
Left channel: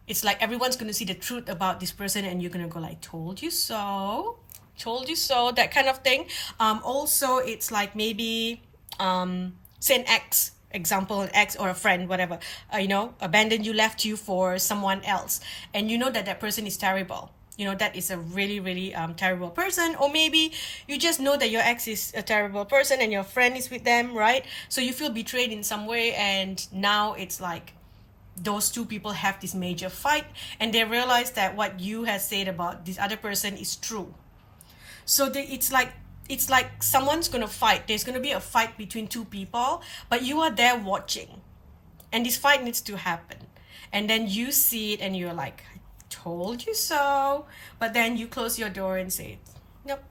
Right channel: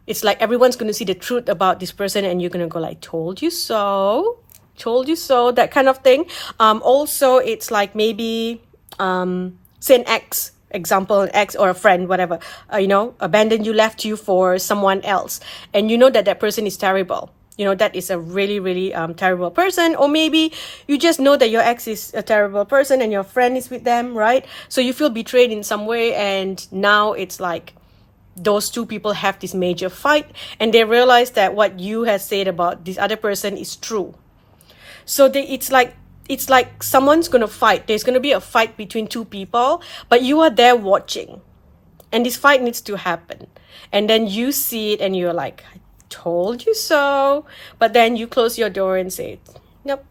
it's like everyone's going to see the truth about this person and you're going to go like, told you so. Told you so, that kind of thing. Also, it's like maybe say an ex, example, an ex or a friend, whatever, you know, abandoned you, left you for someone else, and you know that that person is terrible. You know, that is a really, really terrible person. Or maybe you just know that your ex is a terrible person and your friend is with them, right? So you feel betrayed in some way, and now it's like those two people have this major fight and they realize that what you have said about this other person is true. So it's like someone's going to fight. There's going to be a fight between two people, but you are there watching. And this fight needs to happen. And then you see it and you're like, I told you so. But then you close your door and say, nope,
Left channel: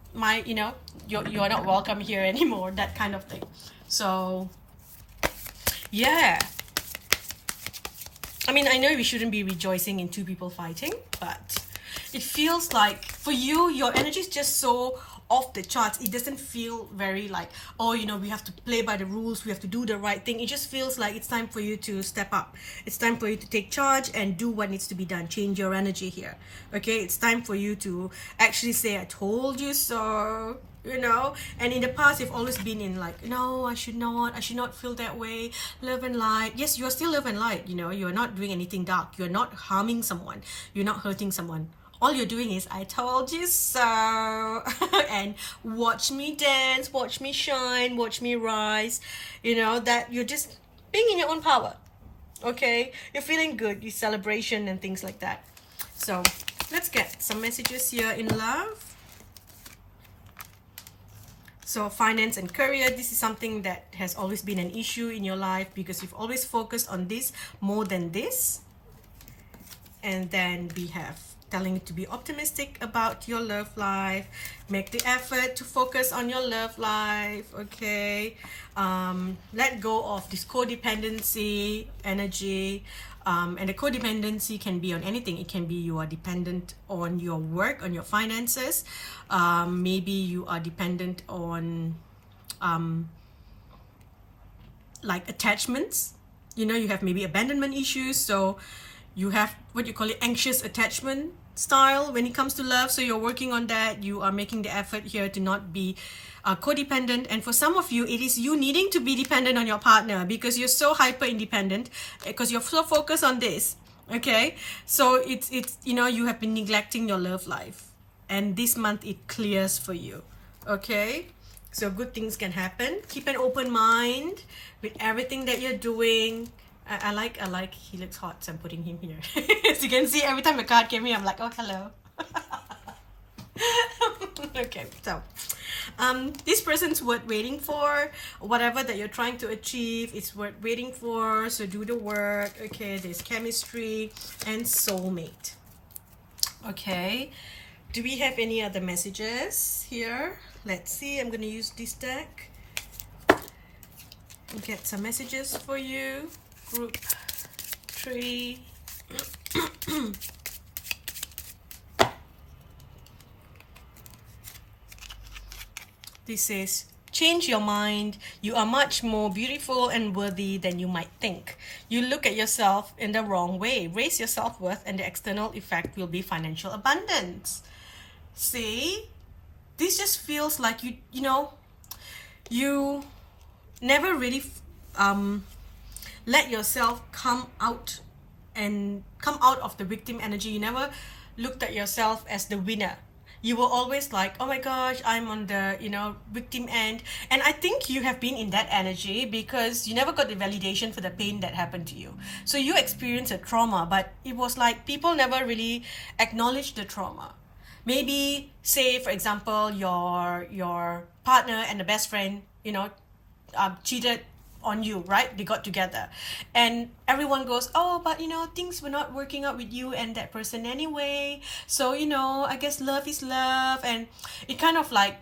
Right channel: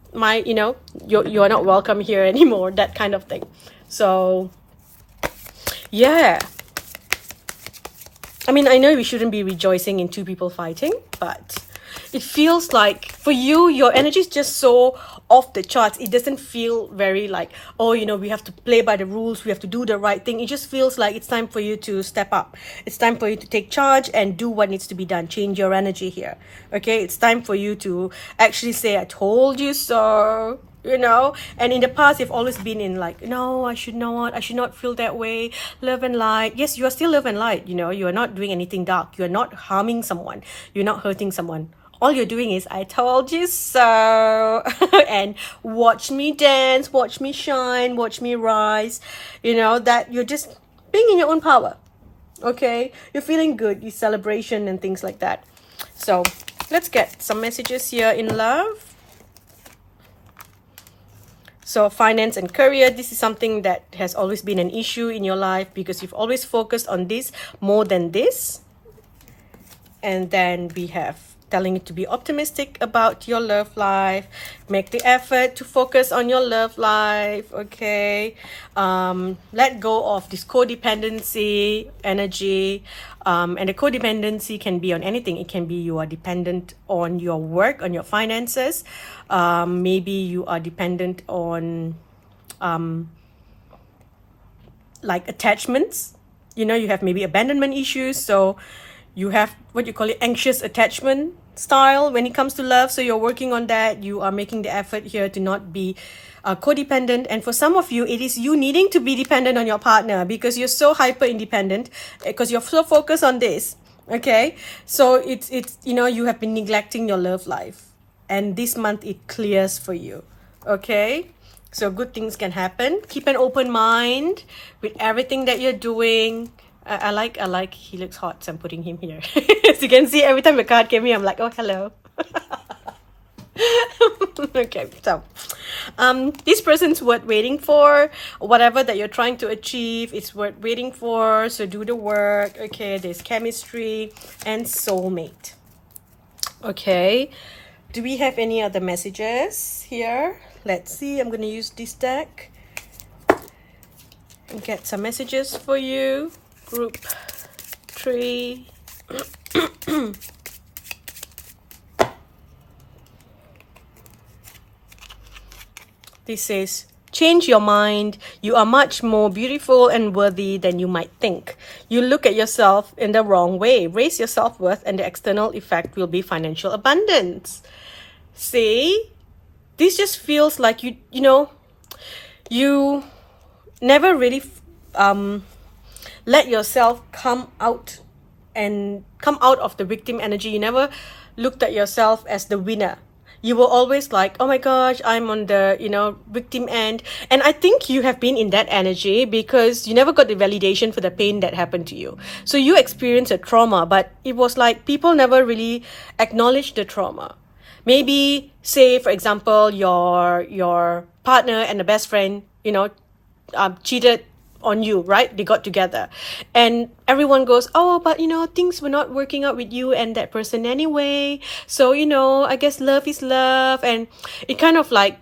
you're not welcome here anymore, that kind of thing. So, yeah. I mean, I know we shouldn't be rejoicing in two people fighting, but it feels like for you, your energy is just so off the charts. It doesn't feel very like, oh, you know, we have to play by the rules, we have to do the right thing. It just feels like it's time for you to step up. It's time for you to take charge and do what needs to be done. Change your energy here. Okay, it's time for you to actually say, I told you so. You know, and in the past you've always been in like, no, I should not feel that way. Love and light. Yes, you are still love and light. You know, you are not doing anything dark. You're not harming someone. You're not hurting someone. All you're doing is, I told you so. And watch me dance, watch me shine, watch me rise. You know, that you're just being in your own power. Okay, you're feeling good, you celebration and things like that. So let's get some messages here in love. So finance and career, this is something that has always been an issue in your life because you've always focused on this more than this. And then we have telling you to be optimistic about your love life, make the effort to focus on your love life. Okay, let go of this codependency energy, and the codependency can be on anything. It can be you are dependent on your work, on your finances, maybe you are dependent on like attachments. You know, you have maybe abandonment issues, so you have what you call it anxious attachment style when it comes to love. So you're working on that. You are making the effort here to not be codependent. And for some of you, it is you needing to be dependent on your partner because you're so hyper independent, because you're so focused on this. Okay, so it's you know, you have been neglecting your love life, and this month it clears for you. Okay, so good things can happen. Keep an open mind with everything that you're doing. I like he looks hot, so I'm putting him here. As you can see, every time a card came in, I'm like, oh, hello. Okay, so this person's worth waiting for. Whatever that you're trying to achieve, it's worth waiting for. So do the work. Okay, there's chemistry and soulmate. Okay, do we have any other messages here? Let's see. I'm gonna use this deck and get some messages for you. Group 3. This says, change your mind. You are much more beautiful and worthy than you might think. You look at yourself in the wrong way. Raise your self-worth, and the external effect will be financial abundance. See? This just feels like you know, you never really let yourself come out of the victim energy. You never looked at yourself as the winner. You were always like, oh my gosh, I'm on the, you know, victim end. And I think you have been in that energy because you never got the validation for the pain that happened to you. So you experienced a trauma, but it was like people never really acknowledged the trauma. Maybe say, for example, your partner and the best friend, you know, cheated on you, right? They got together and everyone goes, oh, but you know, things were not working out with you and that person anyway, so you know, I guess love is love. And it kind of like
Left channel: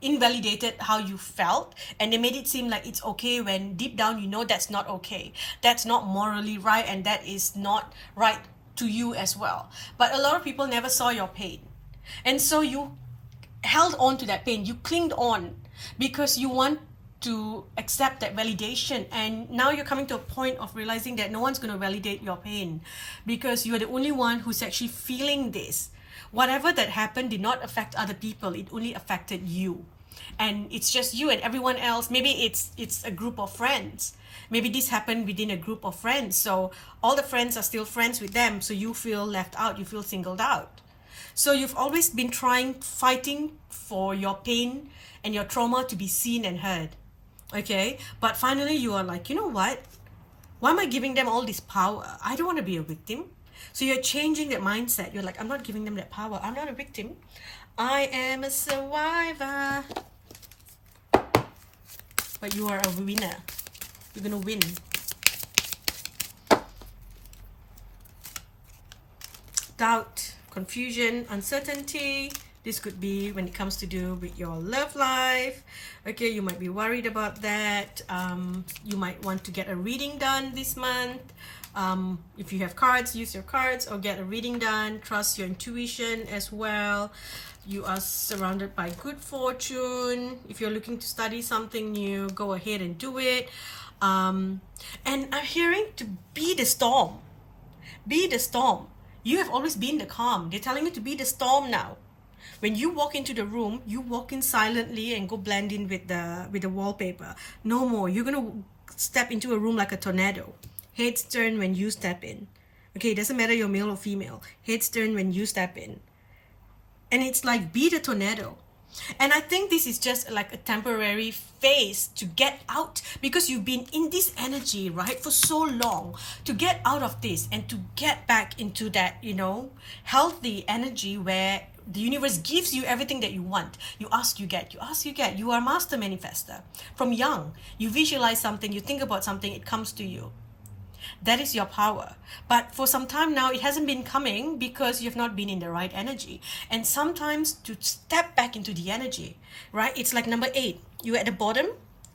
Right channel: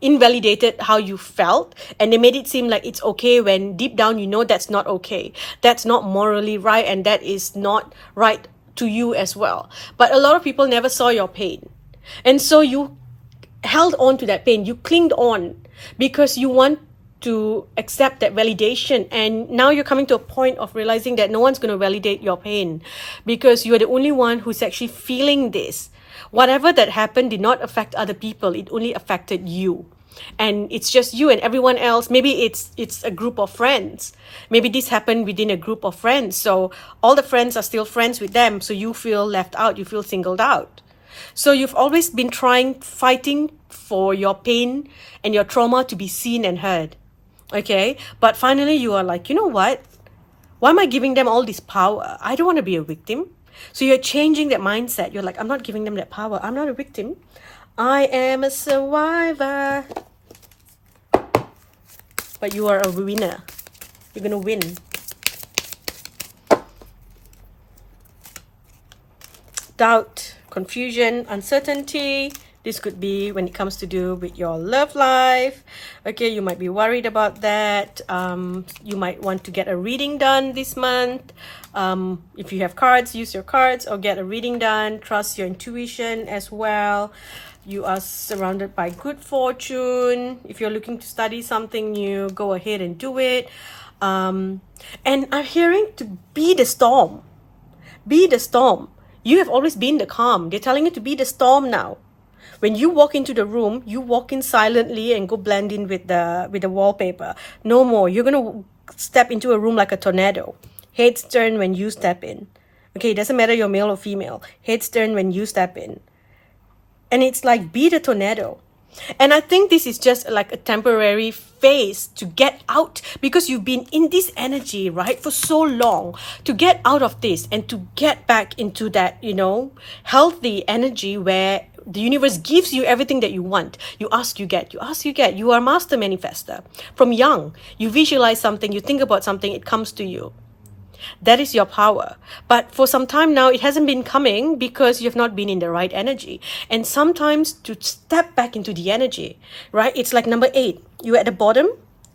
invalidated how you felt, and they made it seem like it's okay when deep down you know that's not okay, that's not morally right, and that is not right to you as well. But a lot of people never saw your pain, and so you held on to that pain, you clinged on because you want to accept that validation. And now you're coming to a point of realizing that no one's going to validate your pain because you're the only one who's actually feeling this. Whatever that happened did not affect other people, it only affected you. And it's just you, and everyone else, maybe it's a group of friends, maybe this happened within a group of friends, so all the friends are still friends with them, so you feel left out, you feel singled out. So you've always been fighting for your pain and your trauma to be seen and heard. Okay, but finally you are like, you know what? Why am I giving them all this power? I don't want to be a victim. So you're changing that mindset. You're like, I'm not giving them that power. I'm not a victim. I am a survivor. But you are a winner. You're going to win. Doubt, confusion, uncertainty. This could be when it comes to do with your love life. Okay, you might be worried about that. You might want to get a reading done this month. If you have cards, use your cards or get a reading done. Trust your intuition as well. You are surrounded by good fortune. If you're looking to study something new, go ahead and do it. And I'm hearing to be the storm. Be the storm. You have always been the calm. They're telling you to be the storm now. When you walk into the room, you walk in silently and go blend in with the wallpaper. No more. You're going to step into a room like a tornado. Heads turn when you step in. Okay, it doesn't matter you're male or female. Heads turn when you step in. And it's like, be the tornado. And I think this is just like a temporary phase to get out, because you've been in this energy, right, for so long. To get out of this and to get back into that, healthy energy where the universe gives you everything that you want. You ask, you get. You ask, you get. You are a master manifester. From young, you visualize something, you think about something, it comes to you. That is your power. But for some time now, it hasn't been coming because you've not been in the right energy. And sometimes to step back into the energy, right? It's like number 8. You're at the bottom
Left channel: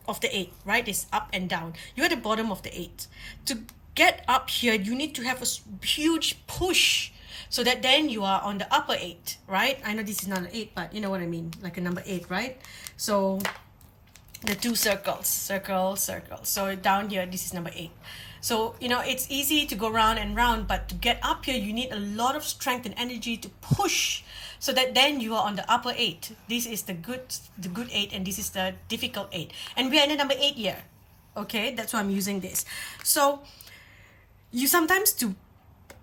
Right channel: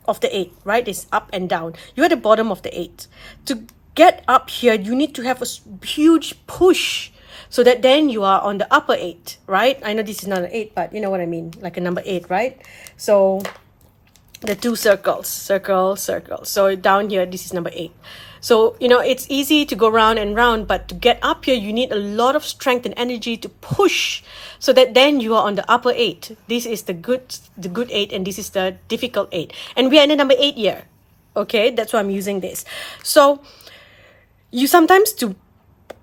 of the 8, right? It's up and down. You're at the bottom of the 8. To get up here, you need to have a huge push, so that then you are on the upper 8, right? I know this is not an 8, but you know what I mean, like a number 8, right? So the 2 circles, circle, circle. So down here, this is number 8. So, it's easy to go round and round, but to get up here, you need a lot of strength and energy to push, so that then you are on the upper 8. This is the good 8, and this is the difficult 8. And we are in the number 8 year. Okay, that's why I'm using this. So you sometimes, to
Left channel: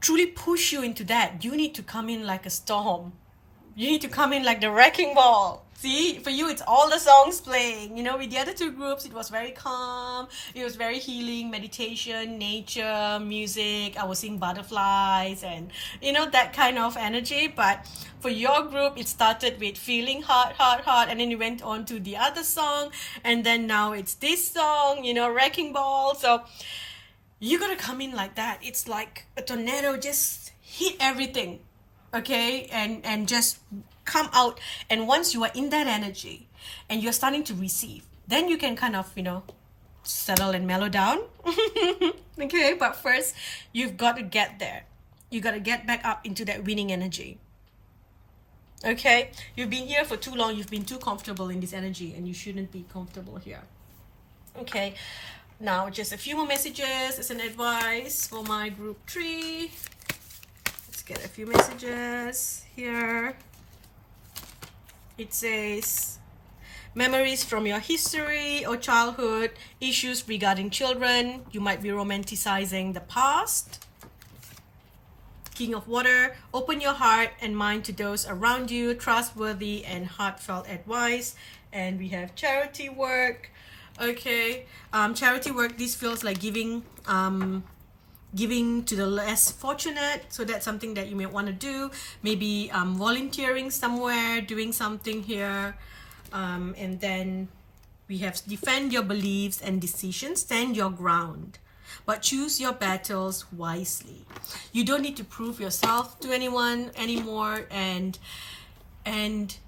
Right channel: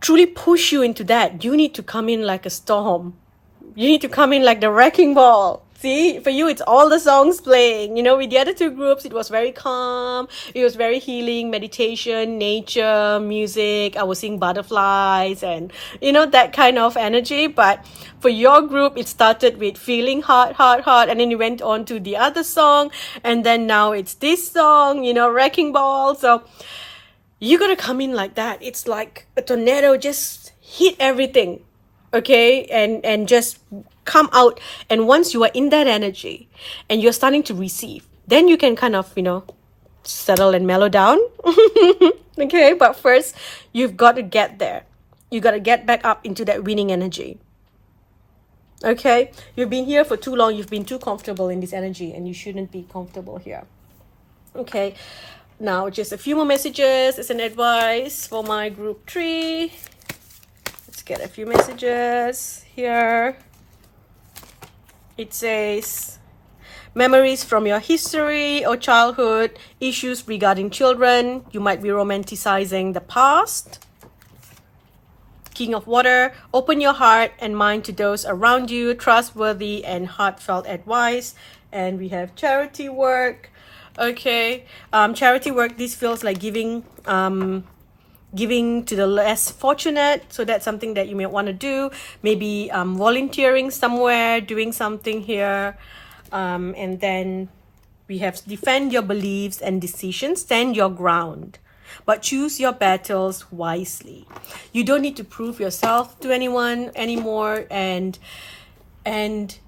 truly push you into that, you need to come in like a storm. You need to come in like the wrecking ball. See, for you, it's all the songs playing. With the other 2 groups, it was very calm. It was very healing, meditation, nature, music. I was seeing butterflies and, that kind of energy. But for your group, it started with feeling hot, hot, hot. And then you went on to the other song. And then now it's this song, wrecking ball. So you got to come in like that. It's like a tornado, just hit everything. Okay, and just come out. And once you are in that energy and you're starting to receive, then you can kind of, settle and mellow down. Okay, but first you've got to get there. You got to get back up into that winning energy. Okay, you've been here for too long. You've been too comfortable in this energy, and you shouldn't be comfortable here. Okay, now just a few more messages as an advice for my group 3. Get a few messages here. It says, memories from your history or childhood, issues regarding children. You might be romanticizing the past. King of Water, open your heart and mind to those around you, trustworthy and heartfelt advice. And we have charity work. Okay, charity work, this feels like giving to the less fortunate. So that's something that you may want to do. Maybe volunteering somewhere, doing something here. And then we have defend your beliefs and decisions, stand your ground, but choose your battles wisely. You don't need to prove yourself to anyone anymore. And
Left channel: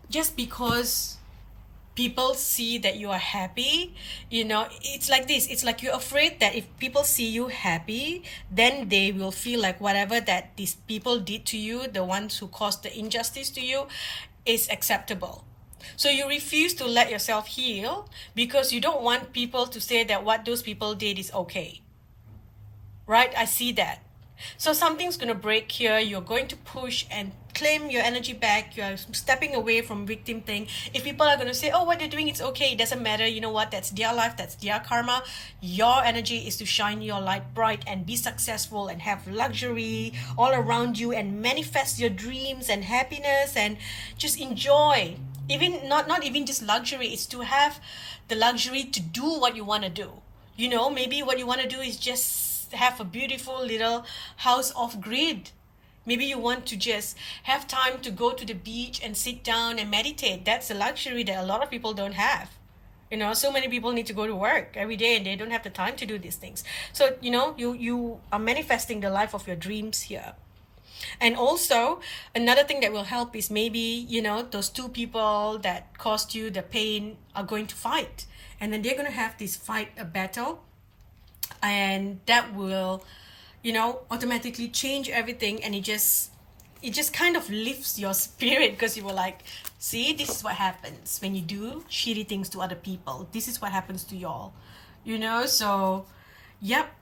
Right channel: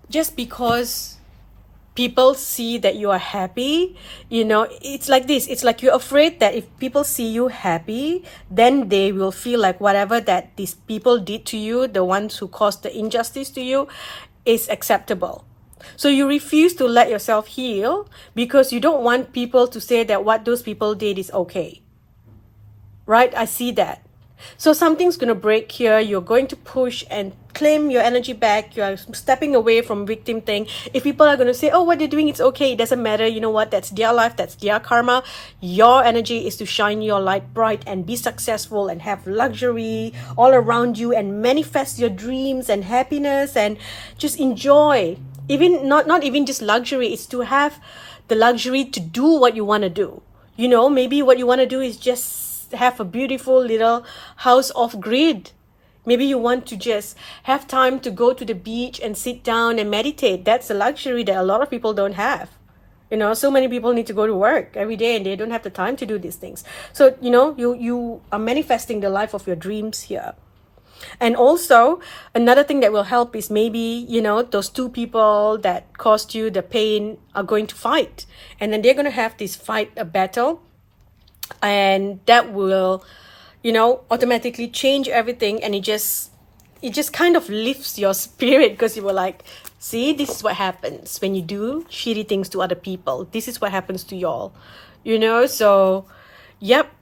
just because people see that you are happy, it's like this. It's like you're afraid that if people see you happy, then they will feel like whatever that these people did to you, the ones who caused the injustice to you, is acceptable. So you refuse to let yourself heal because you don't want people to say that what those people did is okay. Right? I see that. So something's going to break here. You're going to push and claim your energy back. You're stepping away from victim thing. If people are going to say, oh, what they're doing, it's okay, it doesn't matter. You know what? That's their life. That's their karma. Your energy is to shine your light bright and be successful and have luxury all around you and manifest your dreams and happiness and just enjoy. Even not even just luxury. It's to have the luxury to do what you want to do. Maybe what you want to do is just have a beautiful little house off grid. Maybe you want to just have time to go to the beach and sit down and meditate. That's a luxury that a lot of people don't have. So many people need to go to work every day and they don't have the time to do these things. So you are manifesting the life of your dreams here. And also another thing that will help is maybe those 2 people that caused you the pain are going to fight, and then they're going to have this fight, a battle. And that will, automatically change everything. And it just kind of lifts your spirit, because you were like, see, this is what happens when you do shitty things to other people. This is what happens to y'all, So, yep.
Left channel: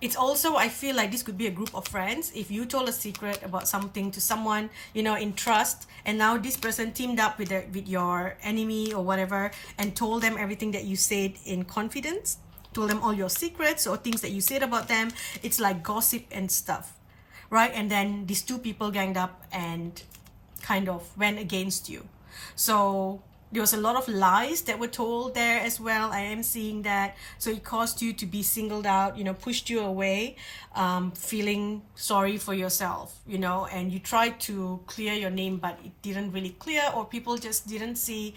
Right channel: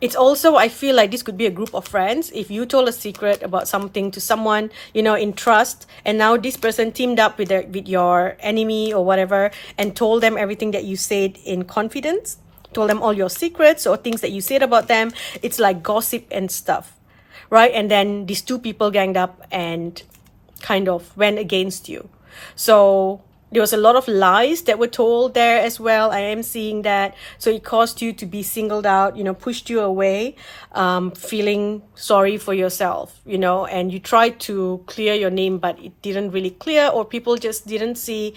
It's also, I feel like this could be a group of friends. If you told a secret about something to someone, in trust, and now this person teamed up with your enemy or whatever and told them everything that you said in confidence, told them all your secrets or things that you said about them. It's like gossip and stuff, right? And then these 2 people ganged up and kind of went against you. So there was a lot of lies that were told there as well. I am seeing that. So it caused you to be singled out, pushed you away, feeling sorry for yourself, and you tried to clear your name, but it didn't really clear, or people just didn't see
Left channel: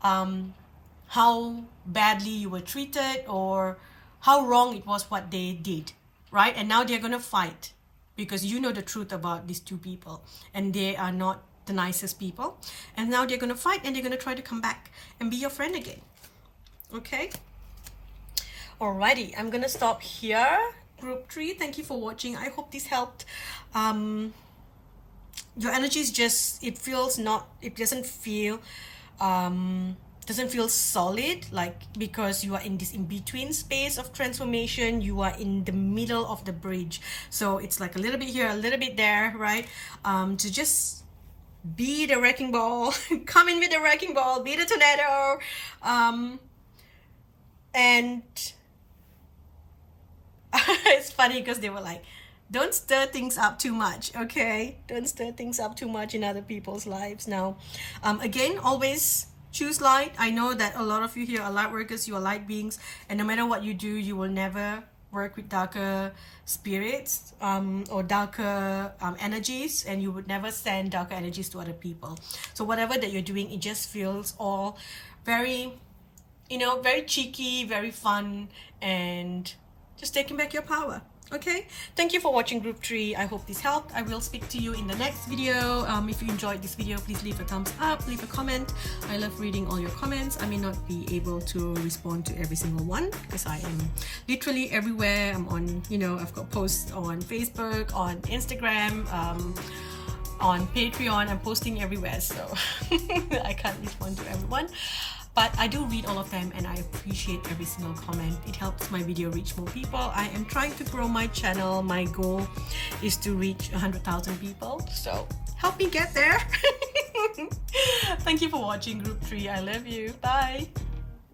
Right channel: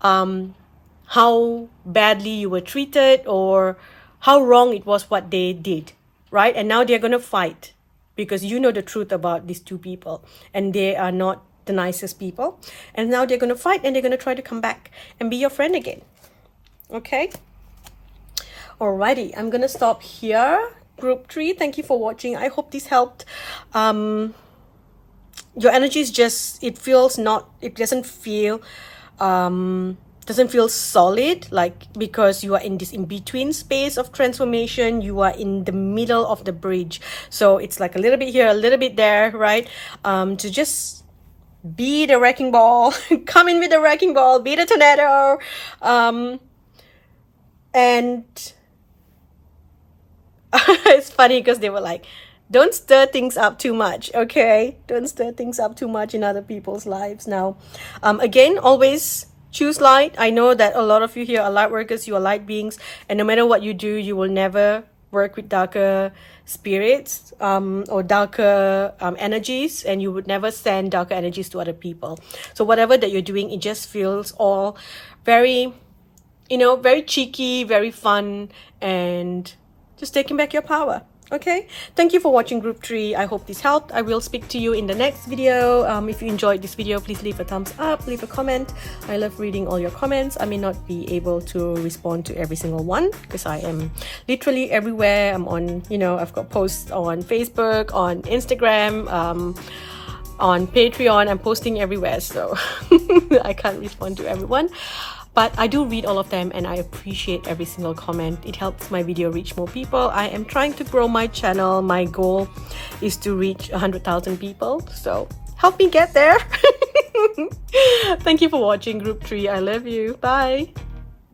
how badly you were treated or how wrong it was what they did, right? And now they're going to fight because you know the truth about these two people, and they are not the nicest people, and now they're going to fight, and they're going to try to come back and be your friend again. Okay, alrighty, I'm going to stop here. Group 3, thank you for watching. I hope this helped. Your energy is just, it doesn't feel solid, like, because you are in this in-between space of transformation. You are in the middle of the bridge, so it's like a little bit here, a little bit there, right? To just be the wrecking ball, come in with the wrecking ball, be the tornado, and it's funny because they were like, don't stir things up too much, okay? Don't stir things up too much in other people's lives. Now, again, always choose light. I know that a lot of you here are light workers, you are light beings, and no matter what you do, you will never work with darker spirits or darker energies, and you would never send darker energies to other people. So whatever that you're doing, it just feels all very, very cheeky, very fun, and just taking back your power. Okay, thank you for watching Group 3. I hope this helped. I will speak to you in the next video. If you enjoyed this video, please leave a thumbs up, leave a comment. I love reading all your comments. I may not be able to respond to every single one because I am literally everywhere. I'm on, I've got posts on Facebook, on Instagram, on Patreon. I'm posting everywhere, so I can't respond to everyone. But I do read all of them, and I appreciate every single comment. It helps my video reach more people. I am trying to grow my channel. My goal is to reach 100,000 people. So help me get there. Thank you for watching Group 3. I love you. Bye.